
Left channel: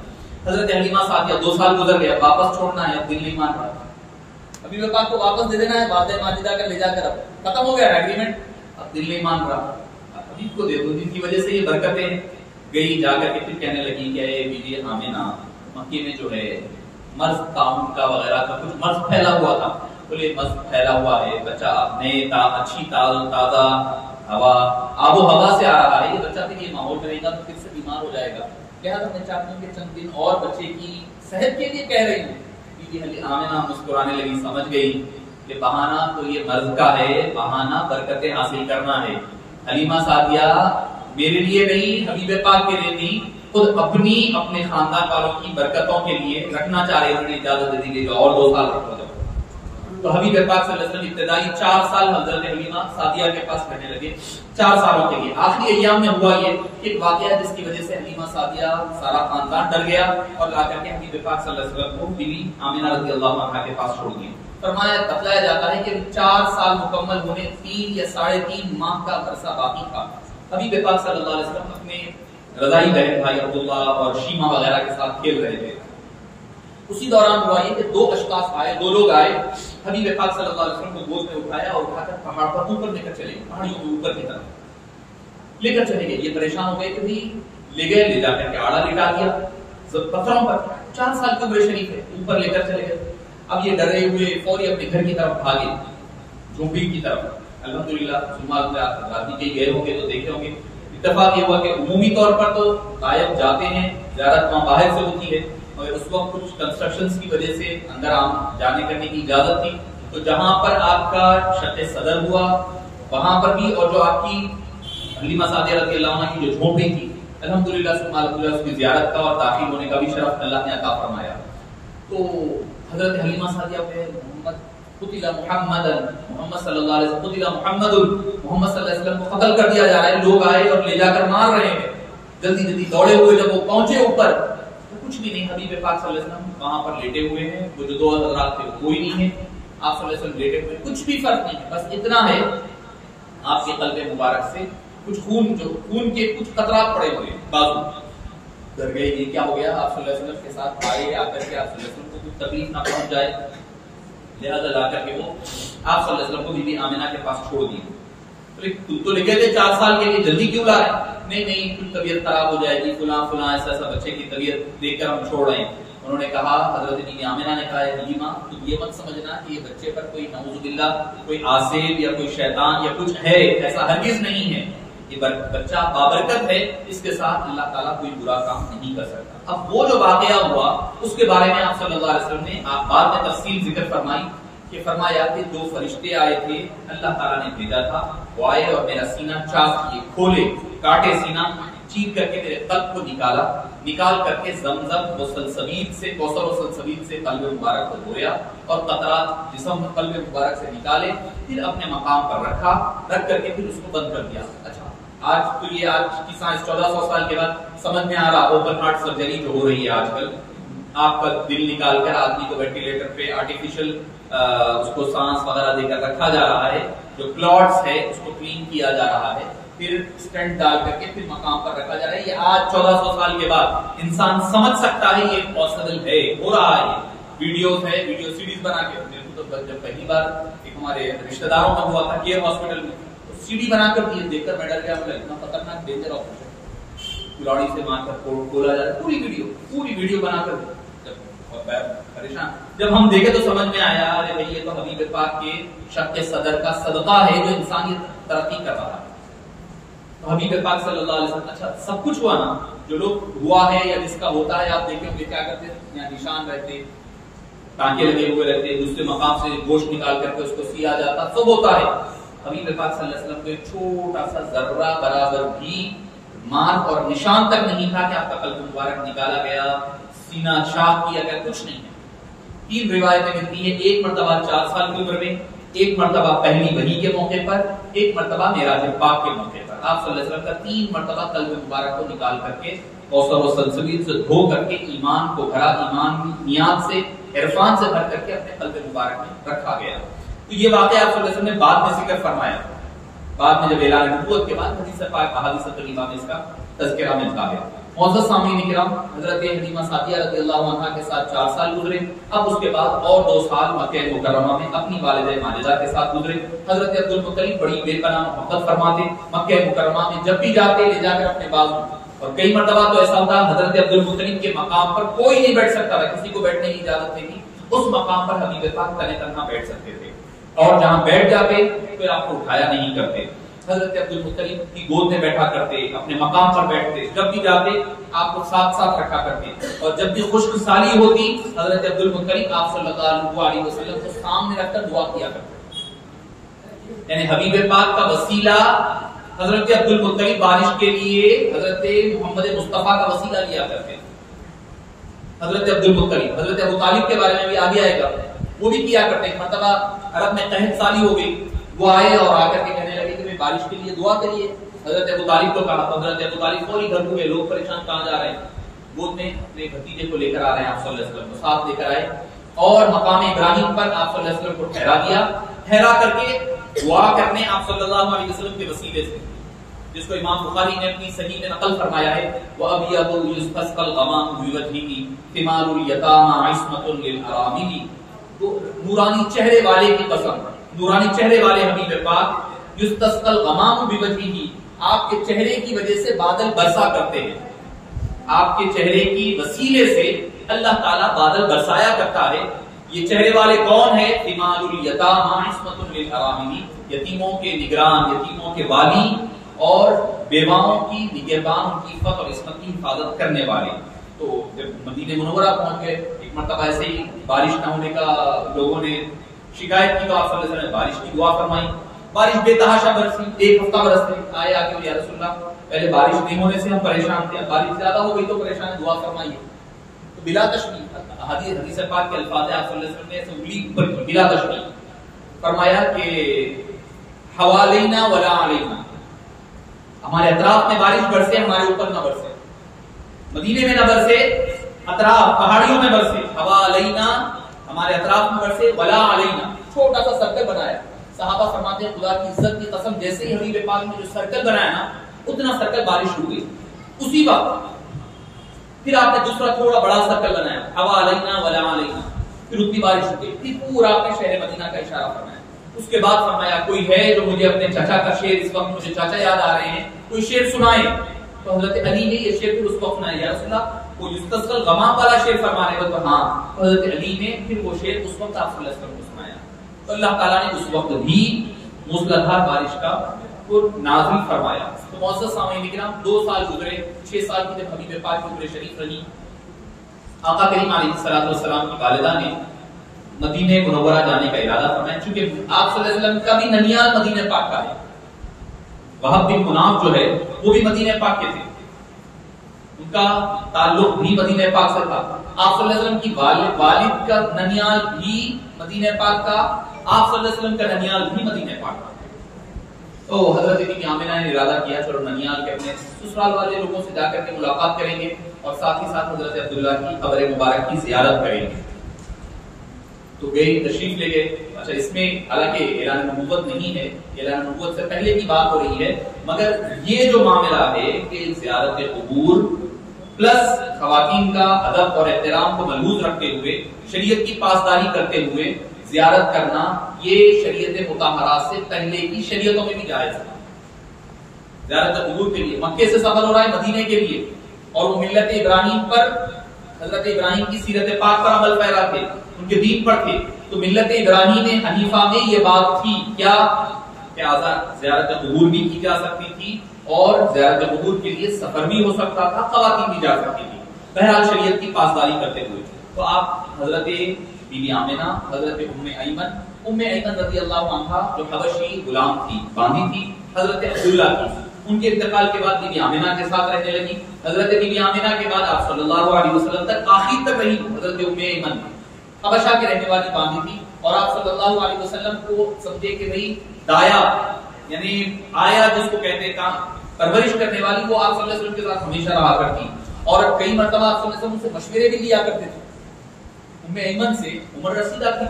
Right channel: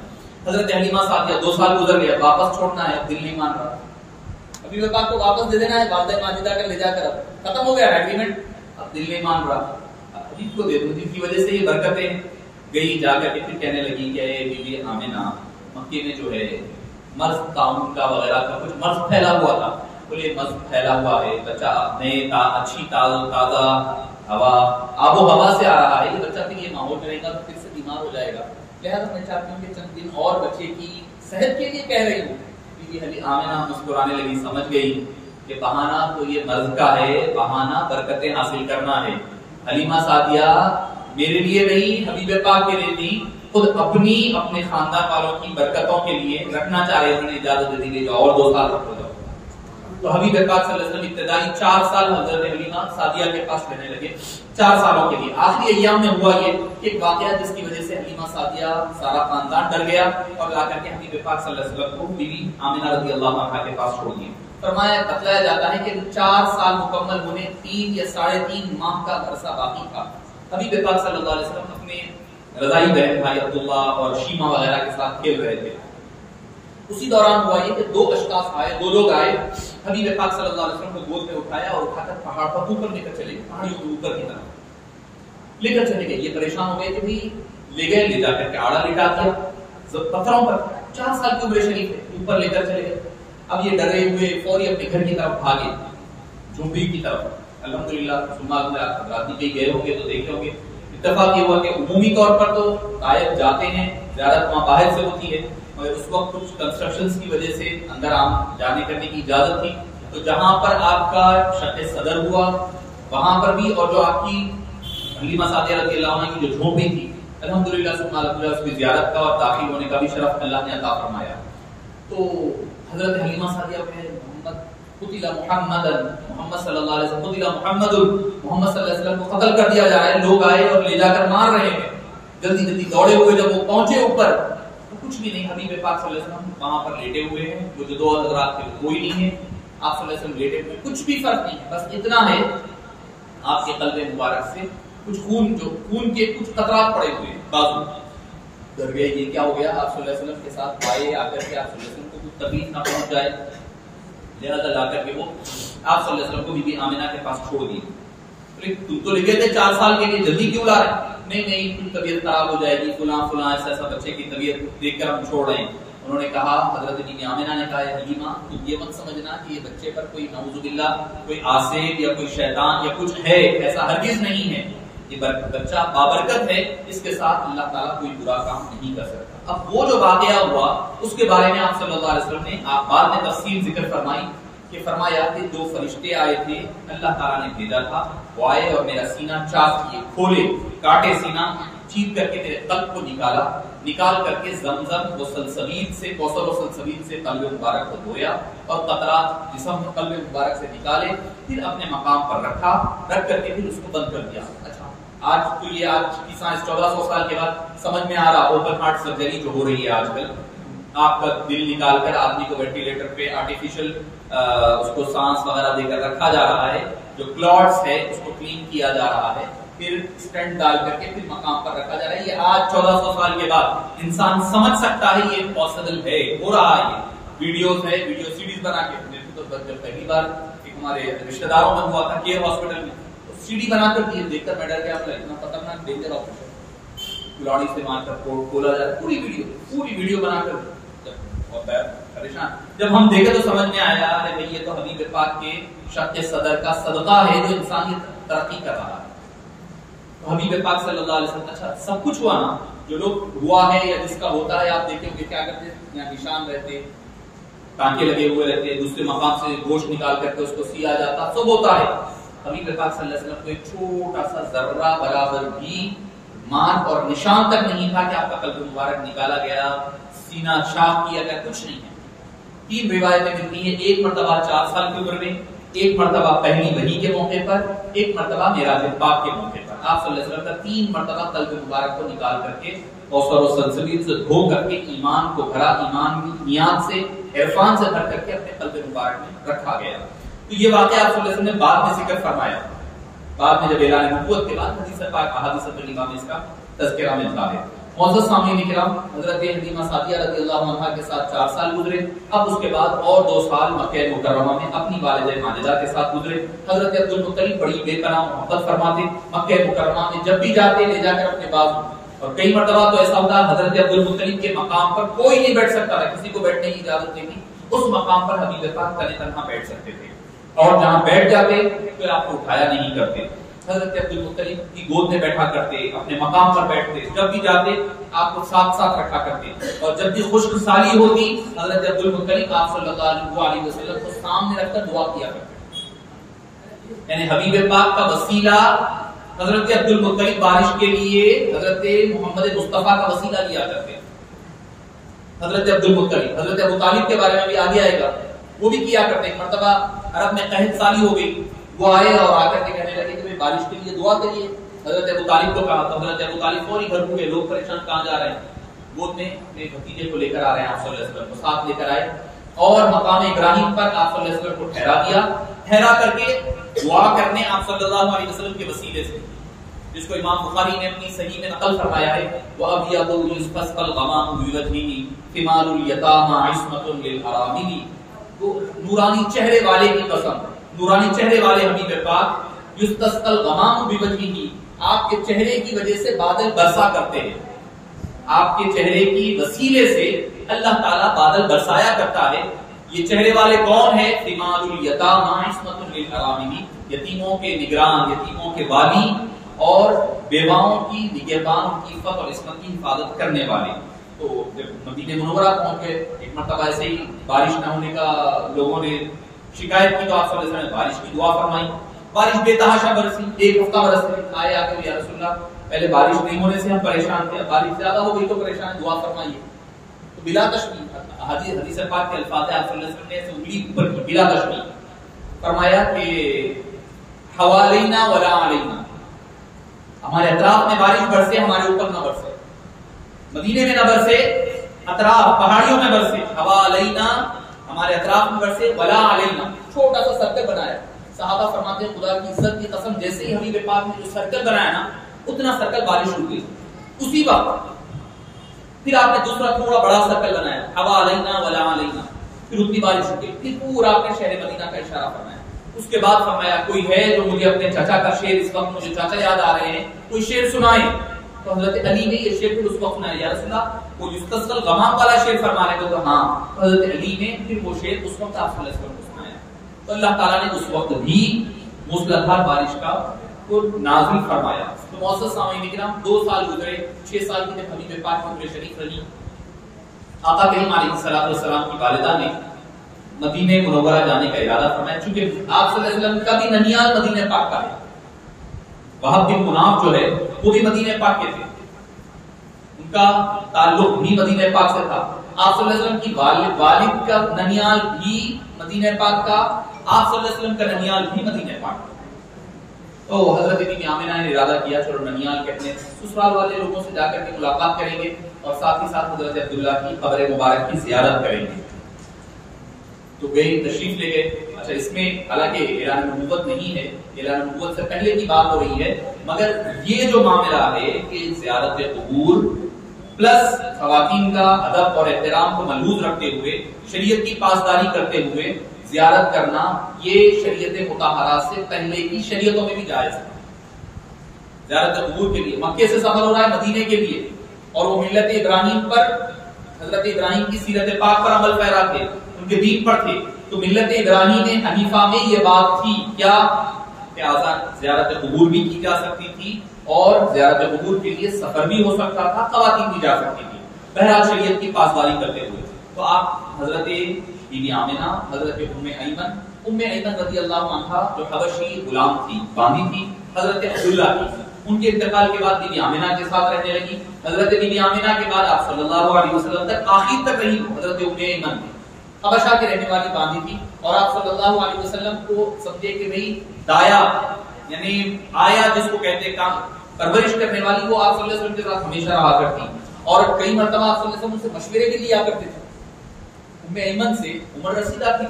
حضرت حلیمہ سعدیہ 2 سال گزر گیا، واپس چھوڑنا ہے، دل نہیں مان رہا، ابھی پاک کو واپس دے دینا ہے، والدہ ماجدہ کر لے جا کر، اب ختم ہو گیا ایگریمنٹ، اب دل نہیں مان رہا، ابھی کو دے دوں، جن کی وجہ سے یہ برکتیں گئی، جا کر کے پھر کہنے لگی کہ اے بیوی آمنہ، مکے میں جو ہے مرض تعاون کا وغیرہ کا کچھ مرض پھیلا ہوا تھا، بولے مرض پھیلا ہوا ہے، بچہ نئے اچھی تازہ ہوا آب و ہوا سے آ رہا ہے، یہ بچہ پھر یہ ماحول میں رہے گا تو پھر سے بیمار ہو جائے گا، لہٰذا میں چاہتی ہوں کہ چند دن اور بچے کی صحت کے لیے کہہ رہی ہوں۔ بی بی آمنہ مسکرانے لگی، سمجھ گئی کہ بہانہ تو یہ مرض کا ہے، بہانہ برکتیں حاصل کرنا ہے۔ حلیمہ سعدیہ میرے لیے نہیں، حبیب پاک کے لیے نہیں، خود اپنے خاندان والوں کی برکتوں کے لیے رکھنا چاہ رہے ہیں، انہوں نے اجازت دے دی اور 2 سال رکھو جاؤ۔ تو حبیب پاک صلی اللہ علیہ وسلم ابتدائی 4 سال حضرت حلیمہ سعدیہ کے پاس رہنے لگے، 4 سالوں کے لیے۔ آخری ایام میں ہوا یہ کہ ایک واقعہ جس کی وجہ سے حلیمہ سعدیہ سارا خاندان ڈر گیا اور لا کر کے حبیب پاک صلی اللہ علیہ وسلم کو بیوی آمنہ رضی اللہ عنہا کے پاس چھوڑ دیا۔ فرمایا بتلایا جاتا ہے کہ 4 سال مکمل ہونے 3 یا 3.5 ماہ کا عرصہ باقی تھا، حبیب پاک صلی اللہ علیہ وسلم اپنے رضائی بہن بھائی عبداللہ اور شیمہ وغیرہ کے ساتھ کھیل رہے تھے۔ اسی دوران ہوا یہ کہ 2 اشخاص آئے، 2 لوگ آئے، حبیب پاک صلی اللہ علیہ وسلم کو گود میں اٹھایا اور اٹھا کر پہاڑ پر اوپر لے کر چلے گئے، پہاڑیوں کے اوپر کی طرف لے کر چلے گئے۔ یہ پریشان ہو گئے کہ بھائی لے گئے، لے جا کر کے آڑا لٹا دیا پتھروں پر، 4 سال کی عمر شریف ہے، اوپر لے کر چلے گئے۔ اب یہ ڈرے ہوئے فوری اپنے گھر کی طرف بھاگے، جھونپڑی کی طرف۔ الحمدللہ رات گئے ہوں گے تو دیکھے ہوں گے، اتفاق یہ ہوا کہ عمومی طور پر تو غائب جاتے ہیں، زیارت وہاں باہر سے ہوتی ہے، مگر اس وقت کچھ کنسٹرکشنز کی وجہ سے اندر جانے کرنے کی اجازت تھی، تو جہاں پر آپ کا شق صدر ہوا وہاں پر بھی، اور جو آپ کی حلیمہ سعدیہ رضی اللہ عنہا کی جو جھونپڑی تھی، الحمدللہ ثم الحمدللہ اس کی زیارت کا اور داخل ہونے کا بھی شرف اللہ نے عطا فرمایا۔ تو حضرت حلیمہ سعدیہ پہ قتل محمد صلی اللہ علیہ وسلم، قتل محمد صلی اللہ علیہ وسلم کو قتل کر دیا جا رہا ہے، لوگ آئے اور لے جا کر مار رہے ہیں، جلدی جلدی دوڑے ہوئے جب وہ پہنچے اوپر تو کچھ بھی نہیں، حبیب پاک صلی اللہ علیہ وسلم وہاں پر لیٹے ہوئے ہیں، وہ جو 2 حضرات تھے کوئی نہیں ہے، آپ صلی اللہ علیہ وسلم لیٹے ہوئے، کچھ بھی فرق نہیں ہے، بس اتنا ہے آپ کے قلب مبارک سے کچھ خون کے کچھ قطرات پڑے ہوئے ہیں بازو۔ ڈر گئے یہ کیا ہو گیا، آپ صلی اللہ علیہ وسلم کے ساتھ آئے، آ کر کے آپ صلی اللہ علیہ وسلم کو کچھ تکلیف نہ پہنچ جائے، لہذا لا کر کے وہ آپ صلی اللہ علیہ وسلم کو بی بی آمنہ کے پاس چھوڑ دیے۔ تو لے گئے تھے 4 سال کے لیے، جلدی کیوں لا رہے؟ نہیں کچھ طبیعت خراب ہو جائے گی، فلاں ایسا بچے کی طبیعت دیکھ کر ہم چھوڑ رہے ہیں۔ انہوں نے کہا، حضرت بی بی آمنہ نے کہا، حلیمہ تم یہ مت سمجھنا کہ یہ بچے پر کوئی نعوذ باللہ کوئی آسیب یا کوئی شیطان یا کچھ ہے، ایسا ہرگز نہیں ہے، یہ بچہ بابرکت ہے، اس کے ساتھ اللہ تعالیٰ کوئی برا کام نہیں کر سکتا۔ اب وہ جو واقعہ ہوا اس کے بارے میں آپ صلی اللہ علیہ وسلم نے بعد میں تفصیل ذکر فرمائی کہ فرمایا کہ 2 فرشتے آئے تھے، اللہ تعالیٰ نے بھیجا تھا، وہ آئے اور میرا سینہ چاک کیے، کھولے، کاٹے سینہ، چیپ کر کے میرے قلب کو نکال کر کے زمزم و سلسبیل سے، کوثر و سلسبیل سے قلب مبارک کو دھویا اور قطرات جسم قلب مبارک سے نکالے، پھر اپنے مقام پر رکھ کر کے پھر اس کو بند کر دیا۔ اچھا آج تو یہ آج کی سائنس 1400 سال کے بعد سمجھ میں آ رہا، اوپن ہارٹ سرجری جو ہو رہی ہے آج کل، آپ کا دل نکال کر آدمی کو وینٹیلیٹر پہ آرٹیفیشل اس کو سانس وغیرہ دے کر رکھا جا رہا ہے، جو کلاٹس ہے اس کو کلین کیا جا رہا ہے، پھر اسٹنٹ ڈال کر کے پھر مقام پر رکھا جا رہا ہے۔ یہ آج 1400 سال کے بعد انسان سمجھ سکتا ہے یہ پاسبل ہے، ہو رہا ہے، ویڈیوز ہے، ویڈیو سیریز بنا کے۔ میرے کو تو جب پہلی بار ایک ہمارے رشتہ داروں میں ہوا تھا کیئر ہاسپٹل میں، سی ڈی بنا کر دیے، دیکھ کر میں ڈر گیا، اتنا خطرناک ڈینجر آپریشن، کلاڑی سے مار کر کھولا جا رہا ہے، پوری ویڈیو بنا کر پریشان۔ جب ہم دیکھے تو سمجھ میں آیا، ارے بھائی یہ تو حبیب پاک کے شق صدر کا صدقہ ہے جو انسانیت ترقی کر رہا ہے۔ تو حبیب پاک صلی اللہ علیہ وسلم، اچھا سب کچھ ہوا نا، جو لوگ ہوا ہے یا جس کا ہوتا ہے آپ دیکھیں گے کیا کرتے ہیں، یہاں نشان رہتے، ٹانکے لگے ہوئے رہتے، دوسرے مقام سے گوشت نکال کر کے اس کو سیا جاتا، سب ہوتا ہے۔ حبیب پاک صلی اللہ علیہ وسلم کو ایک چھوٹا سا ذرہ برابر بھی مارک اور نشان تک نہیں تھا کہ آپ کا قلب مبارک نکالا گیا، سینہ چاک کیا گیا، کچھ نہیں ہے۔ 3 روایتیں ملتی ہیں، ایک مرتبہ 4 سال کی عمر میں، ایک مرتبہ پہلی وحی کے موقع پر، ایک مرتبہ معراج پاک کے موقع پر۔ آپ صلی اللہ علیہ وسلم کا 3 مرتبہ قلب مبارک کو نکال کر کے کوثر و سلسبیل سے دھو کر کے ایمان کو بھرا، ایمان کی نیات سے، عرفان سے بھر کر کے اپنے قلب مبارک میں رکھا گیا۔ تو یہ واقعہ آپ صلی اللہ علیہ وسلم نے بعد میں ذکر فرمایا، بعد میں جب اعلان نبوت کے بعد حدیث پاک احادیث طیبہ میں اس کا تذکرہ ملتا ہے۔ معزز سامعین کرام، حضرت حلیمہ سعدیہ رضی اللہ عنہا کے ساتھ 4 سال گزرے، اب اس کے بعد اور 2 سال مکہ مکرمہ میں اپنی والدہ ماجدہ کے ساتھ گزرے۔ حضرت عبد المطلب بڑی بے پناہ محبت فرماتے، مکہ مکرمہ میں جب بھی جاتے لے جا کر اپنے بازو، اور کئی مرتبہ تو ایسا ہوتا ہے حضرت عبد المطلب کے مقام پر کوئی نہیں بیٹھ سکتا تھا، کسی کو بیٹھنے کی اجازت نہیں تھی، اس مقام پر حبیب پاک تنے تنہا بیٹھ سکتے تھے، اور جہاں بیٹھ جاتے پھر آپ کو اٹھایا نہیں کرتے، حضرت عبد المطلب کی گود میں بیٹھا کرتے، اپنے مقام پر بیٹھتے، جب بھی جاتے آپ کو ساتھ ساتھ رکھا کرتے، اور جب بھی خشک سالی ہوتی حضرت عبد المطلب آپ صلی اللہ علیہ وسلم کو سامنے رکھ کر دعا کیا کرتے، یعنی حبیب پاک کا وسیلہ حضرت عبد المطلب بارش کے لیے حضرت محمد مصطفیٰ کا وسیلہ لیا کرتے۔ حضرت عبد المطلب، حضرت ابو طالب کے بارے میں بھی آگے آئے گا، وہ بھی کیا کرتے ہیں۔ مرتبہ عرب میں قحط سالی ہو گئی، وہ آئے اور آ کر کے کہنے لگے کہ بارش کے لیے دعا کریے۔ حضرت ابو طالب کو کہا تو حضرت ابو طالب فوری گھر ہوئے، لوگ پریشان کہاں جا رہے ہیں، گود میں اپنے بھتیجے کو لے کر آ رہے ہیں، آپ صلی اللہ علیہ وسلم کو ساتھ لے کر آئے، اور مقام ابراہیم پر آپ صلی اللہ علیہ وسلم کو ٹھہرا دیا، ٹھہرا کر کے دعا کرنے آپ صلی اللہ علیہ وسلم کے وسیلے سے، جس کو امام بخاری نے اپنی صحیح میں نقل فرمایا ہے، وَأَبْيَضُ يُسْتَسْقَى الْغَمَامُ بِوَجْهِهِ ثِمَارُ الْيَتَامَى عِصْمَةٌ لِلْأَرَامِلِ، وہ نورانی چہرے والے کی قسم، نورانی چہرے والے حبیب پاک، یستسقى الغمام بوجهه، آپ کے چہرے کی وجہ سے بادل برسا کرتے ہیں، آپ کے چہرے کی وسیلے سے اللہ تعالیٰ بادل برسایا کرتا ہے۔ یہ چہرے والے کون ہیں؟ ثمار الیتامى عصمۃ للارامل، یتیموں کے نگران، یتیموں کے والی اور بیواؤں کی نگہبان، کی عفت اور عصمت کی حفاظت کرنے والے۔ تو جب مدینہ منورہ پہنچ گئے، ایک مرتبہ ایسے ہی بارش نہ ہونے کا لوگوں نے شکایت کی تو آپ صلی اللہ علیہ وسلم نے بارش کی دعا فرمائی، بارش بے تحاشا برسی، 1 ہفتہ برس رہی، آئے آگے یا رسول اللہ پہلے بارش نہیں ہونے سے ہم پریشان تھے، بارش زیادہ ہو گئی تو پریشان، دعا فرمائیے۔ تو بلا تشبیہ حدیث پاک کے الفاظ آپ صلی اللہ علیہ وسلم نے ایسے انگلی اوپر کی بلا تشبیہ فرمایا کہ حوالینا ولا علینا، ہمارے اطراف میں بارش برسے، ہمارے اوپر نہ برسے، مدینے میں نہ برسے، اطراف پہاڑیوں میں برسے، حوالینا ہمارے اطراف میں برسے، ولا علینا، چھوٹا سا سرکل بنایا۔ صحابہ فرماتے ہیں خدا کی عزت کی قسم، جیسے ہی حبیب پاک نے جو سرکل بنایا نا، اتنا سرکل بارش ہو گئی اسی وقت۔ پھر آپ نے دوسرا تھوڑا بڑا سرکل بنایا، حوا علینا ولا علینا، پھر اتنی بارش ہو گئی، پھر پورا آپ نے شہر مدینہ کا اشارہ فرمایا۔ اس کے بعد فرمایا کوئی ہے جو مجھے اپنے چچا کا شعر، اس وقت مجھے چچا یاد آ رہے ہیں، کوئی شعر سنائے۔ تو حضرت علی نے یہ شعر پھر اس وقت سنایا، یا رسول اللہ وہ یستسقى الغمام والا شعر فرمانے کو، تو ہاں حضرت علی نے پھر وہ شعر اس وقت آپ صلی اللہ علیہ وسلم کو سنایا۔ تو اللہ تعالیٰ نے اس وقت بھی موسلادھار بارش کا کو نازل فرمایا۔ تو معزز سامعین کرام، 2 سال گزرے، 6 سال کی جب حبیب پاک کی عمر شریف رہی، آقا کریم علیہ الصلوۃ والسلام کی والدہ نے مدینہ منورہ جانے کا ارادہ فرمایا، چونکہ آپ صلی اللہ علیہ وسلم کا بھی ننیال مدینہ پاک کا ہے، وہب بن مناف جو ہے وہ بھی مدینہ پاک کے تھے، ان کا تعلق بھی مدینہ پاک سے تھا۔ آپ صلی اللہ علیہ وسلم کی والد کا ننیال بھی مدینہ پاک کا، آپ صلی اللہ علیہ وسلم کا ننیال بھی مدینہ پاک کا۔ تو حضرت بی بی آمنہ نے ارادہ کیا چلو ننیال کے اپنے سسرال والے لوگوں سے جا کر کے ملاقات کریں گے، اور ساتھ ہی ساتھ حضرت عبداللہ کی قبر مبارک کی زیارت کریں گے۔ تو گئے، تشریف لے گئے۔ اچھا، اس میں حالانکہ اعلان نبوت نہیں ہے، اعلان نبوت سے پہلے کی بات ہو رہی ہے، مگر یہ جو معاملہ ہے کہ زیارت قبور پلس خواتین کا ادب اور احترام کو ملحوظ رکھتے ہوئے، شریعت کی پاسداری کرتے ہوئے زیارت کرنا، یہ شریعت مطہرہ سے پہلے کی شریعتوں میں بھی جائز ہے۔ زیارت قبور کے لیے مکے سے سفر ہو رہا ہے مدینے کے لیے، اور وہ ملت ابراہیم پر، حضرت ابراہیم کی سیرت پاک پر عمل پیرا تھے، ان کے دین پر تھے، تو ملت ابراہیم حنیفہ میں یہ بات تھی کیا کہ زیارت قبور بھی کی جا سکتی تھی، اور زیارت قبور کے لیے سفر بھی ہو سکتا تھا، خواتین بھی جا سکتی تھی، بہرحال شریعت کی پاسداری کرتے ہوئے۔ تو آپ حضرت بی بی آمنہ، حضرت ام ایمن رضی اللہ عنہا جو حبشی غلام تھی، باندھی تھی، حضرت عبداللہ کی، ان کے انتقال کے بعد بی بی آمنہ کے ساتھ رہنے لگی۔ حضرت بی بی آمنہ کے بعد آپ صلی اللہ علیہ وسلم تک آخر تک رہی حضرت ام ایمن، حبشہ کے رہنے والی باندھی تھی، اور آپ صلی اللہ علیہ وسلم کو سمجھے کہ بھئی دایا، یعنی آیا جس کو کہتے ہیں پرورش کرنے والی، وہ آپ صلی اللہ علیہ وسلم کے ساتھ ہمیشہ رہا کرتی، اور کئی مرتبہ آپ صلی اللہ علیہ وسلم سے مشورے بھی لیا کرتے تھے۔ ام ایمن سے عمر رسیدہ تھی،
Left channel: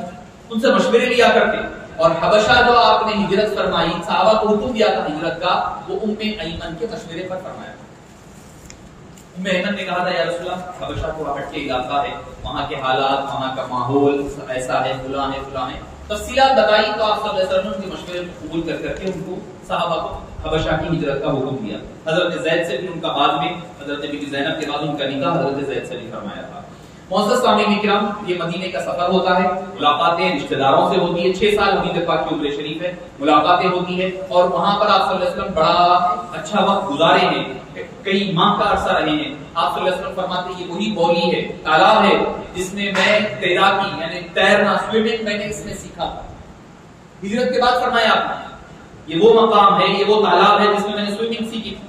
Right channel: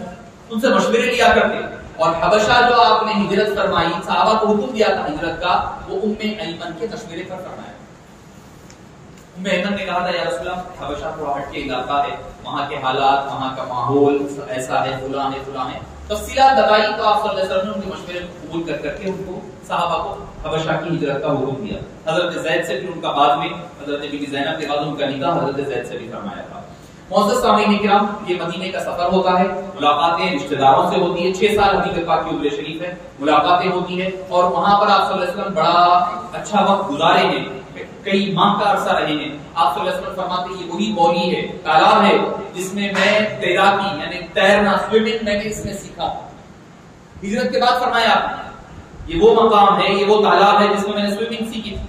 ان سے مشورے لیا کرتے، اور حبشہ جو آپ نے ہجرت فرمائی، صحابہ کو حکم دیا تھا ہجرت کا، وہ ام ایمن کے مشورے پر فرمایا۔ ام ایمن نے کہا تھا یا رسول اللہ حبشہ تھوڑا ہٹ کے علاقہ ہے، وہاں کے حالات، وہاں کا ماحول ایسا ہے، فلاں ہے فلاں ہے، تفصیلات بتائی، تو آپ صلی اللہ علیہ وسلم نے ان کے مشورے کو قبول کر کے ان کو صحابہ کو حبشہ کی ہجرت کا حکم دیا۔ حضرت زید سے بھی ان کا بعد میں، حضرت بی بی زینب کے بعد ان کا نکاح حضرت زید سے بھی فرمایا تھا۔ معزز سامعین کرام، یہ مدینے کا سفر ہوتا ہے، ملاقاتیں رشتہ داروں سے ہوتی ہے، 6 سال حبیب پاک کی عمر شریف ہے، ملاقاتیں ہوتی ہے، اور وہاں پر آپ صلی اللہ علیہ وسلم بڑا اچھا وقت گزارے ہیں، کئی ماہ کا عرصہ رہے ہیں۔ آپ صلی اللہ علیہ وسلم فرماتے ہیں یہ وہی بولی ہے، تالاب ہے جس میں میں تیراکی یعنی تیرنا، سوئمنگ میں نے اس میں سیکھا۔ ہجرت کے بعد فرمایا آپ نے یہ وہ مقام ہے، یہ وہ تالاب ہے جس میں میں نے سوئمنگ سیکھی تھی،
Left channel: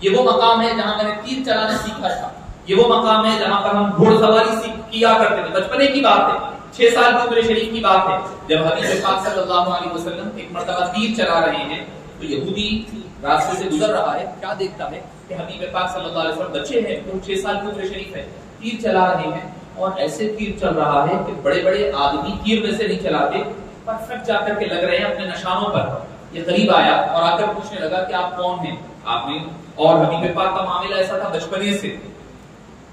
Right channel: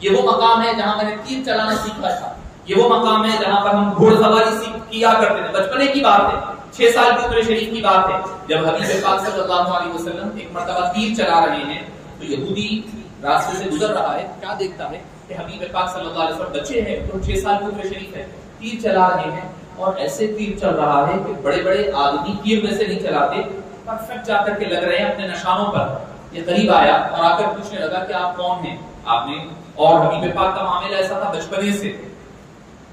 یہ وہ مقام ہے جہاں میں نے تیر چلانا سیکھا تھا، یہ وہ مقام ہے جہاں پر ہم گھوڑ سواری کیا کرتے تھے۔ بچپنے کی بات ہے، 6 سال کی عمر شریف کی بات ہے، جب حبیب پاک صلی اللہ علیہ وسلم ایک مرتبہ تیر چلا رہے ہیں تو یہودی راستے سے گزر رہا ہے، کیا دیکھتا ہے کہ حبیب پاک صلی اللہ علیہ وسلم بچے ہیں، تو 6 سال کی عمر شریف ہے، تیر چلا رہے ہیں، اور ایسے تیر چل رہا ہے کہ بڑے بڑے آدمی تیر میں سے نہیں چلاتے، پرفیکٹ جا کر کے لگ رہے ہیں اپنے نشانوں پر۔ یہ قریب آیا اور آ کر پوچھنے لگا کہ آپ کون ہیں؟ آپ نے، اور حبیب پاک کا معاملہ ایسا تھا بچپنے سے،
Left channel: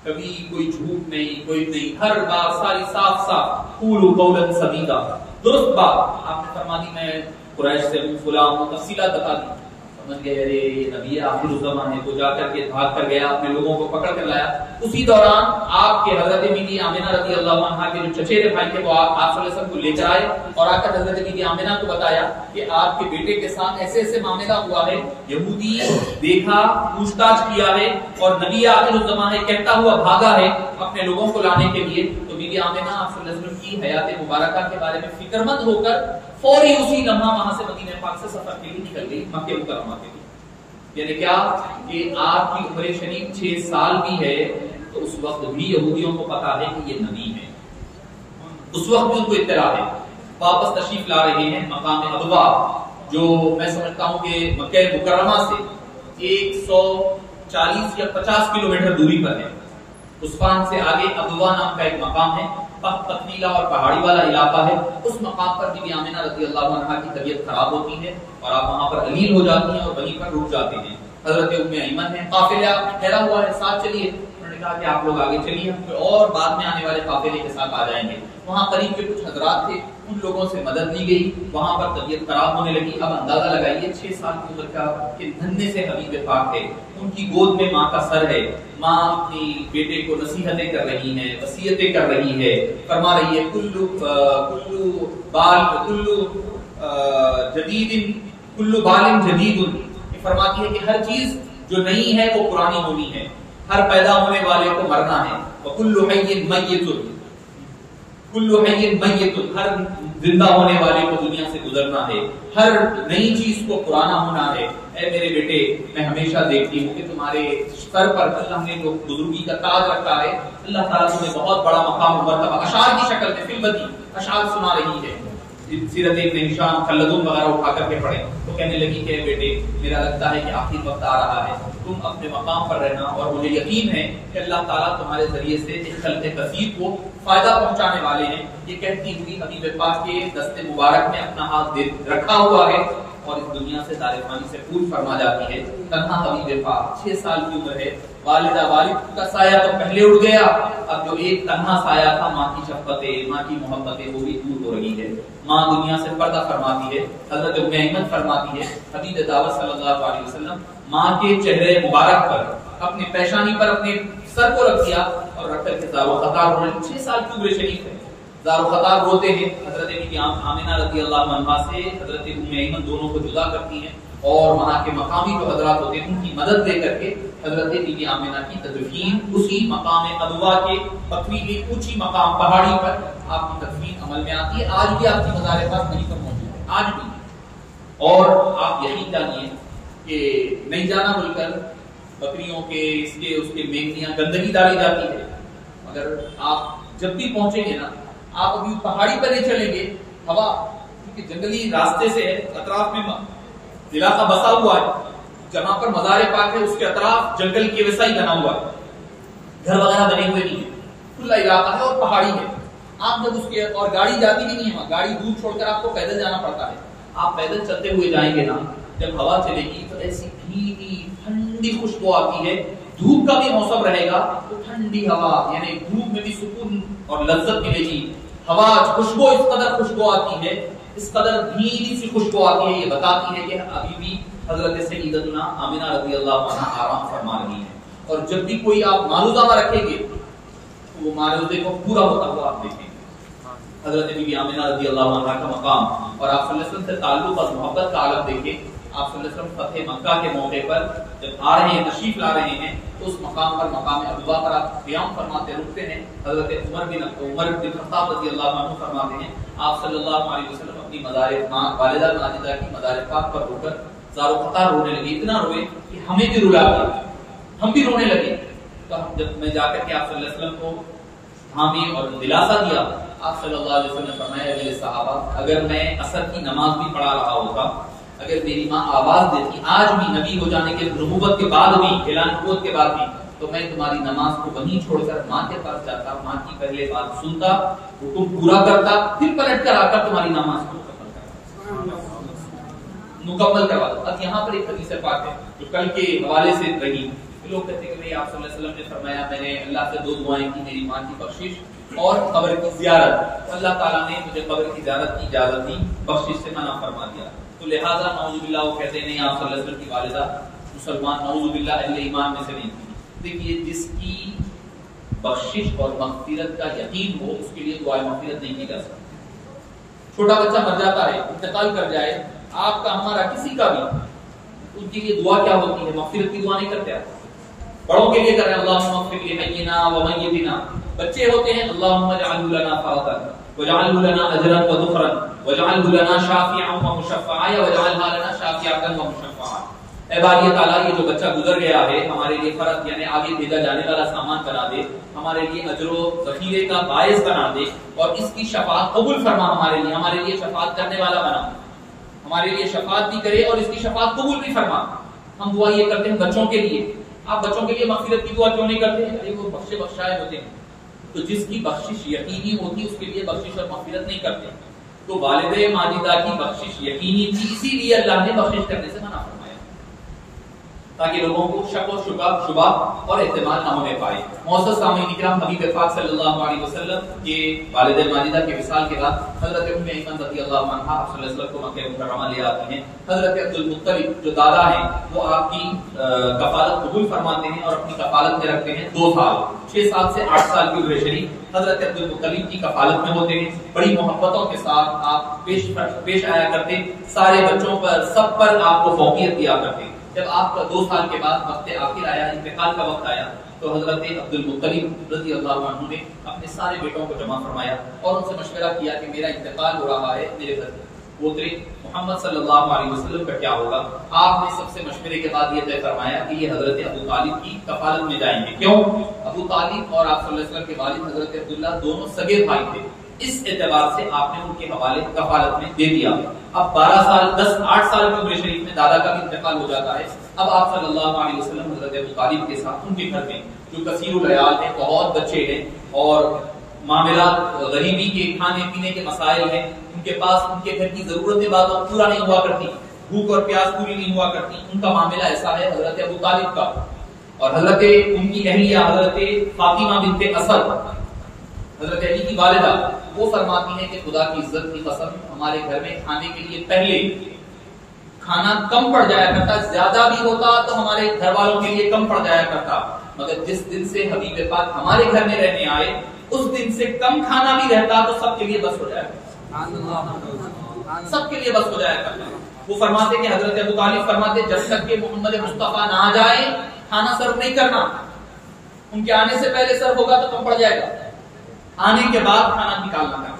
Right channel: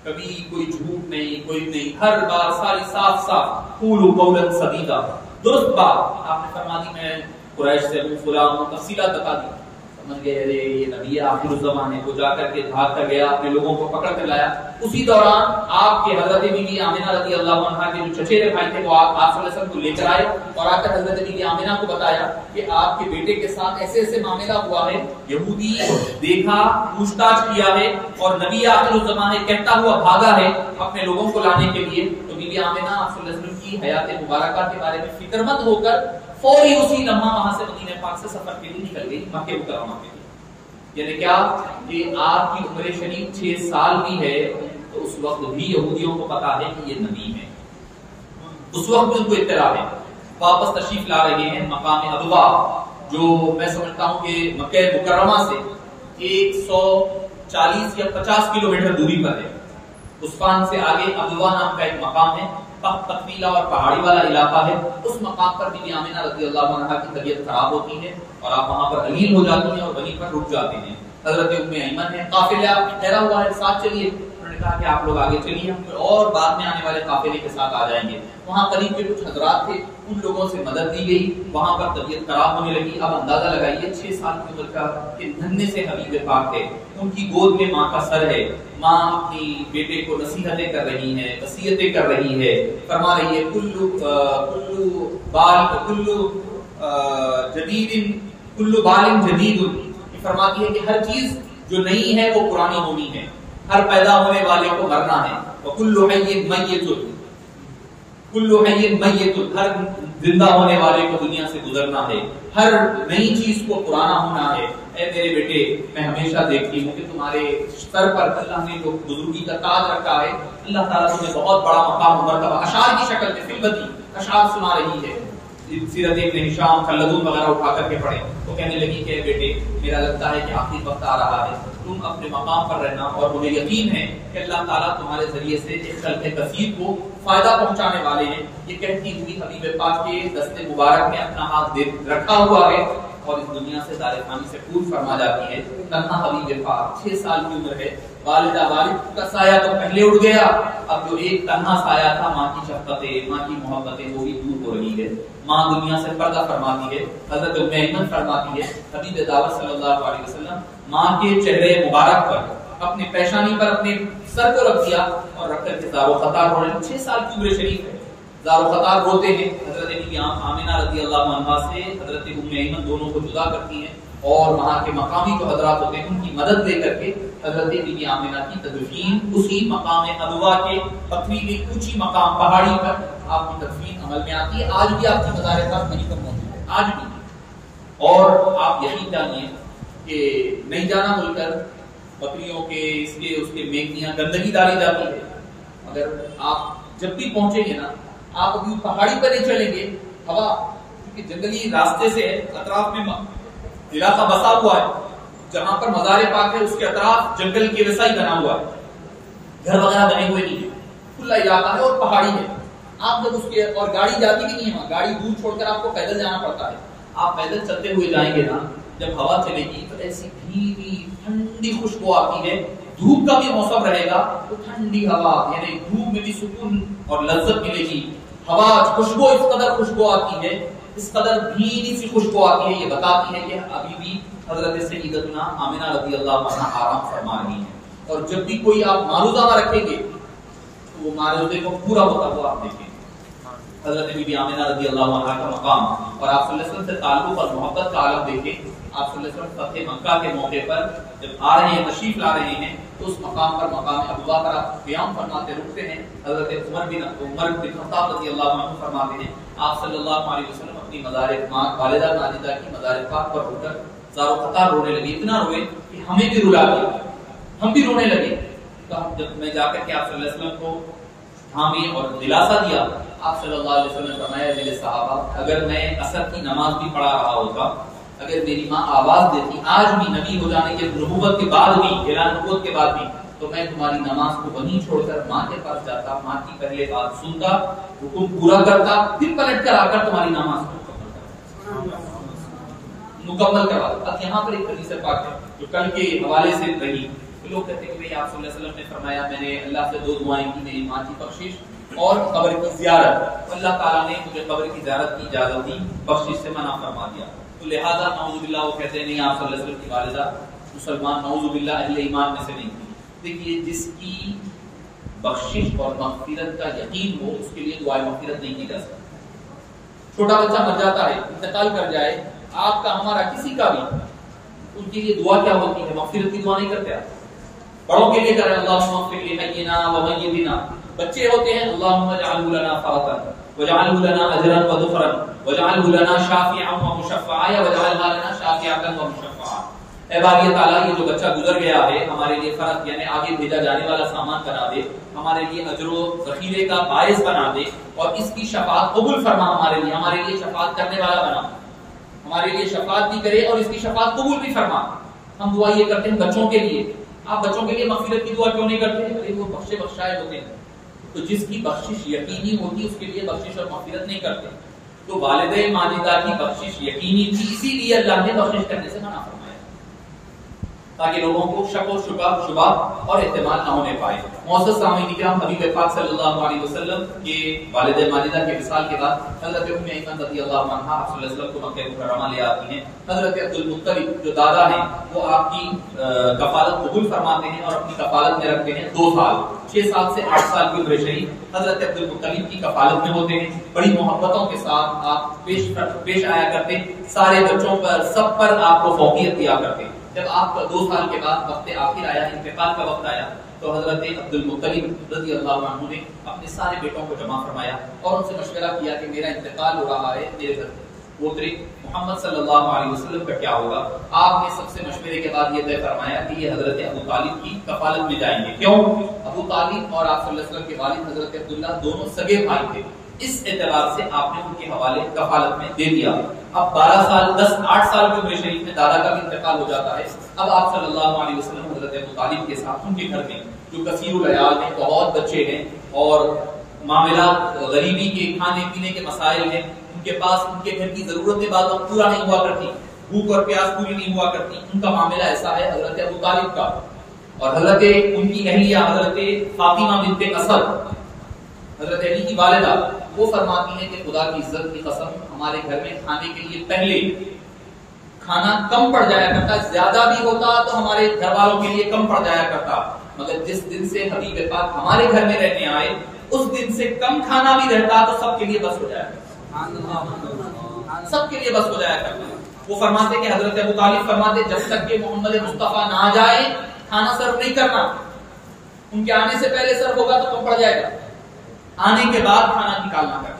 کبھی کوئی جھوٹ نہیں، کوئی نہیں، ہر بات ساری صاف صاف، قولوا قولا سدیدا، درست بات۔ آپ نے فرما دی میں قریش سے ہوں، فلاں ہوں، تفصیلات بتا دی۔ سمجھ گئے ارے یہ نبی آخر الزمانے کو، جا کر کے بھاگ کر گیا، اپنے لوگوں کو پکڑ کر لایا۔ اسی دوران آپ کے حضرت بی بی آمنہ رضی اللہ عنہا کے جو چچیرے بھائی تھے وہ آپ صلی اللہ علیہ وسلم کو لے کر آئے اور آ کر حضرت بی بی آمنہ کو بتایا کہ آپ کے بیٹے کے ساتھ ایسے ایسے معاملہ ہوا ہے، یہودی دیکھا، پوچھ تاچھ کیا ہے، اور نبی آخر الزمانے کہتا ہوا بھاگا ہے اپنے لوگوں کو لانے کے لیے۔ تو بی بی آمنہ آپ صلی اللہ علیہ وسلم کی حیات مبارکہ کے بارے میں فکر مند ہو کر فوری اسی لمحہ وہاں سے مدینہ پاک سے سفر کے لیے نکل گئی مکہ مکرمہ کے لیے۔ یعنی کیا کہ آپ کی عمر شریف 6 سال بھی ہے تو اس وقت بھی یہودیوں کو پتا ہے کہ یہ نبی ہے، اس وقت بھی ان کو اطلاع ہے۔ واپس تشریف لا رہے ہیں مقام ابوا، جو میں سمجھتا ہوں کہ مکہ مکرمہ سے 140 یا 50 کلومیٹر دوری پر ہے۔ عثمان سے آگے ابوا نام کا ایک مقام ہے، پتھریلا اور پہاڑی والا علاقہ ہے۔ اس مقام پر بی بی آمنہ رضی اللہ عنہا کی طبیعت خراب ہوتی ہے اور آپ وہاں پر علیل ہو جاتی ہیں اور وہیں پر رک جاتے ہیں۔ حضرت ام ایمن ہے، قافلہ ٹھہرا ہوا ہے، ساتھ چلیے۔ انہوں نے کہا کہ آپ لوگ آگے چلیے، ہم کوئی اور بعد میں آنے والے قافلے کے ساتھ آ جائیں گے۔ وہاں قریب کے کچھ حضرات تھے، ان لوگوں سے مدد دی گئی، وہاں پر طبیعت خراب ہونے لگی۔ اب اندازہ لگائیے 6 سال کی عمر کا کہ ننھے سے حبیب پاک ہے، ان کی گود میں ماں کا سر ہے، ماں اپنی بیٹے کو نصیحتیں کر رہی ہیں، وصیتیں کر رہی ہے، فرما رہی ہے کلو بال جدید، فرماتی ہے کہ ہر چیز جو نئی ہے وہ پرانی ہونی ہے، ہر پیدا ہونے والے کو مرنا ہے، وکل حی میت، کل حی میت، ہر زندہ ہونے والے کو دنیا سے گزرنا ہے، ہر نئی چیز کو پرانا ہونا ہے۔ اے میرے بیٹے، میں ہمیشہ دیکھتی ہوں کہ تمہارے سر پر اللہ نے جو بزرگی کا تاج رکھا ہے، اللہ تعالیٰ تمہیں بہت بڑا مقام مرتبہ اشعار کی شکل میں فلبتی اشعار سنا رہی ہے۔ سیرت ابن ہشام خلدون وغیرہ اٹھا کر کے پڑھے تو کہنے لگی کہ بیٹے میرا لگتا ہے کہ آخری وقت آ رہا ہے، تم اپنے مقام پر رہنا، اور مجھے یقین ہے کہ اللہ تعالیٰ تمہارے ذریعے سے ایک خلق کثیر کو فائدہ پہنچانے والے ہیں۔ یہ کہتی ہوئی حبیب پاک کے دست مبارک میں اپنا ہاتھ رکھا ہوا ہے اور اس دنیا سے دار فانی سے پور فرما جاتی ہے۔ تنہا حبیب پاک 6 سال کی عمر ہے، والد کا سایہ تو پہلے اڑ گیا، اب جو ایک تنہا سایہ تھا ماں کی شفقتیں، ماں کی محبتیں، وہ بھی دور ہو رہی ہے۔ ماں دنیا سے پردہ فرماتی ہے۔ حضرت ام ایمن فرماتی ہے حبیب دعوت صلی اللہ علیہ وسلم ماں کے چہرے مبارک پر اپنے پیشانی پر اپنے سر کو رکھ دیا اور رکھ کر کے زار و خطار رونے لگے۔ 6 سال کی عمر شریف ہے، زار و خطار روتے ہیں۔ حضرت بی آمنہ رضی اللہ عنہا سے حضرت ام ایمن دونوں کو جدا کرتی ہیں اور وہاں کے مقامی جو حضرات ہوتے ہیں ان کی مدد دے کر کے حضرت بی آمنہ کی تدفین اسی مقام ابوا کے پتھریلی اونچی مقام پہاڑی پر آپ کی تدفین عمل میں آتی ہے۔ آج بھی آپ کی مزار پاک وہیں پر موجود ہے، آج بھی۔ اور آپ یقین جانیے کہ نہیں جانا بول کر بکریوں کے اس کے میکھیاں گندگی ڈالی جاتی ہے، مگر آپ جب بھی پہنچیں گے نا، آپ ابھی پہاڑی پر نہیں چلیں گے، ہوا کیونکہ جنگلی راستے سے ہے، اطراف میں علاقہ بسا ہوا ہے، جہاں پر مزار پاک ہے اس کے اطراف جنگل کے ویسا ہی بنا ہوا ہے، گھر وغیرہ بنے ہوئے نہیں ہے، کھلا علاقہ ہے اور پہاڑی ہے۔ آپ جب اس کے اور گاڑی جاتی بھی نہیں ہے وہاں، گاڑی دور چھوڑ کر آپ کو پیدل جانا پڑتا ہے. آپ پیدل چلتے ہوئے جائیں گے نا، جب ہوا چلے گی تو ایسی دھیمی ٹھنڈی خوشبو آتی ہے. دھوپ کا بھی موسم رہے گا تو ٹھنڈی ہوا، یعنی دھوپ میں بھی سکون اور لذت ملے گی. ہوا خوشبو اس قدر خوشبو آتی ہے، اس قدر دھیمی سی خوشبو آتی ہے، یہ بتاتی ہے کہ ابھی بھی حضرت سیدتنا آمنہ رضی اللہ عنہا آرام فرما رہی ہیں. اور جب بھی کوئی آپ معروضہ رکھیں گے تو وہ معروضے کو پورا ہوتا ہوا آپ دیکھیں. حضرت بی بی آمنہ رضی اللہ عنہا کا مقام اور آپ صلی اللہ علیہ وسلم سے تعلق اور محبت کا عالم دیکھیں. آپ صلی اللہ علیہ وسلم فتح مکہ کے موقع پر جب آ رہے ہیں، تشریف لا رہے ہیں، تو اس مقام پر مقام ابوا پر آپ قیام فرماتے رکتے ہیں. حضرت عمر بن خطاب رضی اللہ عنہ فرماتے ہیں آپ صلی اللہ علیہ وسلم اپنی مزار والدہ ماجدہ کی مزار پاک پر رو کر زار و قطار رونے لگے. اتنا روئے کہ ہمیں بھی رلا کر ہم بھی رونے لگے. تو جب میں جا کر کے آپ صلی اللہ علیہ وسلم کو تھامی اور دلاسا دیا، آپ صلی اللہ علیہ وسلم نے فرمایا میرے صحابہ، اگر میں عصر کی نماز بھی پڑھا رہا ہوتا، اگر میری ماں آواز دیتی آج بھی نبی ہو جانے کے نبوت کے بعد بھی، اعلان نبوت کے بعد بھی، تو میں تمہاری نماز کو وہیں چھوڑ کر ماں کے پاس جاتا، ماں کی پہلے بات سنتا، حکم پورا کرتا، پھر پلٹ کر آ کر تمہاری نماز کو مکمل کروا. اب یہاں پر ایک حدیث پاک ہے جو کل کے حوالے سے رہی. لوگ کہتے ہیں کہ آپ صلی اللہ علیہ وسلم نے فرمایا میں نے اللہ سے 2 دعائیں کی، میری ماں کی بخشش اور قبر کی زیارت. اللہ تعالیٰ نے مجھے قبر کی زیارت کی اجازت دی، بخشش سے منع فرما دیا. تو لہذا نعوذ باللہ وہ کہتے نہیں آپ صلی اللہ علیہ وسلم کی والدہ مسلمان نعوذ باللہ اہل ایمان میں سے نہیں تھی. دیکھیے جس کی بخشش اور مغفرت کا یقین ہو اس کے لیے دعائیں مغفرت نہیں کی جا سکتی. چھوٹا بچہ مر جاتا ہے، انتقال کر جائے، آپ کا ہمارا کسی کا بھی، ان کے لیے دعا کیا ہوتی ہے؟ مغفرت کی دعا نہیں کرتے آپ. بڑوں کے لیے کر رہے ہیں اللہم اغفر لحینا ومیتنا. بچے ہوتے ہیں اللہم اجعلہ لنا فرطا واجعلہ لنا اجرا وذخرا واجعلہ لنا شافعا ومشفعا واجعلها لنا شافعا ومشفعا. اے باری تعالیٰ یہ جو بچہ گزر گیا ہے ہمارے لیے فرض یعنی آگے بھیجا جانے والا سامان بنا دے، ہمارے لیے اجر و ذخیرے کا باعث بنا دے، اور اس کی شفاعت قبول فرما، ہمارے لیے شفاعت کرنے والا بنا، ہمارے لیے شفاعت بھی کرے اور اس کی شفاعت قبول بھی فرما. ہم دعا یہ کرتے ہیں بچوں کے لیے. آپ بچوں کے لیے مغفرت کی دعا کیوں نہیں کرتے؟ ارے وہ بخشے بخشائے ہوتے ہیں. تو جس کی بخشش یقینی ہوتی اس کے لیے بخشش اور مغفرت نہیں کرتے. تو والدہ ماجدہ کی بخشش یقینی تھی، اسی لیے اللہ نے بخشش کرنے سے منع فرمایا تاکہ لوگوں کو شک و شبہ اور احتمال نہ ہونے پائے. معزز سامعین کرام، حبیب پاک صلی اللہ علیہ وسلم کے والدہ ماجدہ کے وصال کے بعد حضرت ام ایمن رضی اللہ عنہا آپ صلی اللہ علیہ وسلم کو مکہ مکرمہ لے آتی ہیں. حضرت عبد المطلب جو دادا ہیں وہ آپ کی کفالت قبول فرماتے ہیں اور اپنی کفالت میں رکھتے ہیں 2 سال، 6 سال سے 8 سال کی عمر شریف حضرت عبد المطلب کی کفالت میں ہوتے ہیں. بڑی محبتوں کے ساتھ آپ پیش آیا کرتے، سارے بچوں پر سب پر آپ کو فوقیت دیا کرتے. جب آپ کا 2 سال کے بعد وقت آخر آیا، انتقال کا وقت آیا، تو حضرت عبد المطلب رضی اللہ عنہ نے اپنے سارے بیٹوں کو جمع فرمایا اور ان سے مشورہ کیا کہ میرا انتقال ہو رہا ہے، میرے پوترے محمد صلی اللہ علیہ وسلم کا کیا ہوگا؟ آپ نے سب سے مشورے کے بعد یہ طے فرمایا کہ یہ حضرت ابو طالب کی کفالت میں جائیں گے. کیوں؟ ابو طالب اور آپ صلی اللہ علیہ وسلم کے والد حضرت عبداللہ دونوں سگے بھائی تھے، اس اعتبار سے آپ نے ان کے حوالے کفالت میں دے دیا. اب 12 سال 8 سال کی عمر شریف میں دادا کا بھی انتقال ہو جاتا ہے. اب آپ صلی اللہ علیہ وسلم حضرت ابو طالب کے ساتھ ان کے گھر میں جو کثیر العیال ہیں، بہت بچے ہیں اور معاملات غریبی کے کھانے پینے کے مسائل ہیں، ان کے پاس ان کے گھر کی ضرورتیں بعض وقت پورا نہیں ہوا کرتی، بھوک اور پیاس پوری نہیں ہوا کرتی. ان کا معاملہ ایسا ہے حضرت ابو طالب کا. اور حضرت ان کی اہلیہ حضرت فاطمہ بنت اسد حضرت علی کی والدہ وہ فرماتی ہیں کہ خدا کی عزت کی قسم ہمارے گھر میں کھانے کے لیے پہلے کھانا کم پڑ جایا کرتا، زیادہ بھی ہوتا تو ہمارے گھر والوں کے لیے کم پڑ جایا کرتا، مگر جس دن سے حبیب پاک ہمارے گھر میں رہنے آئے اس دن سے کم کھانا بھی رہتا تو سب کے لیے بس ہو جایا کرتا، سب کے لیے بس ہو جایا کرتا. وہ فرماتے کہ حضرت ابو طالب فرماتے جب تک کہ محمد مصطفیٰ نہ آ جائے کھانا سرو نہیں کرنا، ان کے آنے سے پہلے سرو ہوگا تو کم پڑ جائے گا، آنے کے بعد کھانا نکالنا کرنا.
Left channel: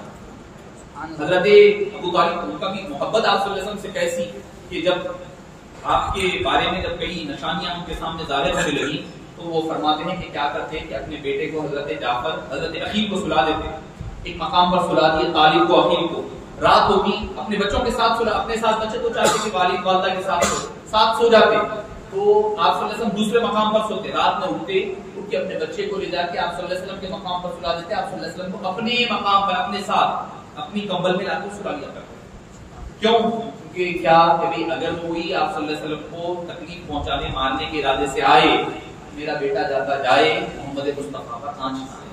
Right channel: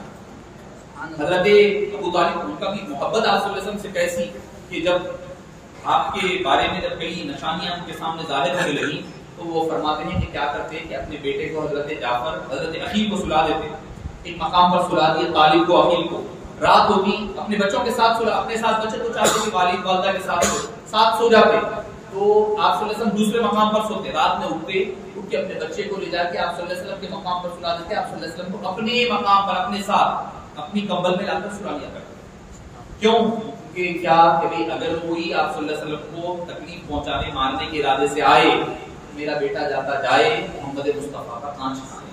حضرت ابو طالب ان کا بھی محبت آپ صلی اللہ علیہ وسلم سے کیسی کہ جب آپ کے بارے میں جب کئی نشانیاں ان کے سامنے ظاہر ہونے لگی تو وہ فرماتے ہیں کہ کیا کرتے کہ اپنے بیٹے کو حضرت جعفر حضرت عقیل کو سلا دیتے، ایک مقام پر سلا دیے طالب کو عقیل کو. رات ہوتی اپنے بچوں کے ساتھ سلا، اپنے ساتھ بچے تو چاہتے کہ والد والدہ کے ساتھ سو جاتے، تو آپ صلی اللہ علیہ وسلم دوسرے مقام پر سوتے، رات میں اٹھتے، اٹھ اٹھ کے اپنے بچے کو لے جا کے آپ صلی اللہ علیہ وسلم کے مقام پر سلا دیتے. آپ صلی اللہ علیہ وسلم کو اپنے مقام پر اپنے ساتھ اپنی کمبل میں لا کر سلا لیا کرتے. کیوں؟ کہ کیا کہ اگر کوئی آپ صلی اللہ علیہ وسلم کو تکلیف پہنچانے مارنے کے ارادے سے آئے، میرا بیٹا جاتا جائے محمد مصطفیٰ کا آنچ نہ آئے.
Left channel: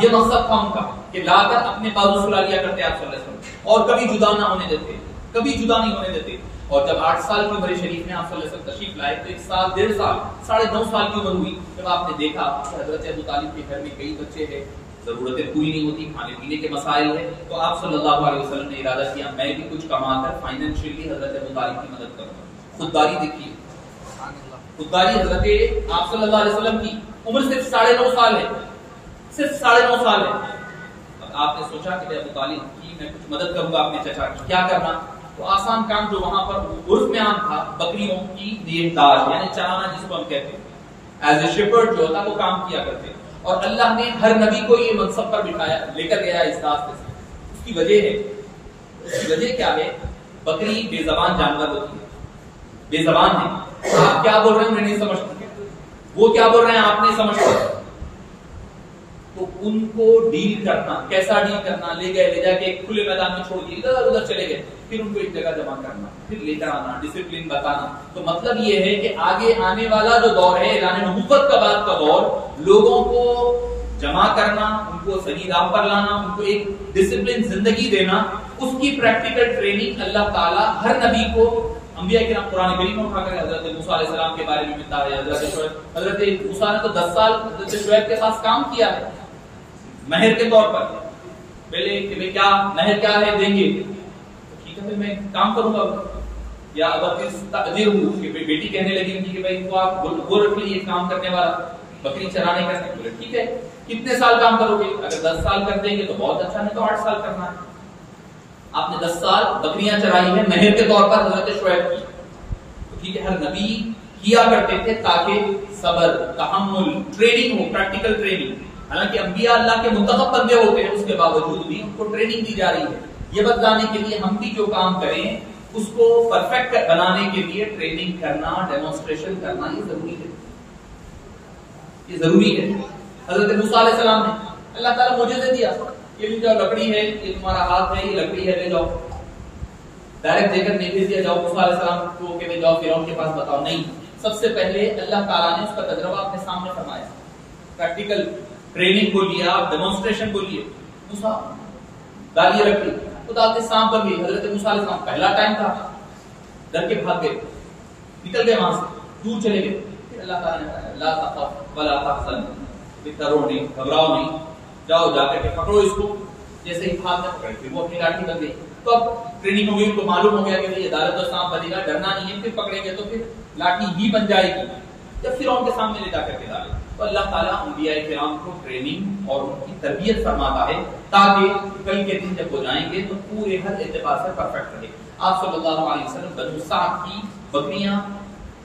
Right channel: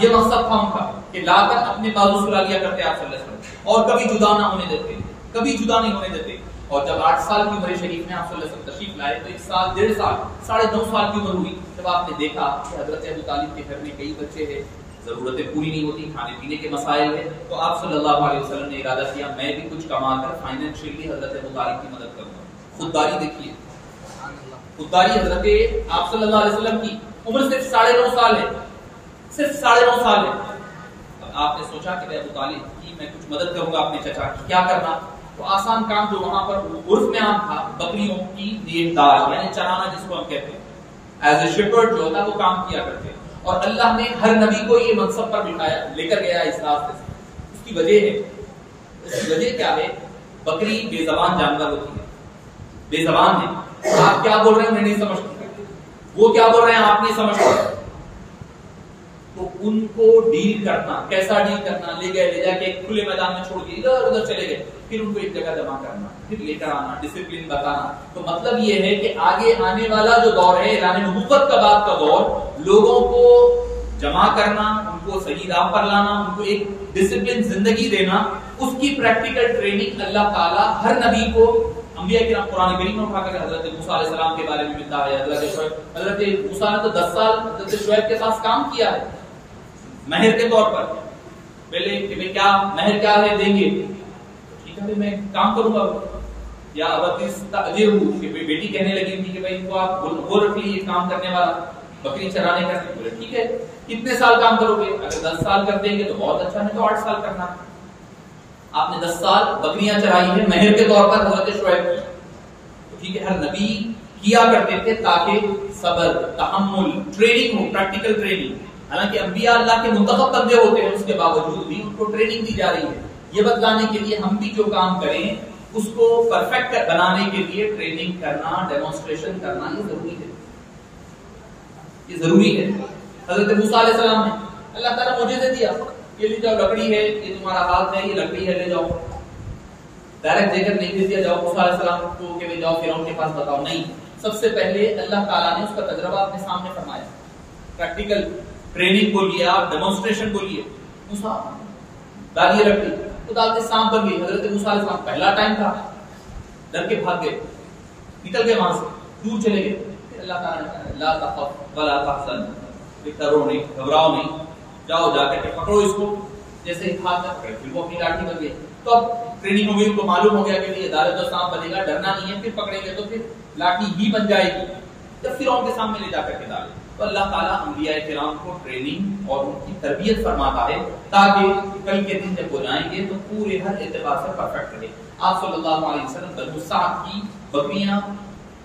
یہ مقصد تھا ان کا کہ لا کر اپنے بازو سلا لیا کرتے آپ صلی اللہ علیہ وسلم، اور کبھی جدا نہ ہونے دیتے، کبھی جدا نہیں ہونے دیتے. اور جب 8 سال کی عمر شریف میں آپ صلی اللہ علیہ وسلم تشریف لائے تو 1 سال 1.5 سال 9.5 سال کی عمر ہوئی جب آپ نے دیکھا کہ حضرت ابو طالب کے گھر میں کئی بچے ہیں، ضرورتیں پوری نہیں ہوتی، کھانے پینے کے مسائل ہیں، تو آپ صلی اللہ علیہ وسلم نے ارادہ کیا میں بھی کچھ کما کر فائنینشلی حضرت ابو طالب کی مدد کروں گا. خودداری دیکھیے، خودداری حضرت آپ صلی اللہ علیہ وسلم کی عمر صرف 9.5 سال ہے، صرف 9.5 سال ہے. اب آپ نے سوچا کہ ابو طالب کی میں کچھ مدد کروں گا اپنے چچا کی، کیا کرنا؟ تو آسان کام جو وہاں پر عرف میں عام تھا، بکریوں کی نگہداشت یعنی چرانا جس کو ہم کہتے ہیں، ایز اے شیپرڈ جو ہوتا وہ کام کیا کرتے. اور اللہ نے ہر نبی کو یہ منصب پر بٹھایا، لے کر گیا اس راستے سے. اس کی وجہ ہے، اس کی وجہ کیا ہے؟ بکری بے زبان جانور ہوتی ہے، بے زبان ہے. آپ کیا بول رہے ہیں میں نہیں سمجھ سکتے، وہ کیا بول رہے ہیں آپ نہیں سمجھ سکتے. تو ان کو ڈیل کرنا، کیسا ڈیل کرنا؟ لے گئے، لے جا کے ایک کھلے میدان میں چھوڑ دیے، ادھر ادھر چلے گئے، پھر ان کو ایک جگہ جمع کرنا، پھر لے کر آنا، ڈسپلن بتانا. تو مطلب یہ ہے کہ آگے آنے والا جو دور ہے اعلان نبوت کا بعد کا دور، لوگوں کو جمع کرنا، ان کو صحیح راہ پر لانا، ان کو ایک ڈسپلن زندگی دینا، اس کی پریکٹیکل ٹریننگ اللہ تعالیٰ ہر نبی کو، انبیاء کرام قرآن کریم میں اٹھا کر حضرت موسیٰ علیہ السلام کے بارے میں ملتا ہے. حضرت موسیٰ نے تو 10 سال حضرت شعیب کے ساتھ کام کیا ہے مہر کے طور پر. پہلے کہ میں کیا مہر کیا ہے دیں گے، ٹھیک ہے میں کام کروں گا. یا بیٹی کہنے لگی تھی کہ بھائی ان کو آپ وہ رکھ لیجیے کام کرنے والا، بکری چرانے کا. بولے ٹھیک ہے کتنے سال کام کرو گے؟ اگر 10 سال کر دیں گے تو بہت اچھا، نہیں تو 8 سال کرنا ہے. آپ نے 10 سال بکریاں چرائی ہیں مہر کے طور پر حضرت شعیب کی. ٹھیک ہے ہر نبی کیا کرتے تھے تاکہ صبر، تحمل، ٹریننگ ہو، پریکٹیکل ٹریننگ. حالانکہ انبیاء اللہ کے منتخب بندے ہوتے ہیں، اس کے باوجود بھی ان کو ٹریننگ دی جا رہی ہے. یہ بتلانے کے لیے ہم بھی جو کام کریں اس کو پرفیکٹ بنانے کے لیے ٹریننگ کرنا، ڈیمونسٹریشن کرنا یہ ضروری ہے، یہ ضروری ہے. حضرت موسیٰ علیہ السلام نے اللہ تعالیٰ معجزہ دیا، یہ لے جاؤ لکڑی ہے، یہ تمہارا ہاتھ ہے، یہ لکڑی ہے، لے جاؤ. ڈائریکٹ دے کر نہیں بھیج دیا جاؤ موسیٰ علیہ السلام کو کہ جاؤ فرعون کے پاس بتاؤ، نہیں. سب سے پہلے اللہ تعالیٰ نے اس کا تجربہ اپنے سامنے فرمایا، پریکٹیکل ٹریننگ کو لیا، ڈیمونسٹریشن کو لیے. موسیٰ ڈالیے لکڑی، تو ڈالتے سانپ بن گئی. حضرت موسیٰ علیہ السلام پہلا ٹائم تھا، ڈر کے بھاگ گئے، نکل گئے وہاں سے، دور چلے گئے. پھر اللہ تعالیٰ نے کہا لا تخف ولا تحزن، ڈرو نہیں، گھبراؤ نہیں، جاؤ جا کر کے پکڑو اس کو. جیسے ہی ہاتھ میں پکڑ کے وہ اپنی لاٹھی بن گئی. تو اب ٹریننگ ہو گئی، ان کو معلوم ہو گیا کہ یہ عدالت اور سانپ بنے گا، ڈرنا نہیں ہے. پھر پکڑیں گے تو پھر لاٹھی ہی بن جائے گی. جب فرعون کے سامنے لے جا کر کے ڈالے تو اللہ تعالیٰ انبیاء کرام کو ٹریننگ اور ان کی تربیت فرماتا ہے تاکہ کل کے دن جب وہ جائیں گے تو پورے ہر اعتبار سے پرفیکٹ رہے. آپ صلی اللہ علیہ وسلم بنو سعد کی بکریاں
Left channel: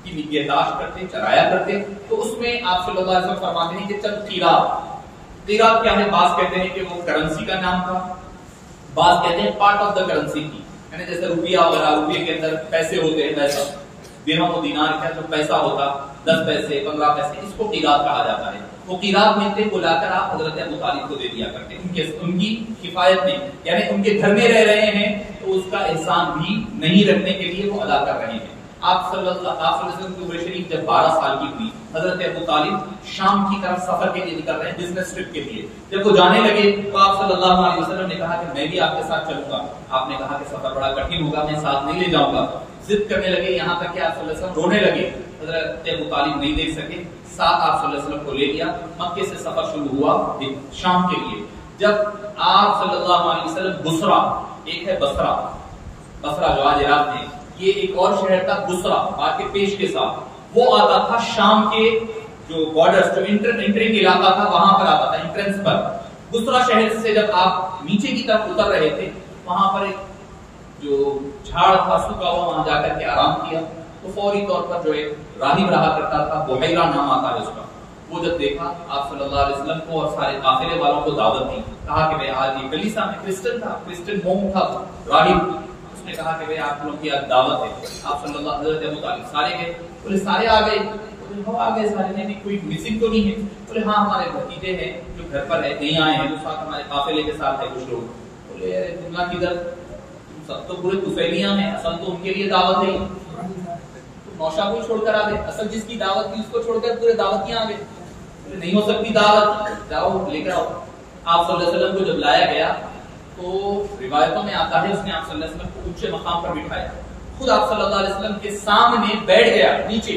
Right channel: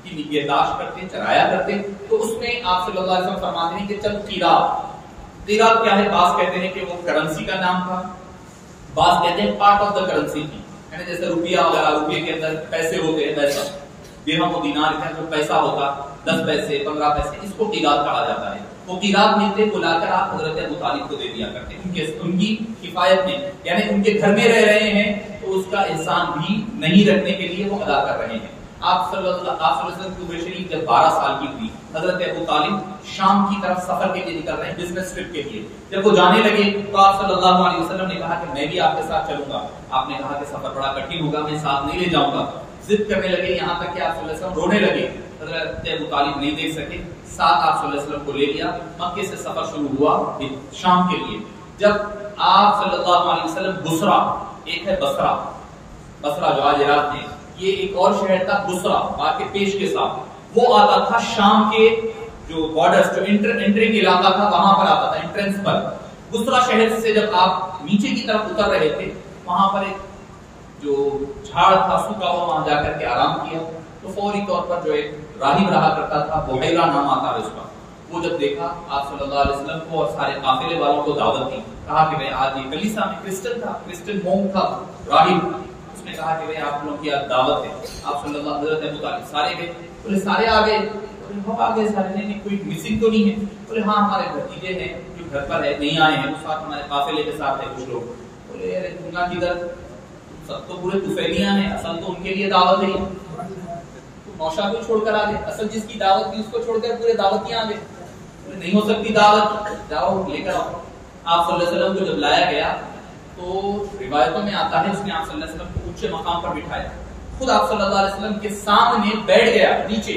کی نگہداشت کرتے، چرایا کرتے. تو اس میں آپ صلی اللہ علیہ وسلم فرماتے ہیں کہ چند قیراط کیا ہے؟ بعض کہتے ہیں کہ وہ کرنسی کا نام تھا، بعض کہتے ہیں پارٹ آف دا کرنسی کی، یعنی جیسے روپیہ وغیرہ، روپیے کے اندر پیسے ہوتے ہیں، پیسہ درہم و دینار کا جو پیسہ ہوتا 10 پیسے 15 پیسے، اس کو قیراط کہا جاتا ہے. وہ قیراط ملتے کو لا کر آپ حضرت ابو طالب کو دے دیا کرتے ان کی کفایت نہیں، یعنی ان کے گھر میں رہ رہے ہیں تو اس کا احسان بھی نہیں رکھنے کے لیے وہ ادا کر رہے ہیں. آپ صلی اللہ علیہ وسلم کی عمر شریف جب 12 سال کی ہوئی، حضرت ابو طالب شام کی طرف سفر کے لیے نکل رہے ہیں، بزنس ٹرپ کے لیے. جب وہ جانے لگے تو آپ صلی اللہ علیہ وسلم نے کہا کہ میں بھی آپ کے ساتھ چلوں گا. آپ نے کہا کہ سفر بڑا کٹھن ہوگا، میں ساتھ نہیں لے جاؤں گا. ضد کرنے لگے، یہاں تک کہ آپ صلی اللہ علیہ وسلم رونے لگے. حضرت ابو طالب نہیں دیکھ سکے، ساتھ آپ صلی اللہ علیہ وسلم کو لے لیا. مکے سے سفر شروع ہوا شام کے لیے. جب آپ صلی اللہ علیہ وسلم بصرہ، ایک ہے بصرہ، بصرہ جو آج عراق میں، یہ ایک اور شہر تھا بصرہ بعد کے پیش کے ساتھ، وہ آتا تھا شام کے جو بارڈرز، جو انٹرنگ علاقہ تھا وہاں پر آتا تھا، انٹرنس پر. بصرہ شہر سے جب آپ نیچے کی طرف اتر رہے تھے، وہاں پر ایک جو جھاڑ تھا سوکھا ہوا، وہاں جا کر کے آرام کیا. تو فوری طور پر جو ایک راہب رہا کرتا تھا، بحیرہ نام آتا ہے اس کا، وہ جب دیکھا آپ صلی اللہ علیہ وسلم کو اور سارے قافلے والوں کو دعوت دی. کہا کہ میں آج یہ کلیسا میں کرسچن تھا، کرسچن مونک تھا راہب، اس نے کہا کہ میں آپ لوگوں کی آج دعوت ہے. آپ صلی اللہ حضرت ابو طالب سارے گئے، پورے سارے آ گئے. ہو آگے سارے نہیں کوئی مسنگ تو نہیں ہے؟ بولے ہاں ہمارے بھتیجے ہیں جو گھر پر ہے نہیں آئے ہیں، وہ ساتھ ہمارے قافلے کے ساتھ ہے کچھ لوگ. بولے ارے جملہ کدھر، سب تو پورے طفیلیاں ہیں، اصل تو ان کے لیے دعوت ہے، نوشا کو چھوڑ کر آ گئے، اصل جس کی دعوت تھی اس کو چھوڑ کر پورے دعوتیاں آ گئے. نہیں ہو سکتی دعوت، جاؤ لے کر آؤ. آپ صلی اللہ علیہ وسلم کو جب لایا گیا تو روایتوں میں آتا ہے اس نے آپ صلی اللہ علیہ وسلم کو اونچے مقام پر بٹھایا، خود آپ صلی اللہ علیہ وسلم کے سامنے بیٹھ گیا نیچے،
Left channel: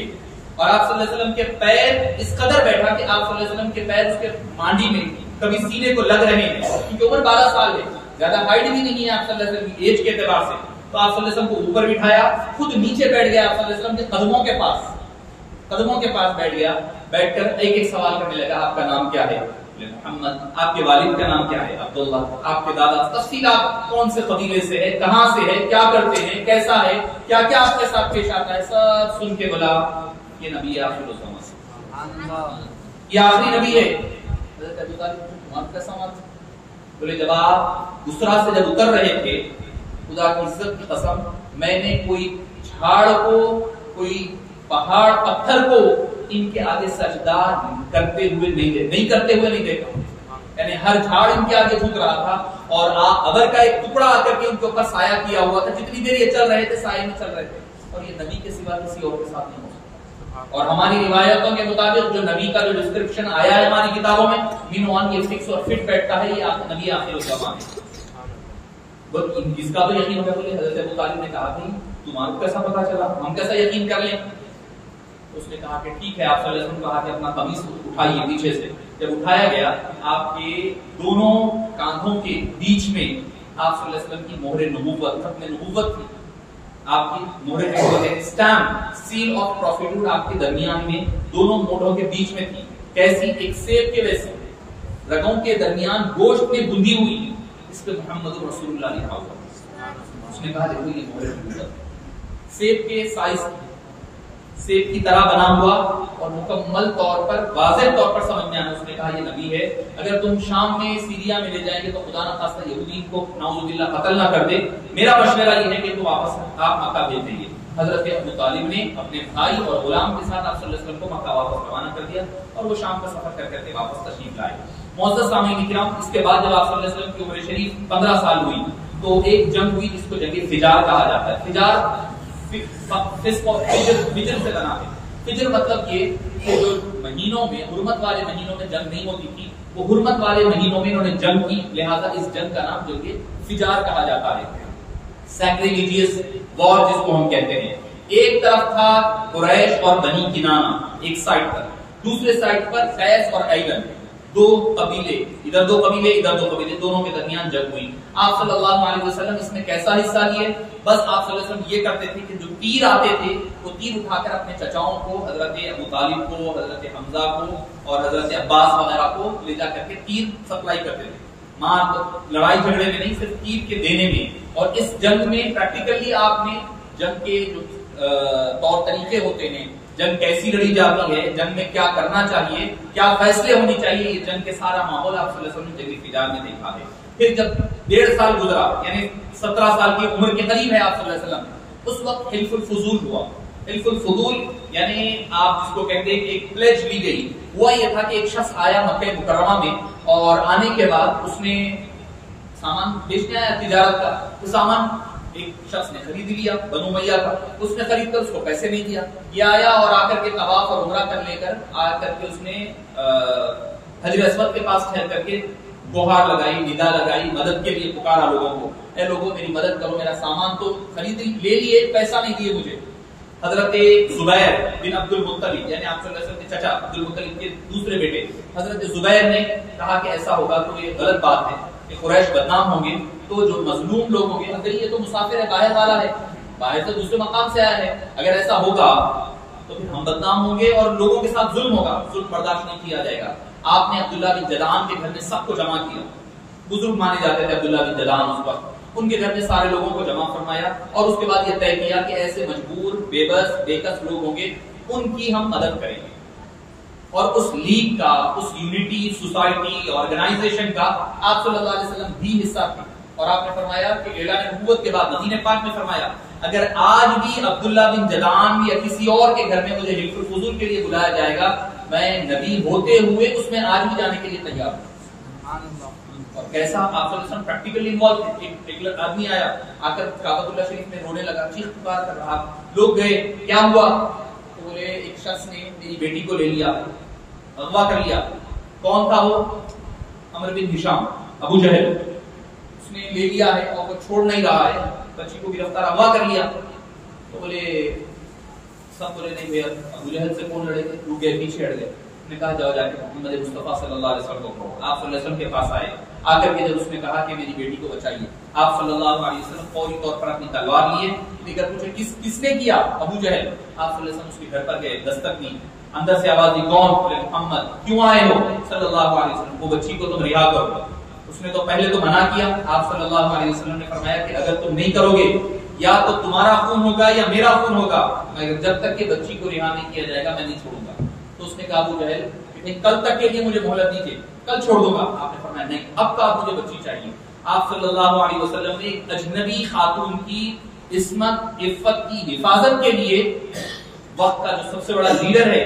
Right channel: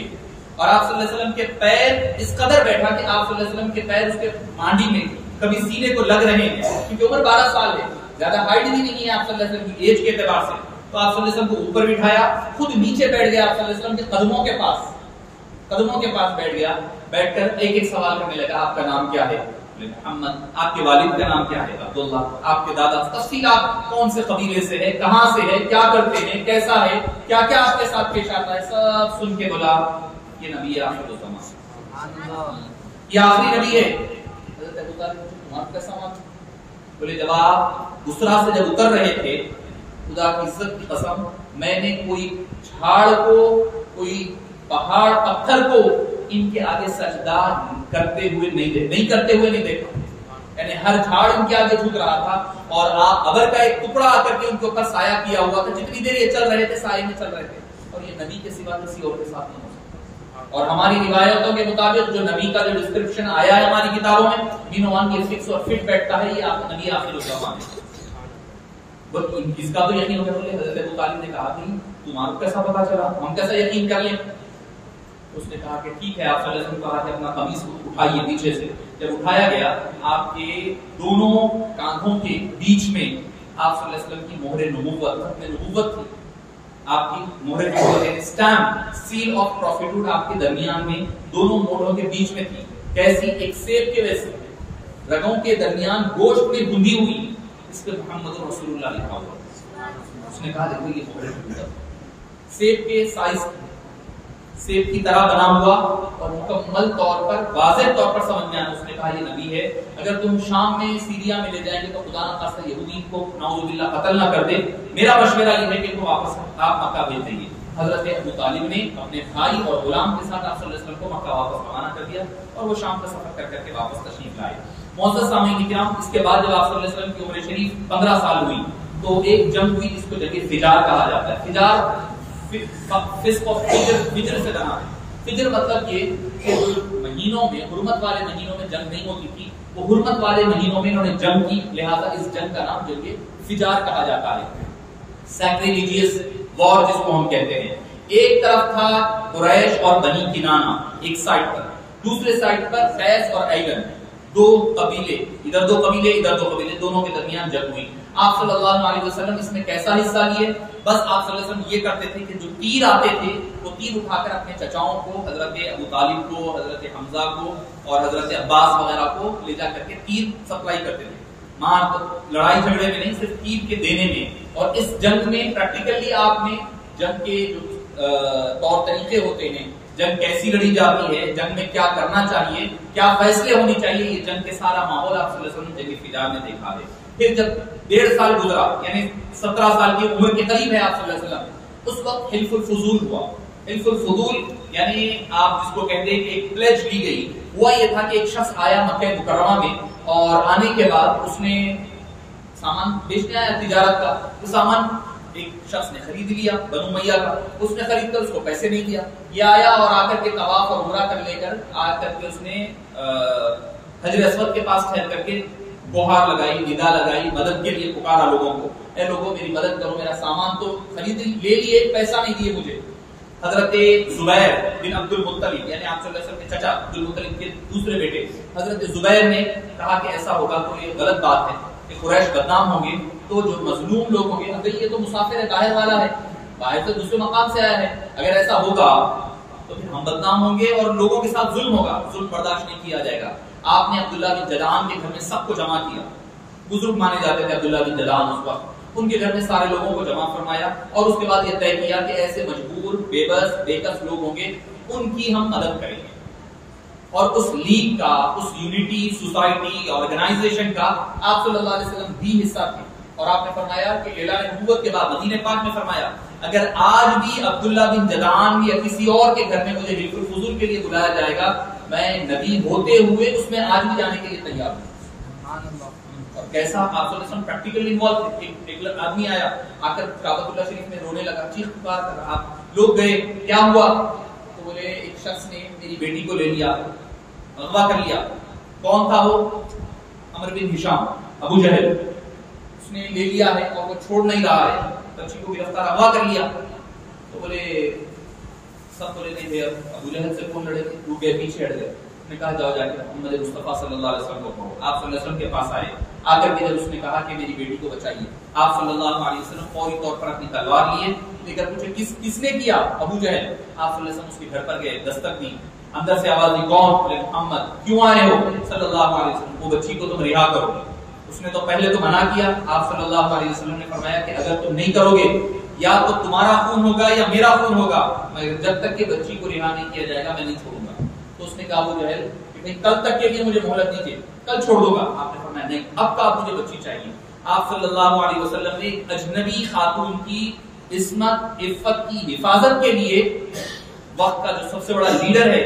اور آپ صلی اللہ علیہ وسلم کے پیر اس قدر بیٹھا کہ آپ صلی اللہ علیہ وسلم کے پیر اس کے مانڈی میں کبھی سینے کو لگ رہے ہیں، کیونکہ عمر 12 سال ہے، زیادہ ہائٹ بھی نہیں ہے آپ صلی اللہ علیہ وسلم کی ایج کے اعتبار سے. تو آپ صلی اللہ علیہ وسلم کو اوپر بٹھایا، خود نیچے بیٹھ گیا آپ صلی اللہ علیہ وسلم کے قدموں کے پاس بیٹھ گیا. بیٹھ کر ایک ایک سوال کرنے لگا، آپ کا نام کیا ہے؟ محمد. آپ کے والد کا نام کیا ہے؟ عبداللہ. آپ کے دادا، تفصیل آپ کون سے قبیلے سے ہے، کہاں سے ہے، کیا کرتے ہیں، کیسا ہے، کیا کیا آپ کے ساتھ پیش آتا ہے، سب سن کے بولا یہ نبی آخر الزمان، یہ آخری نبی ہے. حضرت ابو طالب تمہارا کیسا مات؟ بولے جب آپ اسرا سے جب اتر رہے تھے، خدا کی عزت کی قسم میں نے کوئی جھاڑ کو، کوئی پہاڑ پتھر کو ان کے آگے سجدہ کرتے ہوئے نہیں دیکھا. یعنی ہر جھاڑ ان کے آگے جھک رہا تھا، اور ابر کا ایک ٹکڑا آ کر کے ان کے اوپر سایہ کیا ہوا تھا. جتنی دیر یہ چل رہے تھے سائے میں چل رہے تھے، اور یہ نبی کے سوا کسی اور کے ساتھ نہیں ہو سکتا. اور ہماری روایتوں کے مطابق جو نبی کا جو ڈسکرپشن آیا ہے ہماری کتابوں میں، مینوان یہ فکس اور فٹ بیٹھتا ہے، یہ نبی آخر الزمان ہے. اس کا تو یقین ہو گیا. بولے حضرت ابو طالب نے کہا کہ تمہارا کیسا پتا چلا، ہم کیسا یقین کر لیں؟ اس نے کہا کہ ٹھیک ہے. آپ صلی اللہ علیہ وسلم کو کہا کہ اپنا قمیص اٹھائیے پیچھے سے. جب اٹھایا گیا، آپ کے دونوں کاندھوں کے بیچ میں آپ صلی اللہ علیہ وسلم کی مہر نبوت، ختم نبوت تھی. آپ کی مہر جو ہے اسٹامپ، سیل آف پروفیٹہوڈ آپ کے درمیان میں دونوں موڑوں کے بیچ میں تھی. کیسی؟ ایک سیب کے ویسے، رگوں کے درمیان گوشت میں گندی ہوئی، اس پہ محمد رسول اللہ لکھا ہوا. اس نے کہا دیکھو یہ مہر نبوت، سیب کے سائز، سیب کی طرح بنا ہوا اور مکمل طور پر واضح طور پر سمجھ میں آنا. اس نے کہا یہ نبی ہے. اگر تم شام میں سیریا میں لے جائیں گے تو خدا نہ خواستہ یہودی کو نعوذ باللہ قتل نہ کر دے. میرا مشورہ یہ ہے کہ تم واپس آپ مکہ بھیج دیں گے. حضرت ابو طالب نے اپنے بھائی اور غلام کے ساتھ آپ صلی اللہ علیہ وسلم کو مکہ واپس روانہ کر دیا، اور وہ شام کا سفر کر کر کے واپس تشریف لائے. معزز سامعین کرام، اس کے بعد جب آپ صلی اللہ علیہ وسلم کی عمر شریف 15 سال ہوئی تو ایک جنگ ہوئی جس کو جنگ فجار کہا جاتا ہے. فجار فجر سے بنا ہے. فجر مطلب یہ کہ جو مہینوں میں، حرمت والے مہینوں میں جنگ نہیں ہوتی تھی، وہ حرمت والے مہینوں میں انہوں نے جنگ کی، لہذا اس جنگ کا نام جو کہ فجار کہا جاتا ہے. سیکریلیجیس وار جس کو ہم کہتے ہیں. ایک طرف تھا قریش اور بنی کنانہ ایک سائڈ پر، دوسرے سائڈ پر قیس اور ایلن، دو قبیلے، ادھر دو قبیلے ادھر دو قبیلے، دونوں کے درمیان جنگ ہوئی. آپ صلی اللہ علیہ وسلم اس میں کیسا حصہ لیے؟ بس آپ صلی اللہ علیہ وسلم یہ کرتے تھے کہ جو تیر آتے تھے وہ تیر اٹھا کر اپنے چچاؤں کو، حضرت ابو طالب کو، حضرت حمزہ کو اور حضرت عباس وغیرہ کو لے جا کر کے تیر سپلائی کرتے تھے. لڑائی جھگڑے میں نہیں، صرف تیر کے دینے میں. اور اس جنگ میں پریکٹیکلی آپ نے جنگ کے جو طور طریقے ہوتے ہیں، جنگ کیسی لڑی جاتی ہے، جنگ میں کیا کرنا چاہیے، کیا فیصلے ہونی چاہیے، یہ جنگ کے سارا ماحول آپ صلی اللہ علیہ وسلم نے جنگ فجار میں دیکھا ہے. پھر جب 1.5 سال گزرا، یعنی 17 سال کی عمر کے قریب ہے آپ صلی اللہ علیہ وسلم، اس وقت حلف الفضول ہوا. حلف الفضول یعنی آپ جس کو کہتے ہیں کہ ایک پلیج لی گئی. ہوا یہ تھا کہ ایک شخص آیا مکہ مکرمہ میں، اور آنے کے بعد اس نے سامان بیچنے آیا تجارت کا. وہ سامان ایک شخص نے خرید لیا، بنو امیہ کا. اس نے خرید کر اس کو پیسے نہیں دیا. یہ آیا اور آ کر کے طواف اور عمرہ کر لے کر آ کر کے اس نے حجر اسود کے پاس ٹھہر کر کے گوہار لگائی، ندا لگائی، مدد کے لیے پکارا لوگوں کو، اے لوگوں میری مدد کرو، میرا سامان تو خرید لے لیے، پیسہ نہیں دیے مجھے. حضرت زبیر بن عبد المطلب، یعنی آپ صلی اللہ علیہ وسلم کے چچا عبد المطلب کے دوسرے بیٹے حضرت زبیر نے کہا کہ ایسا ہوگا تو یہ غلط بات ہے کہ قریش بدنام ہوں گے، تو جو مظلوم لوگ ہوں گے، اگر یہ تو مسافر ہے، باہر والا ہے، باہر سے دوسرے مقام سے آیا ہے، اگر ایسا ہوگا تو پھر ہم بدنام ہوں گے اور لوگوں کے ساتھ ظلم ہوگا، ظلم برداشت نہیں کیا جائے گا. آپ نے عبداللہ بن جدعان کے گھر میں سب کو جمع کیا. بزرگ مانے جاتے تھے عبداللہ بن جدعان اس وقت. ان کے گھر میں سارے لوگوں کو جمع فرمایا، اور اس کے بعد یہ طے کیا کہ ایسے مجبور، بے بس، بے کس لوگ ہوں گے، ان کی ہم مدد کریں گے. اور اس لیگ کا، اس یونٹی سوسائٹی آرگنائزیشن کا آپ صلی اللہ علیہ وسلم بھی حصہ تھے. اور آپ نے فرمایا کہ اعلان نبوت کے بعد مدینہ پاک میں فرمایا اگر آج بھی عبداللہ بن جدعان یا کسی اور کے گھر میں مجھے حلف الفضول کے لیے بلایا جائے گا، میں نبی ہوتے ہوئے اس میں آج بھی جانے کے لیے تیار ہوں۔ اور کیسا آپ صلی اللہ علیہ وسلم پریکٹیکلی انوالو تھے۔ ایک آدمی آیا، آ کر کعبۃ اللہ شریف میں رونے لگا، چیخ پکار کر رہا، لوگ گئے، کیا ہوا؟ تو بولے ایک شخص نے میری بیٹی کو لے لیا، اغوا کر لیا۔ کون تھا وہ؟ عمر بن ہشام، ابو جہل، اس نے لے لیا ہے اور وہ چھوڑ نہیں رہا ہے، بچی کو گرفتار اغوا کر لیا۔ تو بولے سب بولے نہیں بھیا ابو جہل سے کون لڑے گے، رک گئے، پیچھے ہٹ گئے۔ نے کہا جاؤ جا کے محمد مصطفیٰ صلی اللہ علیہ وسلم کو کہو۔ آپ صلی اللہ علیہ وسلم کے پاس آئے، آ کر کے جب اس نے کہا کہ میری بیٹی کو بچائیے، آپ صلی اللہ علیہ وسلم فوری طور پر اپنی تلوار لیے، لے کر پوچھے کس نے کیا؟ ابو جہل۔ آپ صلی اللہ علیہ وسلم اس کے گھر پر گئے، دستک دی، اندر سے آواز دی، کون؟ بولے محمد۔ کیوں آئے ہو؟ صلی اللہ علیہ وسلم، وہ بچی کو تم رہا کرو۔ اس نے تو پہلے تو منع کیا، آپ صلی اللہ علیہ وسلم نے فرمایا کہ اگر تم نہیں کرو گے یا تو تمہارا خون ہوگا یا میرا خون ہوگا، مگر جب تک کہ بچی کو رہا نہیں کیا جائے گا میں نہیں چھوڑوں گا۔ تو اس نے کہا ابو جہل کل تک کے لیے مجھے مہلت دیجیے، کل چھوڑ دوں گا۔ آپ نے فرمایا نہیں، اب کا مجھے بچی چاہیے۔ آپ صلی اللہ علیہ وسلم نے اجنبی خاتون کی عصمت عفت کی حفاظت کے لیے وقت کا جو سب سے بڑا لیڈر ہے،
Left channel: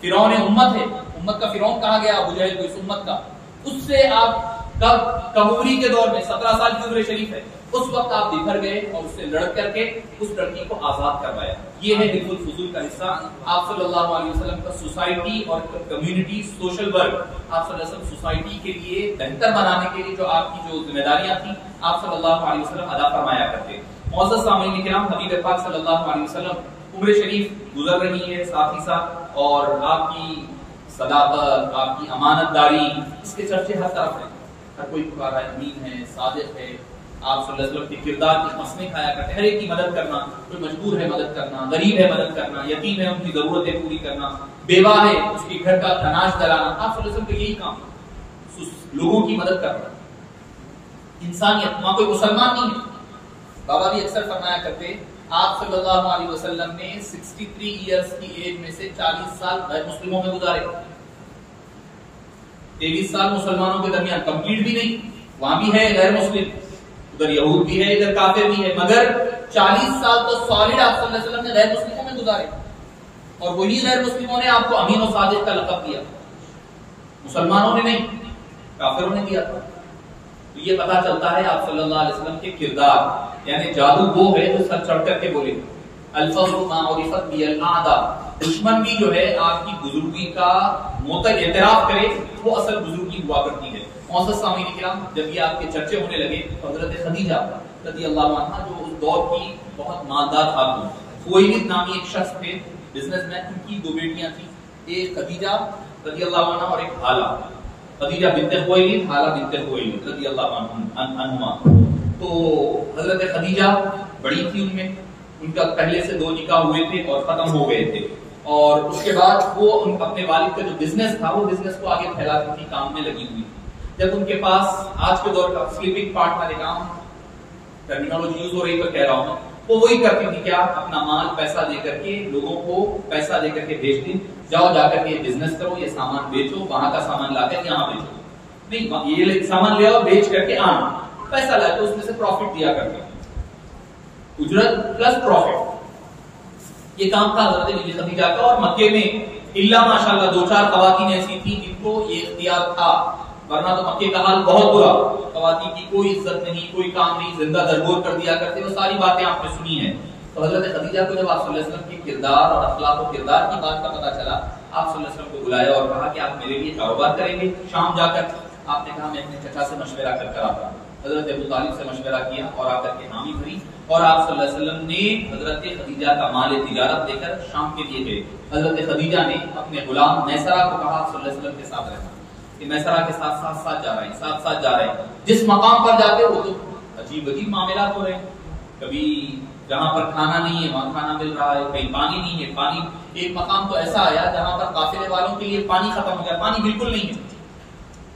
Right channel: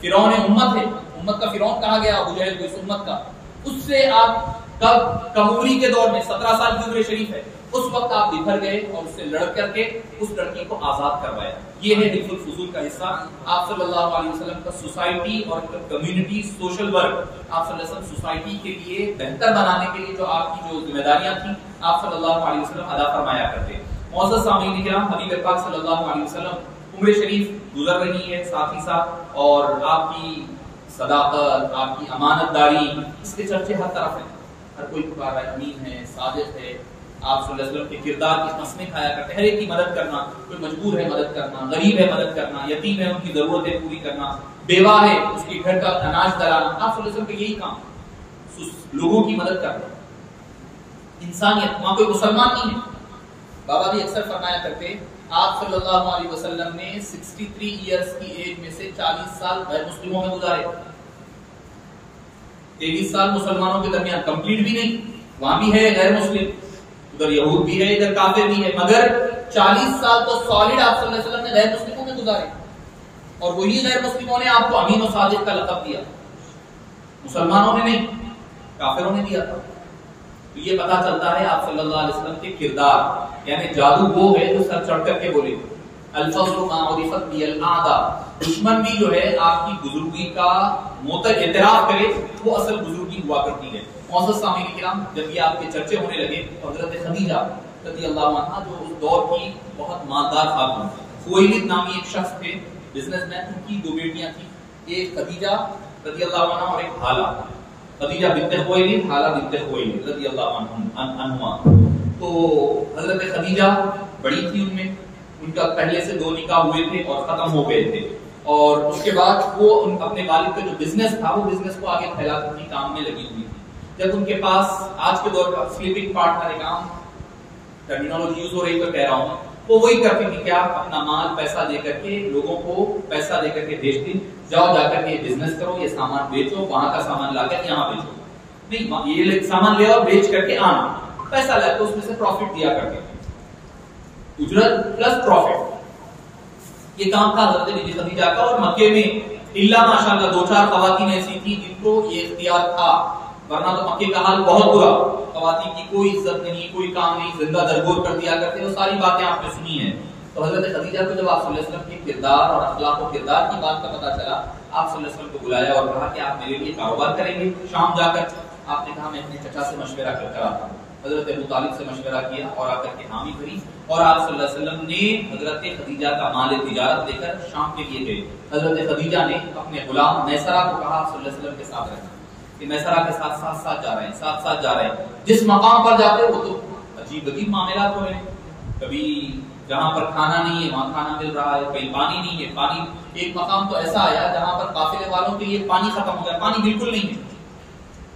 فرعون امت ہے، امت کا فرعون کہا گیا ابو جہل کو، اس امت کا، اس سے آپ کب کموری کے دور میں 17 سال کی عمر شریف ہے، اس وقت آپ بکھر گئے اور اس سے لڑ کر کے اس لڑکی کو آزاد کروایا۔ یہ ہے حلف الفضول کا حصہ۔ آپ صلی اللہ علیہ وسلم کا سوسائٹی اور کمیونٹی سوشل ورک، آپ صلی اللہ علیہ وسلم سوسائٹی کے لیے بہتر بنانے کے لیے جو آپ کی جو ذمہ داریاں تھیں آپ صلی اللہ علیہ وسلم ادا فرمایا کرتے۔ معزز سامعین کرام، حبیب پاک صلی اللہ علیہ وسلم عمر شریف گزر رہی ہے ساتھ ہی ساتھ، اور آپ کی صداقت، آپ کی امانت داری، اس کے چرچے ہر طرف ہیں، ہر کوئی پکار رہا ہے، امین ہے، صادق ہے۔ آپ صلی اللہ علیہ وسلم کے کردار کی قسمیں کھایا کرتے، ہر ایک کی مدد کرنا، کوئی مجبور ہے مدد کرنا، غریب ہے مدد کرنا، یتیم ہے ان کی ضرورتیں پوری کرنا، بیوہ ہے اس کے گھر کا اناج دلانا۔ آپ صلی اللہ علیہ وسلم کا یہی کام، لوگوں کی مدد کرنا، انسانیت۔ وہاں کوئی مسلمان نہیں ہے۔ بابا بھی اکثر فرمایا کرتے، آپ صلی اللہ علیہ وسلم نے 63 ایئرز کی ایج میں سے 40 سال غیر مسلموں میں گزارے، 23 سال مسلمانوں کے درمیان، کمپلیٹ بھی نہیں، وہاں بھی ہے غیر مسلم، ادھر یہود بھی ہے، ادھر کافر بھی ہے، مگر 40 سال تو سالڈ آپ صلی اللہ علیہ وسلم نے غیر مسلموں میں گزارے، اور وہی غیر مسلموں نے آپ کو امین و صادق کا لقب دیا، مسلمانوں نے نہیں، کافروں نے دیا تھا۔ تو یہ پتا چلتا ہے آپ صلی اللہ علیہ وسلم کے کردار، یعنی جادو وہ ہے جو سر چڑھ کر کے بولے، الفضل ما عرفت به الاعداء، دشمن بھی جو ہے آپ کی بزرگی کا موتر اعتراف کرے، وہ اصل بزرگی ہوا کرتی ہے۔ معزز سامعین کرام، جب یہ آپ کے چرچے ہونے لگے تو حضرت خدیجہ رضی اللہ عنہا جو اس دور کی بہت مالدار خاتون، خویلد نامی ایک شخص تھے، بزنس مین، ان کی 2 بیٹیاں تھیں، ایک خدیجہ رضی اللہ عنہا اور ایک حالہ، خدیجہ بنت خویلد، حالہ بنت خویلد رضی اللہ عنہما۔ تو حضرت خدیجہ بڑی تھی ان میں، ان کا پہلے سے 2 نکاح ہوئے تھے اور ختم ہو گئے تھے، اور اس کے بعد وہ اپنے والد کا جو بزنس تھا وہ بزنس کو آگے پھیلاتی تھی، کام میں لگی ہوئی تھی۔ جب ان کے پاس آج کے دور کا سلیپنگ پارٹنر ایک عام ٹرمینالوجی یوز ہو رہی تو کہہ رہا ہوں، وہ وہی کرتی تھی، کیا اپنا مال پیسہ دے کر کے لوگوں کو پیسہ دے کر کے بھیجتی، جاؤ جا کر کے یہ بزنس کرو، یہ سامان بیچو، وہاں کا سامان لا کر یہاں بیچو، نہیں یہ سامان لے آؤ بیچ کر کے آنا، پیسہ لائے تو اس میں سے پروفٹ دیا کرتے، اجرت پلس پروفٹ، یہ کام تھا حضرت بی بی خدیجہ کا۔ اور مکے میں الا ماشاءاللہ 2-4 خواتین ایسی تھی جن کو یہ اختیار تھا، ورنہ تو مکے کا حال بہت برا، خواتین کی کوئی عزت نہیں، کوئی کام نہیں، زندہ درگور کر دیا کرتے، وہ ساری باتیں آپ نے سنی ہیں۔ تو حضرت خدیجہ کو جب آپ صلی اللہ علیہ وسلم کے کردار اور اخلاق و کردار کی بات کا پتہ چلا، آپ صلی اللہ علیہ وسلم کو بلایا اور کہا کہ آپ میرے لیے کاروبار کریں گے شام جا کر؟ آپ نے کہا میں اپنے چچا سے مشورہ کر آتا ہوں۔ حضرت ابو طالب سے مشورہ کیا اور آ کر کے حامی بھری، اور آپ صلی اللہ علیہ وسلم نے حضرت خدیجہ کا مال تجارت لے کر شام کے لیے گئے۔ حضرت خدیجہ نے اپنے غلام میسرہ کو کہا آپ صلی اللہ علیہ وسلم کے ساتھ رہنا، کہ میسرہ کے ساتھ ساتھ جا رہے ہیں، ساتھ جا رہے ہیں، جس مقام پر جاتے وہ تو عجیب معاملات ہو رہے ہیں، کبھی جہاں پر کھانا نہیں ہے وہاں کھانا مل رہا ہے، کہیں پانی نہیں ہے، پانی، ایک مقام تو ایسا آیا جہاں پر قافلے والوں کے لیے پانی ختم ہو گیا، پانی بالکل نہیں ہے،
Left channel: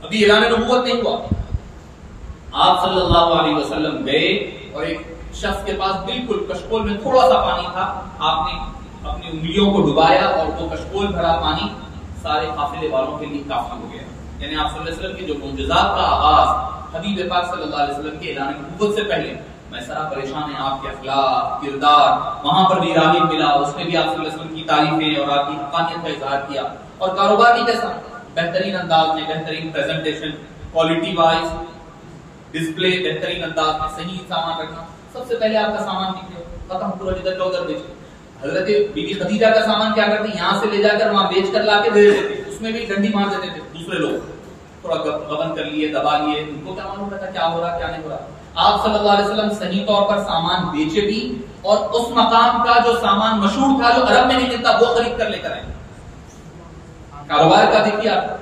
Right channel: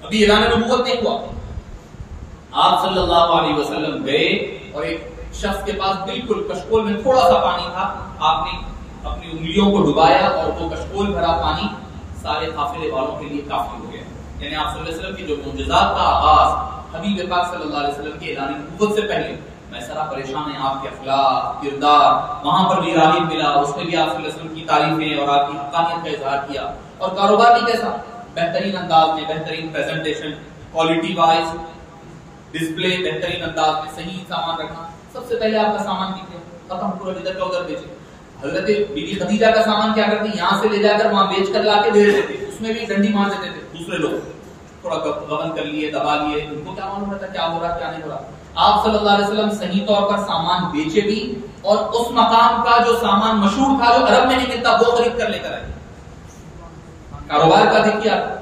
ابھی اعلان نبوت نہیں ہوا۔ آپ صلی اللہ علیہ وسلم گئے اور ایک شخص کے پاس بالکل کشکول میں تھوڑا سا پانی تھا، آپ نے اپنی انگلیوں کو ڈبایا اور وہ کشکول بھرا پانی سارے قافلے والوں کے لیے کافی ہو گیا۔ یعنی آپ صلی اللہ علیہ وسلم کے جو معجزات کا آغاز حبیب پاک صلی اللہ علیہ وسلم کے اعلان نبوت سے پہلے میں سرا پریشان ہیں آپ کے اخلاق کردار. وہاں پر بھی راغب ملا, اس نے بھی آپ صلی اللہ علیہ وسلم کی تعریفیں اور آپ کی حقانیت کا اظہار کیا. اور کاروبار بھی کیسا, بہترین انداز میں, بہترین پریزنٹیشن, کوالٹی وائز ڈسپلے, بہترین انداز میں, صحیح سامان رکھنا. سب سے پہلے آپ کا سامان کیجیے, ختم پورا جدھر کا ادھر بیچے. حضرت بی بی خدیجہ کا سامان کیا کرتی, یہاں سے لے جا کر وہاں بیچ کر لا کے دے دیتے تھے, اس میں بھی ڈنڈی مار دیتے تھے دوسرے لوگ, تھوڑا غبن کر لیے, دبا لیے, ان کو کیا معلوم رہتا کیا ہو رہا کیا نہیں ہو رہا. آپ صلی اللہ علیہ وسلم صحیح طور پر سامان بیچے بھی, اور اس مقام کا جو سامان مشہور تھا جو عرب میں نہیں ملتا وہ خرید کر لے کر آئے. کاروبار کا دیکھیے آپ,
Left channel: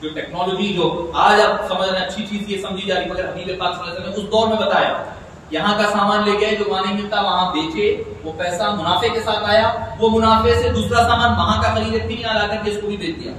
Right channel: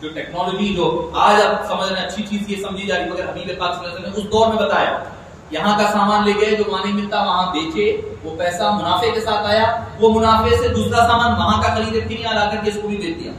جو ٹیکنالوجی جو آج آپ سمجھ رہے ہیں اچھی چیز یہ سمجھی جا رہی, مگر حبیب پاک صلی اللہ علیہ وسلم نے اس دور میں بتایا یہاں کا سامان لے گئے جو وہاں نہیں ملتا وہاں بیچے, وہ پیسہ منافع کے ساتھ آیا, وہ منافع سے دوسرا سامان وہاں کا خریدے, پھر یہاں لا کر کے اس کو بھی بیچ دیا.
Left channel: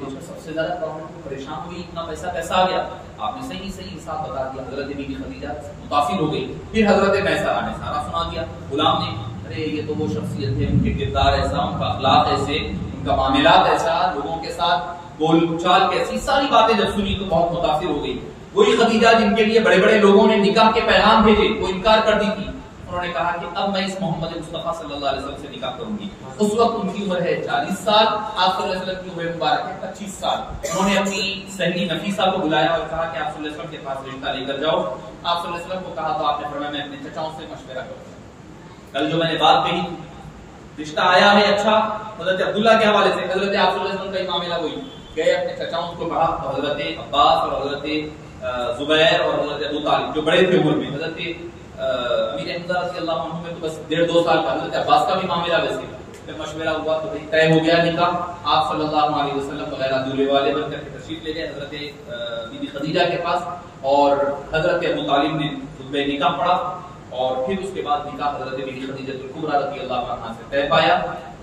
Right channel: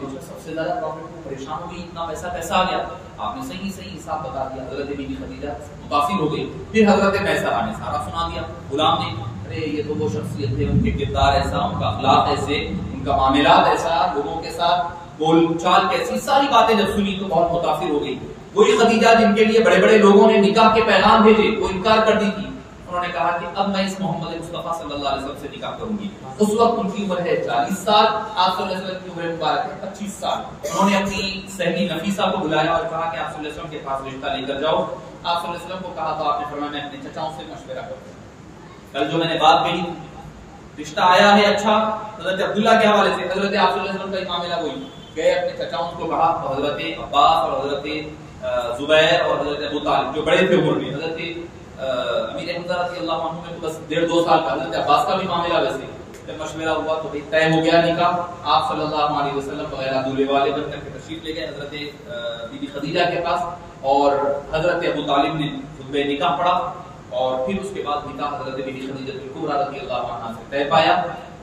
سب سے زیادہ پرابلم میں پریشان ہوئی, اتنا پیسہ کیسا آ گیا, آپ نے صحیح حساب بتا دیا. حضرت بی بی خدیجہ متاثر ہو گئی. پھر حضرت میسرہ نے سارا سنا دیا. غلام نے, ارے یہ تو وہ شخصیت ہے, ان کے کردار ایسا, ان کا اخلاق ایسے, ان کا معاملات ایسا, لوگوں کے ساتھ بول چال کیسی, ساری باتیں جب سنی تو بہت متاثر ہو گئی. وہی خدیجہ جن کے لیے بڑے بڑے لوگوں نے نکاح کے پیغام بھیجے وہ انکار کر دی تھی, انہوں نے کہا کہ اب میں اس محمد مصطفیٰ صلی اللہ علیہ وسلم سے نکاح کروں گی. اس وقت ان کی عمر ہے 40 سال, آپ صلی اللہ علیہ وسلم کی عمر مبارک ہے 25 سال. انہوں نے اپنی سہیلی نفیسہ کو بلایا اور کہا کہ آپ صلی اللہ علیہ وسلم کے پاس رشتہ لے کر جاؤ. آپ صلی اللہ علیہ وسلم کو کہا تو آپ نے فرمایا میں اپنے چچاؤں سے مشورہ کروں. کل جو میں نے بات کہی, رشتہ آیا ہے اچھا, حضرت عبداللہ کے حوالے سے, حضرت آپ صلی اللہ علیہ وسلم کا معاملہ وہی, گئے اپنے چچاؤں کو کہا, حضرت عباس اور حضرت زبیر اور حضرت ابو طالب جو بڑے تھے عمر میں, حضرت امیر حمزہ رضی اللہ عنہ میں تو بس 1.5-2 سال کا, حضرت عباس کا بھی معاملہ ویسے. جب مشورہ ہوا تو طے ہو گیا نکاح. آپ صلی اللہ علیہ وسلم بغیر دولہے والے بن کر کے تشریف لے گئے حضرت بی بی خدیجہ کے پاس, اور حضرت ابو طالب نے خطبہ نکاح پڑھا, اور پھر اس کے بعد نکاح حضرت بی بی خدیجہ الکبریٰ رضی اللہ عنہا سے طے پایا.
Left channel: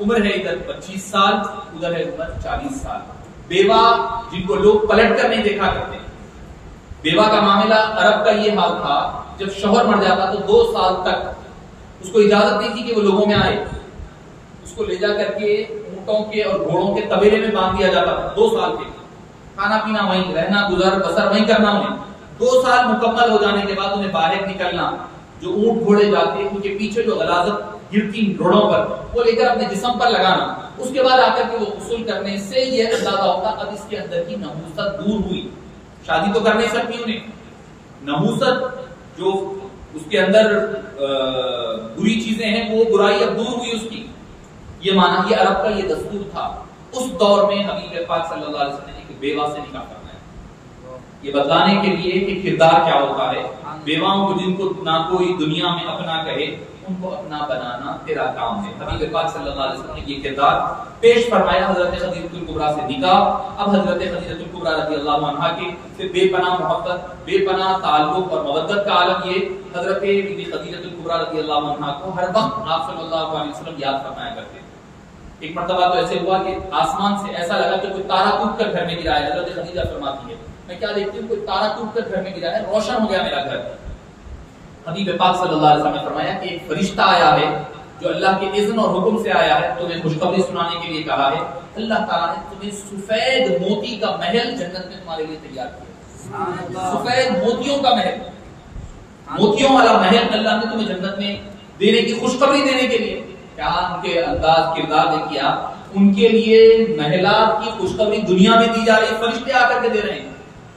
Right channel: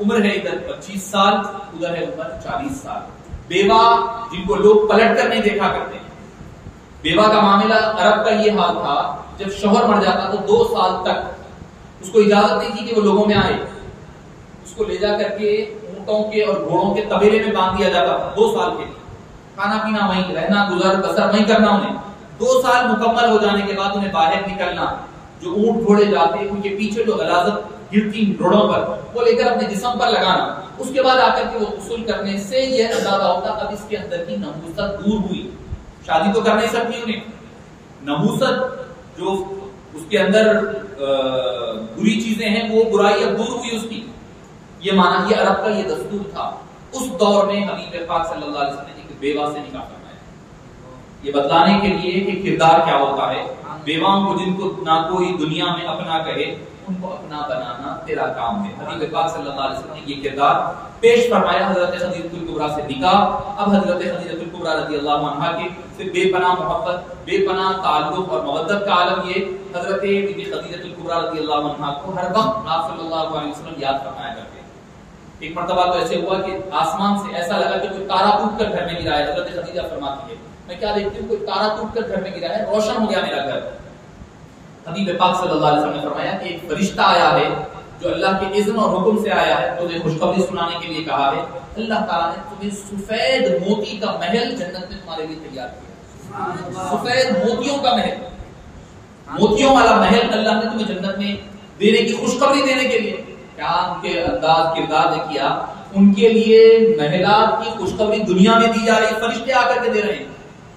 عمر ہے ادھر 25 سال, ادھر ہے عمر 40 سال. بیوہ جن کو لوگ پلٹ کر نہیں دیکھا کرتے, بیوہ کا معاملہ عرب کا یہ حال تھا, جب شوہر مر جاتا تو 2 سال تک اس کو اجازت نہیں تھی کہ وہ لوگوں میں آئے. اس کو لے جا کر کے اونٹوں کے اور گھوڑوں کے طبیلے میں باندھ دیا جاتا تھا 2 سال کے لیے, کھانا پینا وہیں, رہنا گزر بسر وہیں کرنا انہیں. 2 سال مکمل ہو جانے کے بعد انہیں باہر نکلنا, جو اونٹ گھوڑے جاتے ان کے پیچھے جو غلاظت گرتی روڑوں پر وہ لے کر اپنے جسم پر لگانا, اس کے بعد آ کر کے وہ غسل کرنے سے یہ اندازہ ہوتا اب اس کے اندر کی نحوست دور ہوئی. شادی تو کر نہیں سکتی انہیں, نحوست جو اس کے اندر بری چیزیں ہیں وہ برائی اب دور ہوئی اس کی. یہ مانا, یہ عرب کا یہ دستور تھا. اس دور میں حبیب پاک صلی اللہ علیہ وسلم نے ایک بیوہ سے نکاح کرنا ہے, یہ بتلانے کے لیے کہ کردار کیا ہوتا ہے. بیواؤں کو جن کو نہ کوئی دنیا میں اپنا کہے ان کو اپنا بنانا تیرا کام ہے. حبیب پاک صلی اللہ علیہ وسلم نے یہ کردار پیش فرمایا. حضرت خدیجہ الکبریٰ سے نکاح. اب حضرت خدیجہ الکبریٰ رضی اللہ عنہا کے سے بے پناہ محبت, بے پناہ تعلق اور مودت کا عالم یہ حضرت بی بی خدیجہ الکبریٰ رضی اللہ عنہا کو ہر وقت آپ صلی اللہ علیہ وسلم یاد فرمایا کرتے. ایک مرتبہ تو ایسے ہوا کہ آسمان سے ایسا لگا کہ کوئی تارا ٹوٹ کر گھر میں گرا ہے. حضرت خدیجہ فرماتی ہے میں کیا دیکھتی ہوں, کوئی تارا ٹوٹ کر گھر میں گرا ہے, روشن ہو گیا میرا گھر. حبیب پاک صلی اللہ علیہ وسلم نے فرمایا کہ ایک فرشتہ آیا ہے جو اللہ کے اذن اور حکم سے آیا ہے, تمہیں خوشخبری سنانے کے لیے کہا ہے. اللہ تعالیٰ نے تمہیں سفید موتی کا محل جنت میں تمہارے لیے تیار کیا. سفید موتیوں کا محل, موتیوں والا محل اللہ نے تمہیں جنت میں دینے کی خوشخبری دینے کے لیے. کیا ان کے انداز کردار نے کیا, ان کے لیے محلات کی خوشخبری دنیا میں دی جا رہی, فرشتے آ کر کے دے رہے ہیں.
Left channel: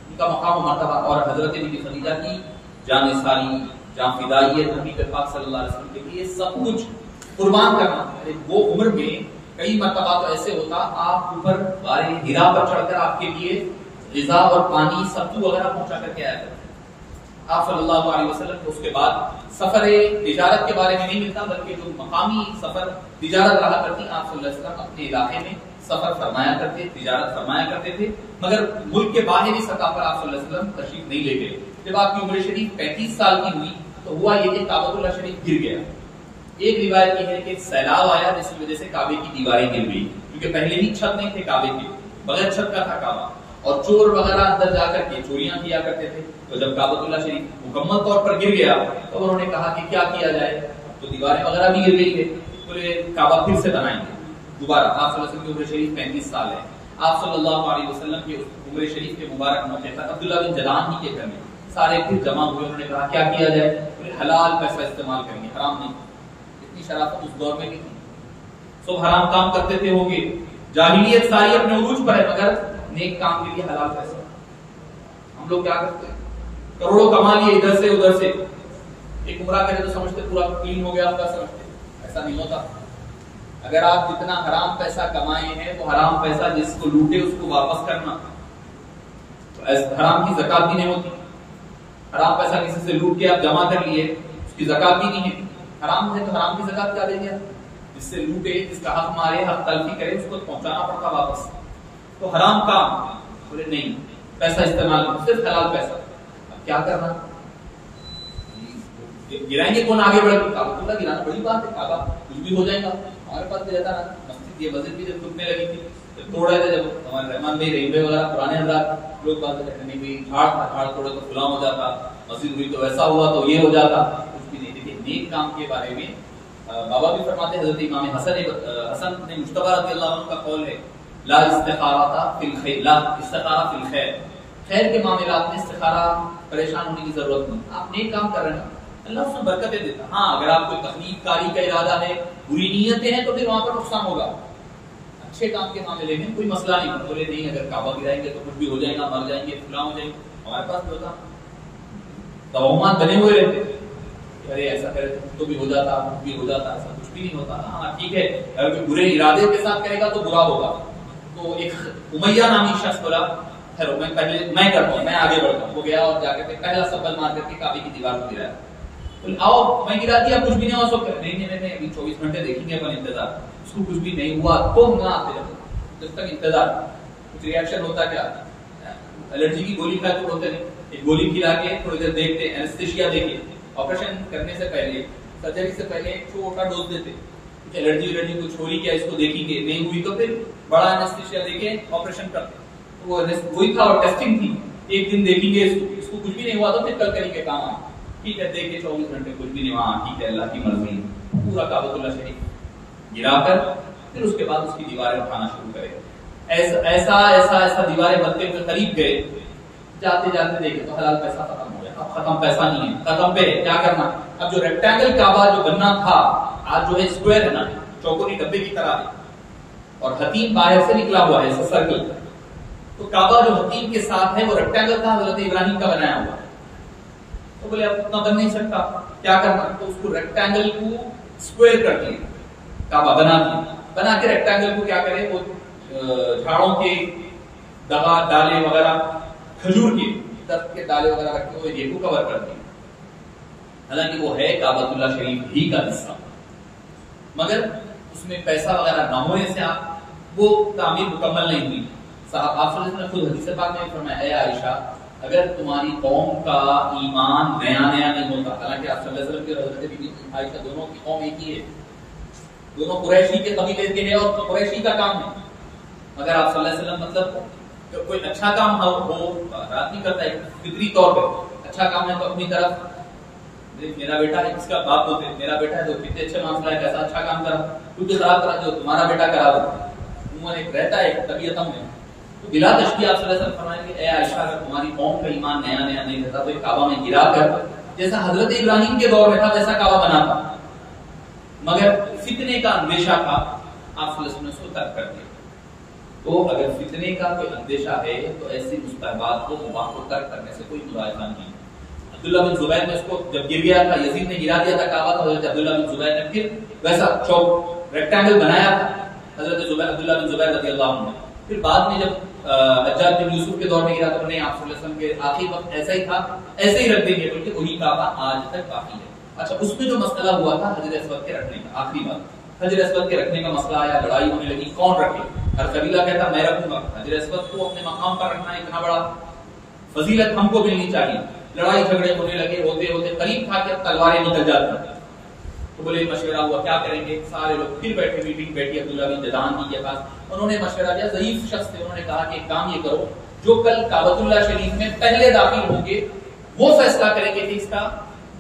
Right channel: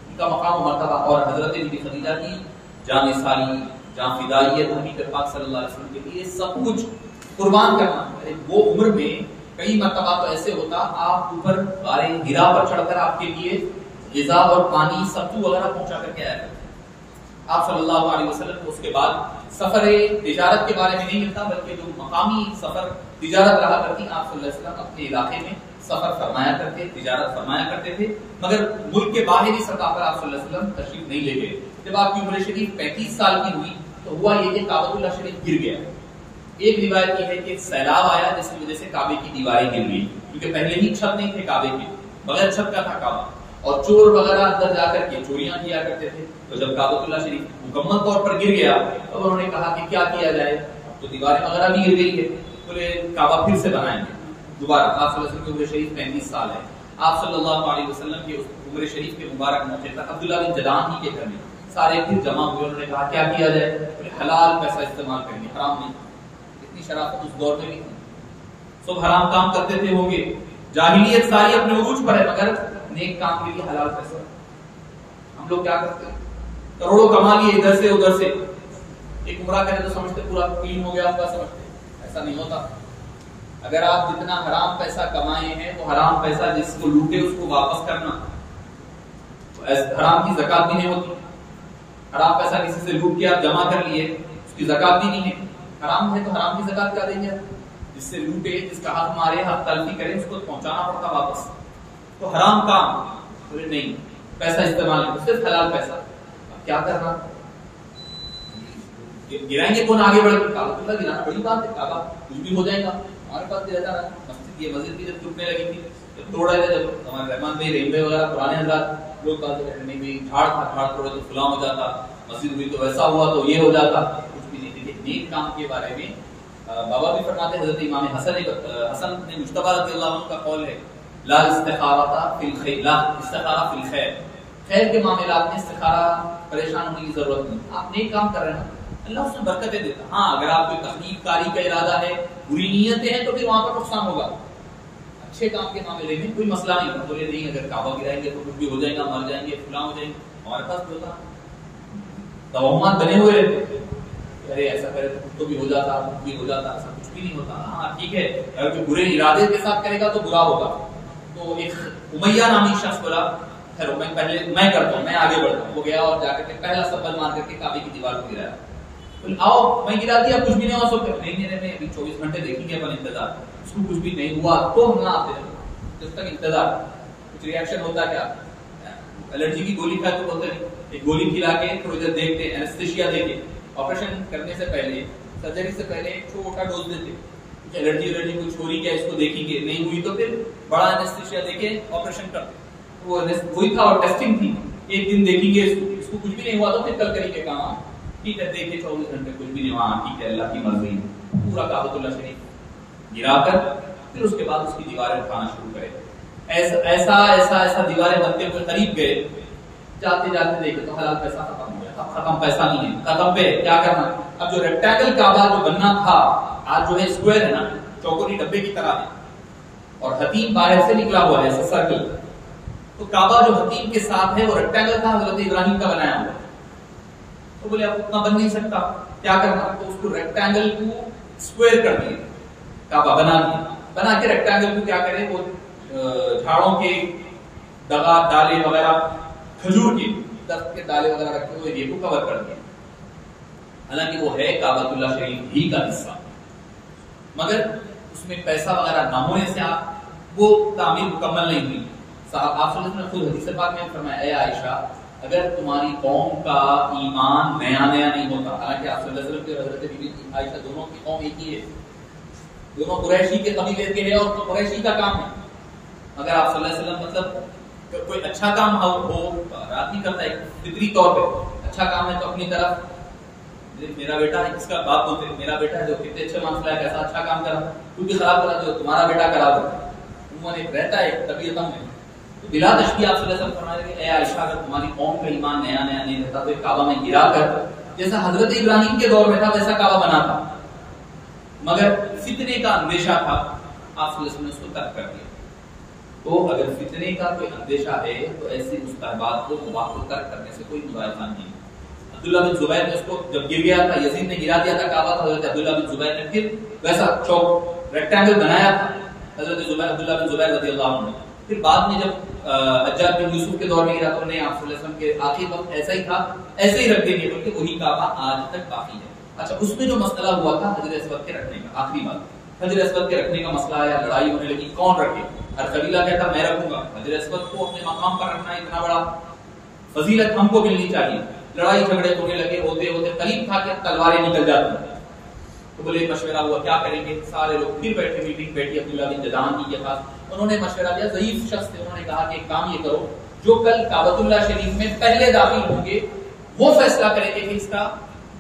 ان کا مقام و مرتبہ اور حضرت بی بی خدیجہ کی جان سالی, جہاں فدائیت حبیب پاک صلی اللہ علیہ وسلم کے لیے سب کچھ قربان کرنا. وہ عمر میں کئی مرتبہ تو ایسے ہوتا آپ اوپر غار حرا پر چڑھ کر آپ کے لیے غذا اور پانی ستو وغیرہ پہنچا کر کے آیا کرتے. آپ صلی اللہ علیہ وسلم کو اس کے بعد سفر تجارت کے بارے میں نہیں ملتا, بلکہ جو مقامی سفر تجارت رہا کرتی, آپ صلی اللہ علیہ وسلم اپنے علاقے میں سفر فرمایا کرتے, تجارت فرمایا کرتے تھے, مگر ملک کے باہری سطح پر آپ صلی اللہ علیہ وسلم تشریف نہیں لے گئے. جب آپ کی عمر شریف 35 سال کی ہوئی تو ہوا یہ کہ کعبۃ اللہ شریف گر گیا. ایک روایت یہ ہے کہ سیلاب آیا جس کی وجہ سے کعبے کی دیواریں گر گئی, کیونکہ پہلے ہی چھت نہیں تھے کعبے کے, بغیر چھت کا تھا کعبہ, اور چور وغیرہ اندر جا کر کے چوریاں کیا کرتے تھے. تو جب کعبۃ اللہ شریف مکمل طور پر گر گیا تو انہوں نے کہا کہ کیا کیا جائے, اب تو دیواریں وغیرہ بھی گر گئی ہے, بولے کعبہ پھر سے بنائیں گے دوبارہ. آپ صلی اللہ علیہ وسلم کی عمر شریف 35 سال ہے. آپ صلی اللہ علیہ وسلم کی عمر شریف کے مبارک موقع پر عبداللہ بن جدعان ہی کے گھر میں سارے پھر جمع ہوئے، انہوں نے کہا کیا کیا جائے؟ بولے حلال پیسہ استعمال کریں گے، حرام نہیں۔ اتنی شرافت اس دور میں نہیں تھی، سب حرام کام کرتے تھے ہوں گے، جاہلیت ساری اپنے عروج پر ہے، مگر نیک کام کے لیے حلال پیسہ۔ ہم لوگ کیا کرتے ہیں؟ کروڑوں کما لیے ادھر سے ادھر سے، ایک عمرہ کرے تو سمجھتے پورا کلین ہو گیا آپ کا، سمجھتے ایسا نہیں ہوتا۔ اگر آپ جتنا حرام پیسہ کمائے ہیں وہ حرام پیسہ جس کو لوٹے اس کو واپس کرنا، حرام کی زکات بھی نہیں ہوتی۔ حرام پیسہ کسی سے لوٹ کے آپ جمع کر لیے، اس کی زکات بھی نہیں ہے، حرام ہے تو حرام کی زکات کیا دیں گے؟ جس سے لوٹے، جس کا حق مارے، حق تلفی کرے، اس کو پہنچانا پڑتا واپس۔ تو حرام کام بولے نہیں، پیسہ استعمال کرو، صرف حلال پیسہ۔ اب کیا کرنا؟ گرائیں گے کون آگے بڑھے؟ کعبہ اللہ گرانا بڑی بات ہے، کعبہ کچھ بھی ہو جائے گا، ہمارے پاس بھی رہتا رہا۔ مسجد یہ مسجد بھی جب ٹوٹنے لگی تھی، جب توڑا تھا، جب ہمارے رحمان بھائی رحیم وغیرہ پرانے حضرات لوگ بات کرتے نہیں بھائی جھاڑ تھا، جھاڑ توڑے تو فلاں ہو جاتا، مسجد ہوئی تو ویسا ہوا تو یہ ہو جاتا، کچھ بھی نہیں۔ دیکھیے نیک کام کے بارے میں بابا بھی فرماتے ہیں، حضرت امام حسن نے مجتبی رضی اللہ عنہ کا قول ہے، لا استخارہ فی الخیر، لا استخارہ فی الخیر، خیر کے معاملات میں استخارہ پریشان ہونے کی ضرورت نہیں۔ آپ نیک کام کر رہے ہیں اللہ اس میں برکتیں دیتا۔ ہاں اگر آپ کوئی تخلیق کاری کا ارادہ ہے، بری نیتیں ہیں، تو پھر وہاں پر نقصان ہوگا۔ اچھے کام کے معاملے میں کوئی مسئلہ نہیں، بولے نہیں اگر کعبہ گرائیں گے تو کچھ بھی ہو جائے گا، مر جائیں گے، فلاں ہو جائیں گے، ہمارے پاس بھی ہوتا، توہمات بنے ہوئے رہتے، ارے ایسا کرے تو کچھ تو بھی ہو جاتا، کچھ بھی ہو جاتا، ایسا کچھ بھی نہیں ہوتا۔ ہاں ٹھیک ہے، اگر کوئی برے ارادے کے ساتھ کرے گا تو برا ہوگا۔ تو ایک امیہ نامی شخص بولا خیر میں پہلے میں کرتا ہوں، میں آگے بڑھتا ہوں، وہ گیا اور جا کر کے پہلا سبل مار کر کے کعبے کی دیوار کو گرایا۔ آؤ میں گرا دیا، کچھ بھی نہیں ہوا، سو نہیں ابھی 24 گھنٹے دیکھیں گے اپن انتظار، اس کو کچھ بھی نہیں ہوا تو نہ آتے جب تک انتظار، کچھ ریئیکشن ہوتا کیا؟ الرجی کی گولی کھائے تو بولتے نہیں، ایک گولی کھلا کے تھوڑی دیر دیکھتے، اینستھیشیا دے کے، آپریشن کرنے سے پہلے، سرجری سے پہلے ایک چھوٹا ڈوز دیتے، الرجی کچھ ہو رہی کیا اس کو دیکھیں گے، نہیں ہوئی تو پھر بڑا اینستھیشیا دے کے آپریشن کرتے۔ وہ وہی تھا اور ٹیسٹنگ تھی، ایک دن دیکھیں گے اس کو کچھ بھی نہیں ہوا تو پھر کل کریں گے کام آئے، ٹھیک ہے دیکھیں 24 گھنٹے کچھ بھی نہیں ہوا، ٹھیک ہے اللہ کی مرضی، پورا کعبۃ اللہ شریف گرا کر پھر اس کے بعد اس کی دیواریں اٹھانا شروع کرے۔ ایسا دیواریں بنتے ہوئے قریب گئے، جاتے جاتے دیکھے تو حلال پیسہ ختم ہو گیا، اب ختم پیسہ نہیں ہے، ختم پہ کیا کرنا؟ اب جو ریکٹینگل کعبہ جو بننا تھا آج جو ہے اسکوائر ہے نا، چوکوری ڈبے کی طرح ہے، اور حتیم باہر سے نکلا ہوا ہے ایسا سرکل، تو کعبہ جو حتیم کے ساتھ ہے وہ ریکٹینگل تھا، حضرت ابراہیم کا بنایا ہوا، تو بولے اب اتنا بن نہیں سکتا، کیا کرنا؟ تو اس کو ریکٹینگل کو اسکوائر کر دیے، کعبہ بنا دیا، بنا کے ریکٹینگل کو کیا کرے، وہ جھاڑوں کے دغا ڈالے وغیرہ، کھجور کے درخت کے ڈالے وغیرہ رکھے ہوئے یہ کو کور کر دیا۔ حالانکہ وہ ہے کعبۃ اللہ شریف ہی کا حصہ، مگر اس میں پیسہ وغیرہ نہ ہونے سے وہ تعمیر مکمل نہیں ہوئی۔ صاحب آپ صلی اللہ علیہ وسلم نے خود حدیث پاک میں فرمایا، اے عائشہ اگر تمہاری قوم کا ایمان نیا نہیں ہوتا، حالانکہ آپ صلی اللہ علیہ وسلم کی حضرت بی بی عائشہ دونوں کی قوم ایک ہی ہے، دونوں قریشی کے قبیلے کے ہیں اور قریشی کا کام ہے، اگر آپ صلی اللہ علیہ وسلم مطلب کوئی اچھا کام ہو رات نہیں کرتا، ایک فطری طور پہ اچھا کام ہے تو اپنی طرف میرا بیٹا ہے، جس کا باپ ہوتے میرا بیٹا ہے جو کتنے اچھے معاملہ ہے، کیسا اچھا کام کرا، کچھ خراب کرا جو تمہارا بیٹا کرا دو، عموماً ایک رہتا ہے ایک طبیعتوں میں، تو بلا تشبیہ آپ صلی اللہ علیہ وسلم فرمائیں گے، اے عائشہ اگر تمہاری قوم کا ایمان نیا نہیں رہتا تو ایک کعبہ میں گرا کر جیسا حضرت ابراہیم کے دور میں تھا ویسا کعبہ بنا تھا، مگر فتنے کا اندیشہ تھا، آپ صلی اللہ علیہ وسلم نے اس کو ترک کر دیا۔ تو اگر فتنے کا کوئی اندیشہ ہے تو ایسی مستحبات کو مباح کو ترک کرنے سے کوئی ملاحظہ نہیں۔ عبداللہ بن زبیر نے اس کو جب گر گیا تھا، یزید نے گرا دیا تھا کعبہ، تو حضرت عبداللہ بن زبیر نے پھر ویسا چوک ریکٹینگل بنایا تھا حضرت عبداللہ بن زبیر رضی اللہ عنہ نے۔ پھر بعد میں جب حجاج بن یوسف کے دور میں گرا تو انہیں آپ صلی اللہ علیہ وسلم کے آخری وقت ایسا ہی تھا، ایسے ہی رکھ دیں گے بلکہ وہی کعبہ آج تک کافی ہے۔ اچھا اس میں جو مسئلہ ہوا تھا حجر اسود کے رکھنے کا، آخری بات حجر اسود کے رکھنے کا مسئلہ آیا، لڑائی ہونے لگی کون رکھے، ہر قبیلہ کہتا میں رکھوں گا، حجر اسود کو اپنے مقام پر رکھنا اتنا بڑا فضیلت ہم کو ملنی چاہیے، لڑائی جھگڑے ہونے لگے، ہوتے قریب تھا کہ تلواریں نکل جاتی، تو بولے مشورہ ہوا کیا کریں گے، سارے لوگ پھر بیٹھے، میٹنگ بیٹھی، عبداللہ بن جدعان کی کے پاس، انہوں نے مشورہ دیا، ضعیف شخص تھے، انہوں نے کہا کہ ایک کام یہ کرو، جو کل کعبۃ اللہ شریف میں پہلے داخل ہوں گے وہ فیصلہ کریں گے کہ اس کا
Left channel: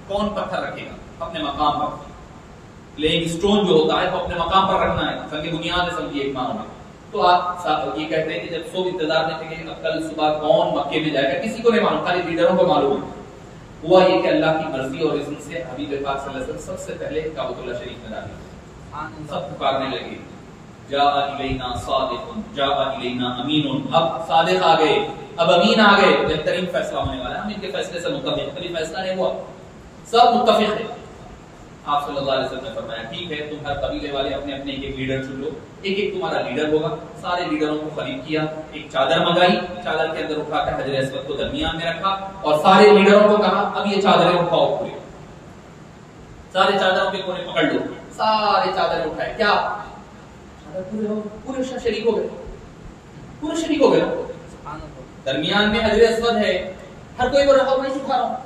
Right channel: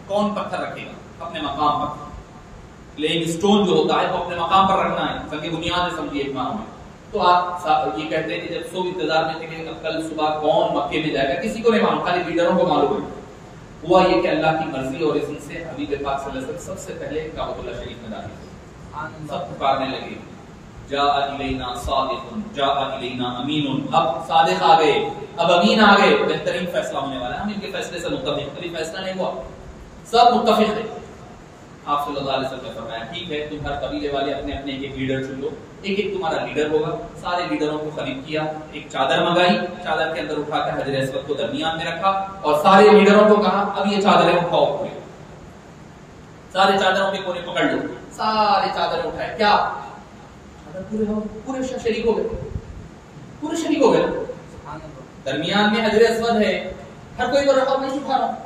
کون پتھر رکھے گا اپنے مقام پر، لیکن اسٹون جو ہوتا ہے وہ اپنے مقام پر رکھنا ہے، سنگ بنیاد ہے سمجھیے ایک معنوں میں۔ تو آپ یہ کہتے ہیں کہ جب سب انتظار میں تھے کہ اب کل صبح کون مکے میں جائے گا، کسی کو نہیں معلوم، خالی لیڈروں کو معلوم ہے، ہوا یہ کہ اللہ کی مرضی اور اذن سے حبیب پاک صلی اللہ علیہ وسلم سب سے پہلے کعبۃ اللہ شریف میں داخل ہوئے. سب پکارنے لگے جاء الینا صادق جاء الینا امین. اب صادق آ گئے, اب امین آ گئے, بہترین فیصلہ ہونے والا ہے. ہم ان کے فیصلے سے متفق, خالی فیصلہ نہیں ہوا, سب متفق ہیں. آپ صلی اللہ علیہ وسلم نے فرمایا ٹھیک ہے, تم ہر قبیلے والے اپنے اپنے ایک لیڈر چن لو, ایک ایک تمہارا لیڈر ہوگا. سارے لیڈروں کو خلید کیا, ایک چادر منگائی, چادر کے اندر اٹھا کر حجر اسود کو درمیان میں رکھا اور سارے لیڈروں کو کہا اب یہ چادریں اٹھاؤ پورے, سارے چادروں کے کونے پکڑ لو. سارے چادریں اٹھائے, کیا پورے ہو, پورے شریک ہو گئے, پورے شریک ہو گئے. درمیان میں حجر اسود ہے, ہر کوئی بول رہا میں اٹھا رہا ہوں,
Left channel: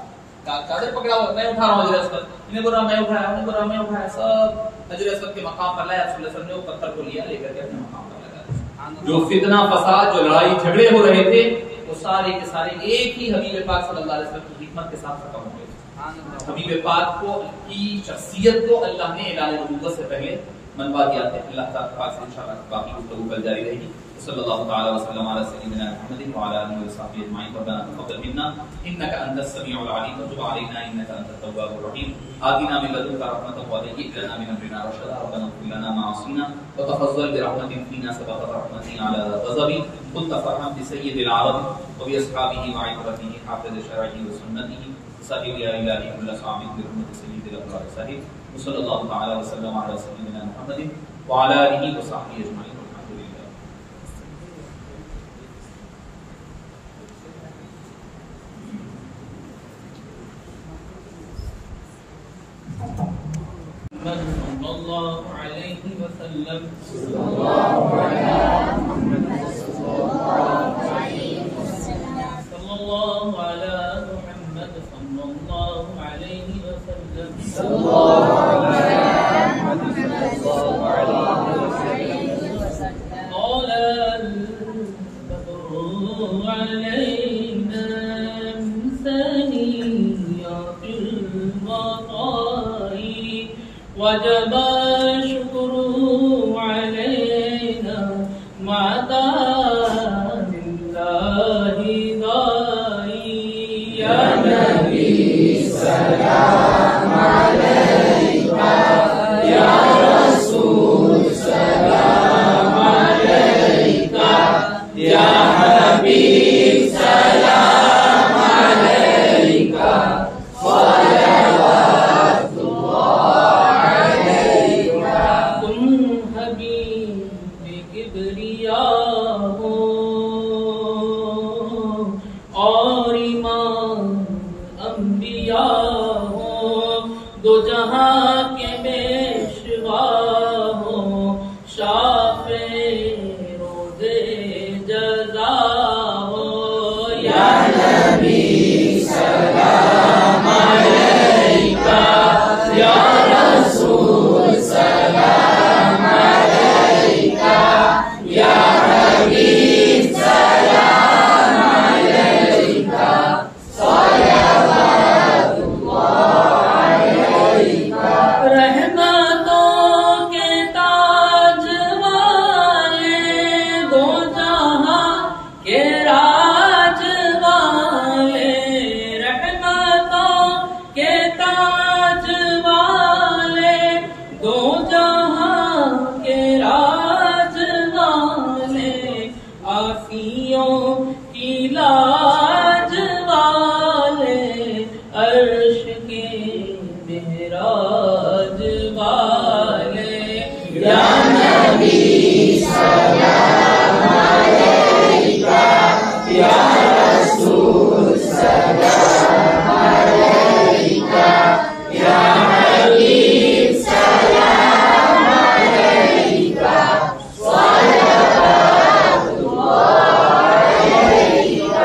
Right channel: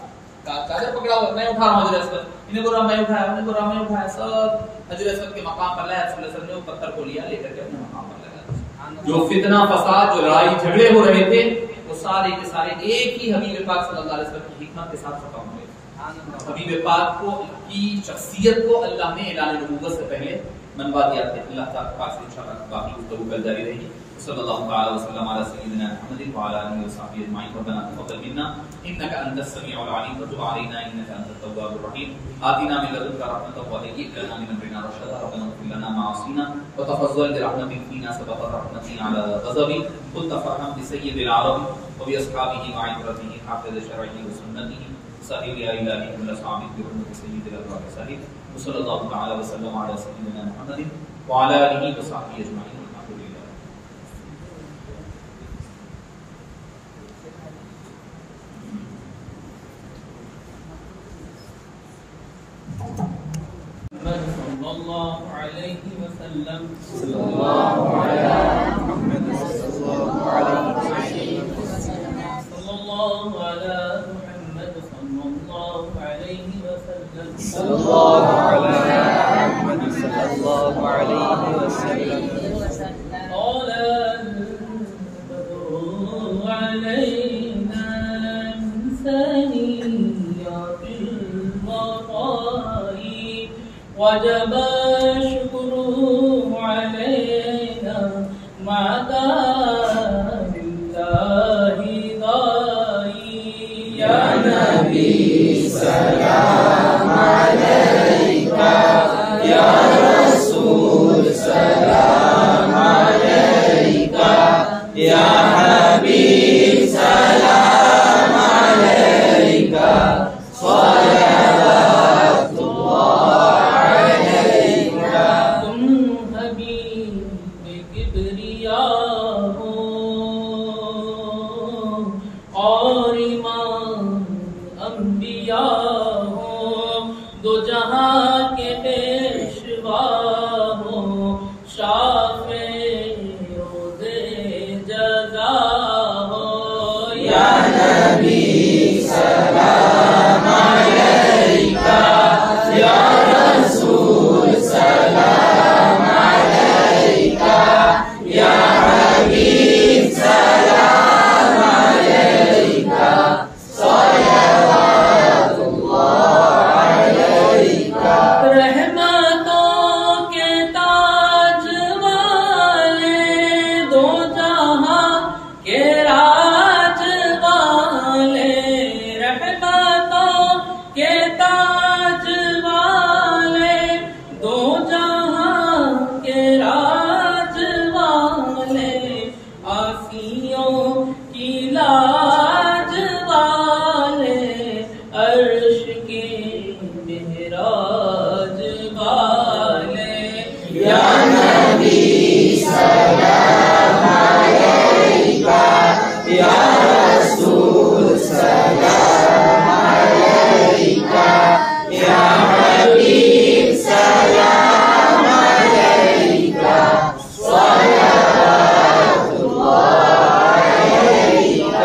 چادر پکڑا ہوا میں اٹھا رہا ہوں حجر اسود, انہیں بول رہا میں اٹھایا, انہیں بول رہا میں اٹھایا. سب حجر اسود کے مقام پر لائے. رسول اللہ صلی اللہ علیہ وسلم نے وہ پتھر کو لیا, لے کر کے اپنے مقام پر لگایا. جو فتنہ فساد, جو لڑائی جھگڑے ہو رہے تھے, وہ سارے کے سارے ایک ہی حبیب پاک صلی اللہ علیہ وسلم کی حکمت کے ساتھ ختم ہو گئے. حبیب پاک کو کی شخصیت کو اللہ نے اعلان نبوت سے پہلے منوا دیا تھا. اللہ تعالیٰ پاک سے انشاءاللہ باقی گفتگو کل جاری رہے گی. صلی اللہ تعالی وسلم علی سیدنا محمد وعلى اله وصحبه اجمعین. ربنا تقبل منا انك انت السميع العليم وتب علينا انك انت التواب الرحيم. آتنا من لدنك رحمة وهيئ لنا من امرنا رشدا. ربنا اغفر لنا ما عصينا وتفضل برحمتك فينا سبقت رحمتك على غضبك. كنت فرحا بسيد العالم وبأصحابه وعترته حافظ شرعه وسنته صحيح يا إلهي كل صعب برحمة سيد الأبرار صحيح. وصلى الله تعالى وسلم على سيدنا محمد وعلى آله وصحبه أجمعين. صلى الله عليه وسلم صلى الله على محمد صلى الله عليه وسلم صلى الله على محمد صلى الله عليه وسلم صلى الله على محمد صلى الله عليه وسلم قال البدر علينا من ثنيات الوضاء وجب الشكر علينا مع دام الله ضائي. يا نبي سلام عليك, يا رسول سلام عليك, يا حبيب سلام عليك, صلوات الله عليك. تم حبیب کبریاء ہو اور امام انبیاء ہو, دو جہاں کے پیشوا ہو, شافع روزے جزا ہو. یا نبی سلام علیک, یا رسول سلام علیک, یا حبیب سلام علیک, صلوات اللہ علیک. رحمتوں کے تاج والے, دو جہاں کے راج والے, رحمتوں کے تاج والے, دو جہاں کے راج والے, آسیوں کی لاج والے, عرش کے معراج والے. یا نبی سلام علیک, یا رسول سلام علیک, یا حبیب سلام علیک, صلوات اللہ علیک.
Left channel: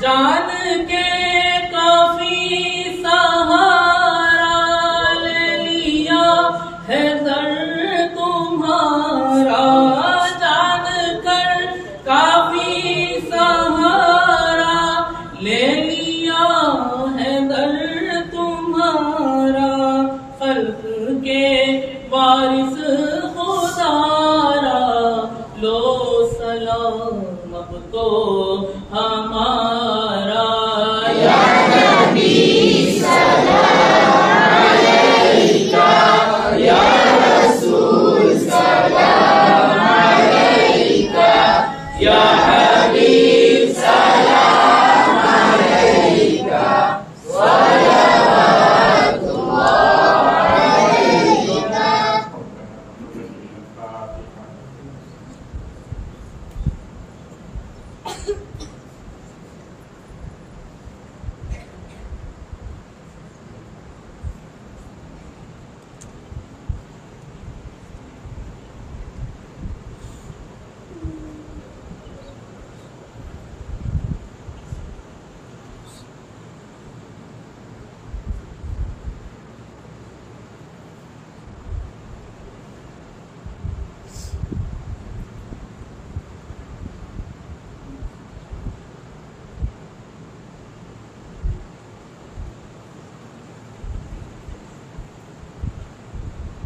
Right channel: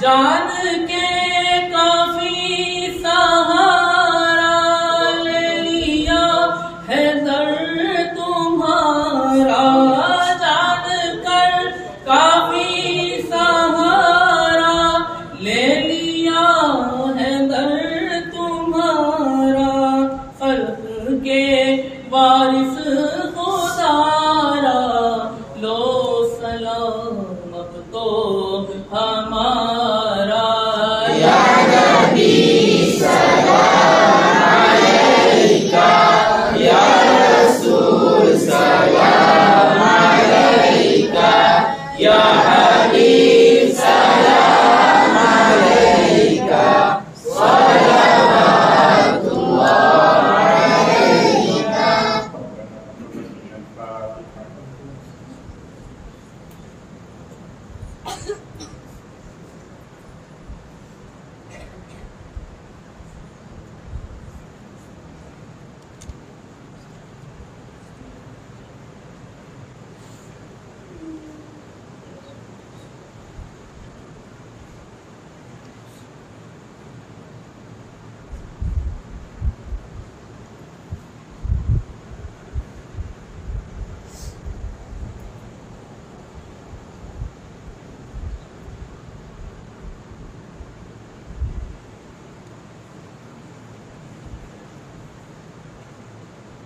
جان کے کافی سہارا لے لیا ہے در تمہارا, جان کر کافی سہارا لے لیا ہے در تمہارا, خلق کے وارث خدارا, لو سلام اب تو ہمارا.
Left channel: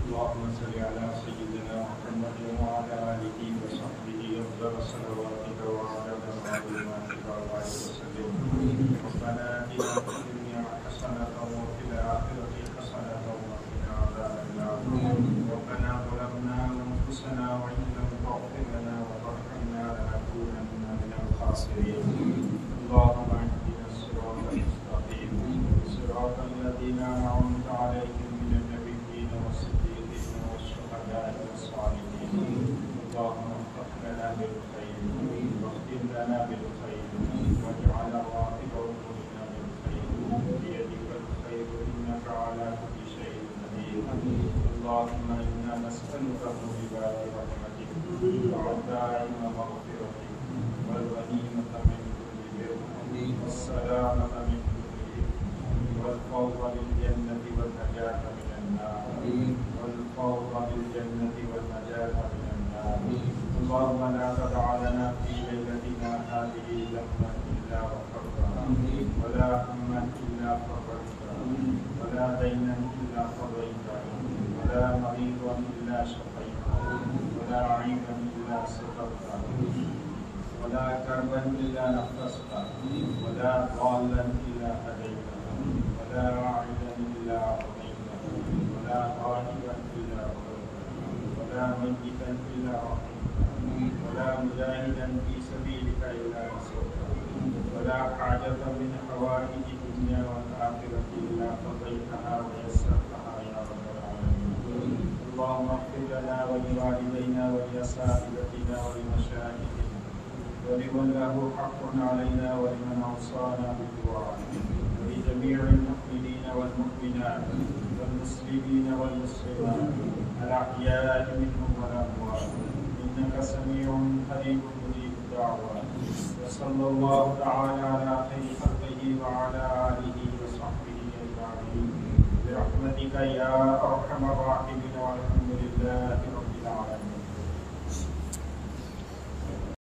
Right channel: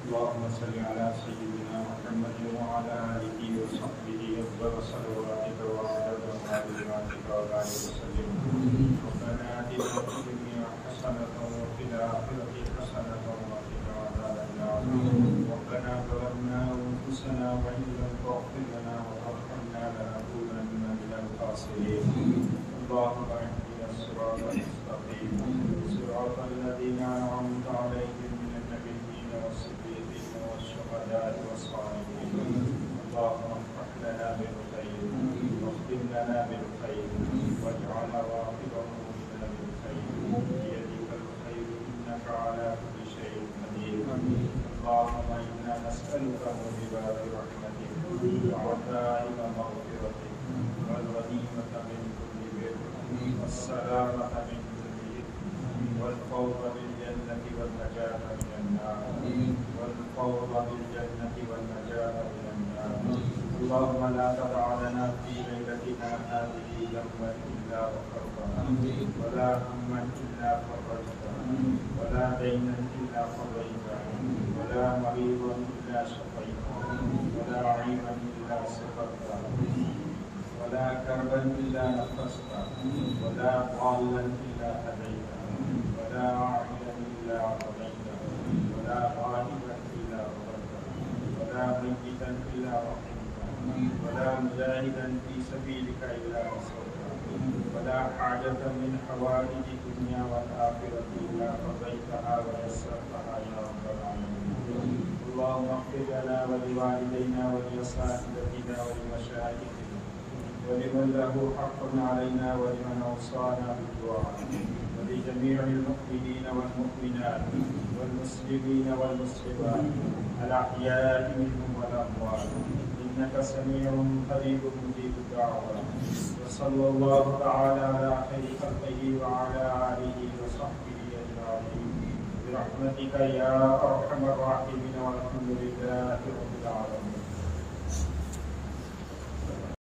اللهم صل على سيدنا محمد وعلى آله وصحبه أفضل صلواتك وعدد معلوماتك وبارك وسلم. ربنا آتنا في الدنيا حسنة وفي الآخرة حسنة وقنا عذاب النار. ربنا ظلمنا أنفسنا وإن لم تغفر لنا وترحمنا لنكونن من الخاسرين. اللهم اهدنا الصراط المستقيم صراط الذين أنعمت عليهم من النبيين والصديقين والشهداء والصالحين. اللهم افتح لنا بالخير واختم لنا بالخير واجعل عواقب أمورنا بالخير. بيدك الخير إنك على كل شيء قدير. اللهم إنا نسألك موجبات رحمتك وعزائم مغفرتك والغنيمة من كل بر والسلامة من كل إثم والفوز بالجنة والنجاة من النار والفوز بالجنة والنجاة من النار. اللهم لا تدع لنا في ليلتنا هذه ذنبا إلا غفرته ولا هما إلا فرجته ولا دينا إلا قضيته ولا مريضا إلا شفيته ولا عيبا إلا سترته ولا كربا إلا نفسته ولا ضالا إلا هديته ولا عائلا إلا عطيته ولا غائبا إلا غفرته ولا ميتا إلا رحمته ولا مجاهدا في سبيلك إلا نصرته ولا حاجة من حوائج الدنيا والآخرة إلا قضيتها ويسرتها يا رب العالمين. اللهم اغفر لنا ولوالدينا ولأساتذتنا ولمشايخنا ولمن له حق علينا ولمن أوصانا بالدعاء ولجميع المؤمنين والمؤمنات والمسلمين والمسلمات الأحياء منهم والأموات إنك سميع قريب مجيب الدعوات. وصلى الله تعالى على خير خلقه وعلى آله وصحبه أجمعين برحمتك يا أرحم الراحمين والحمد لله رب العالمين.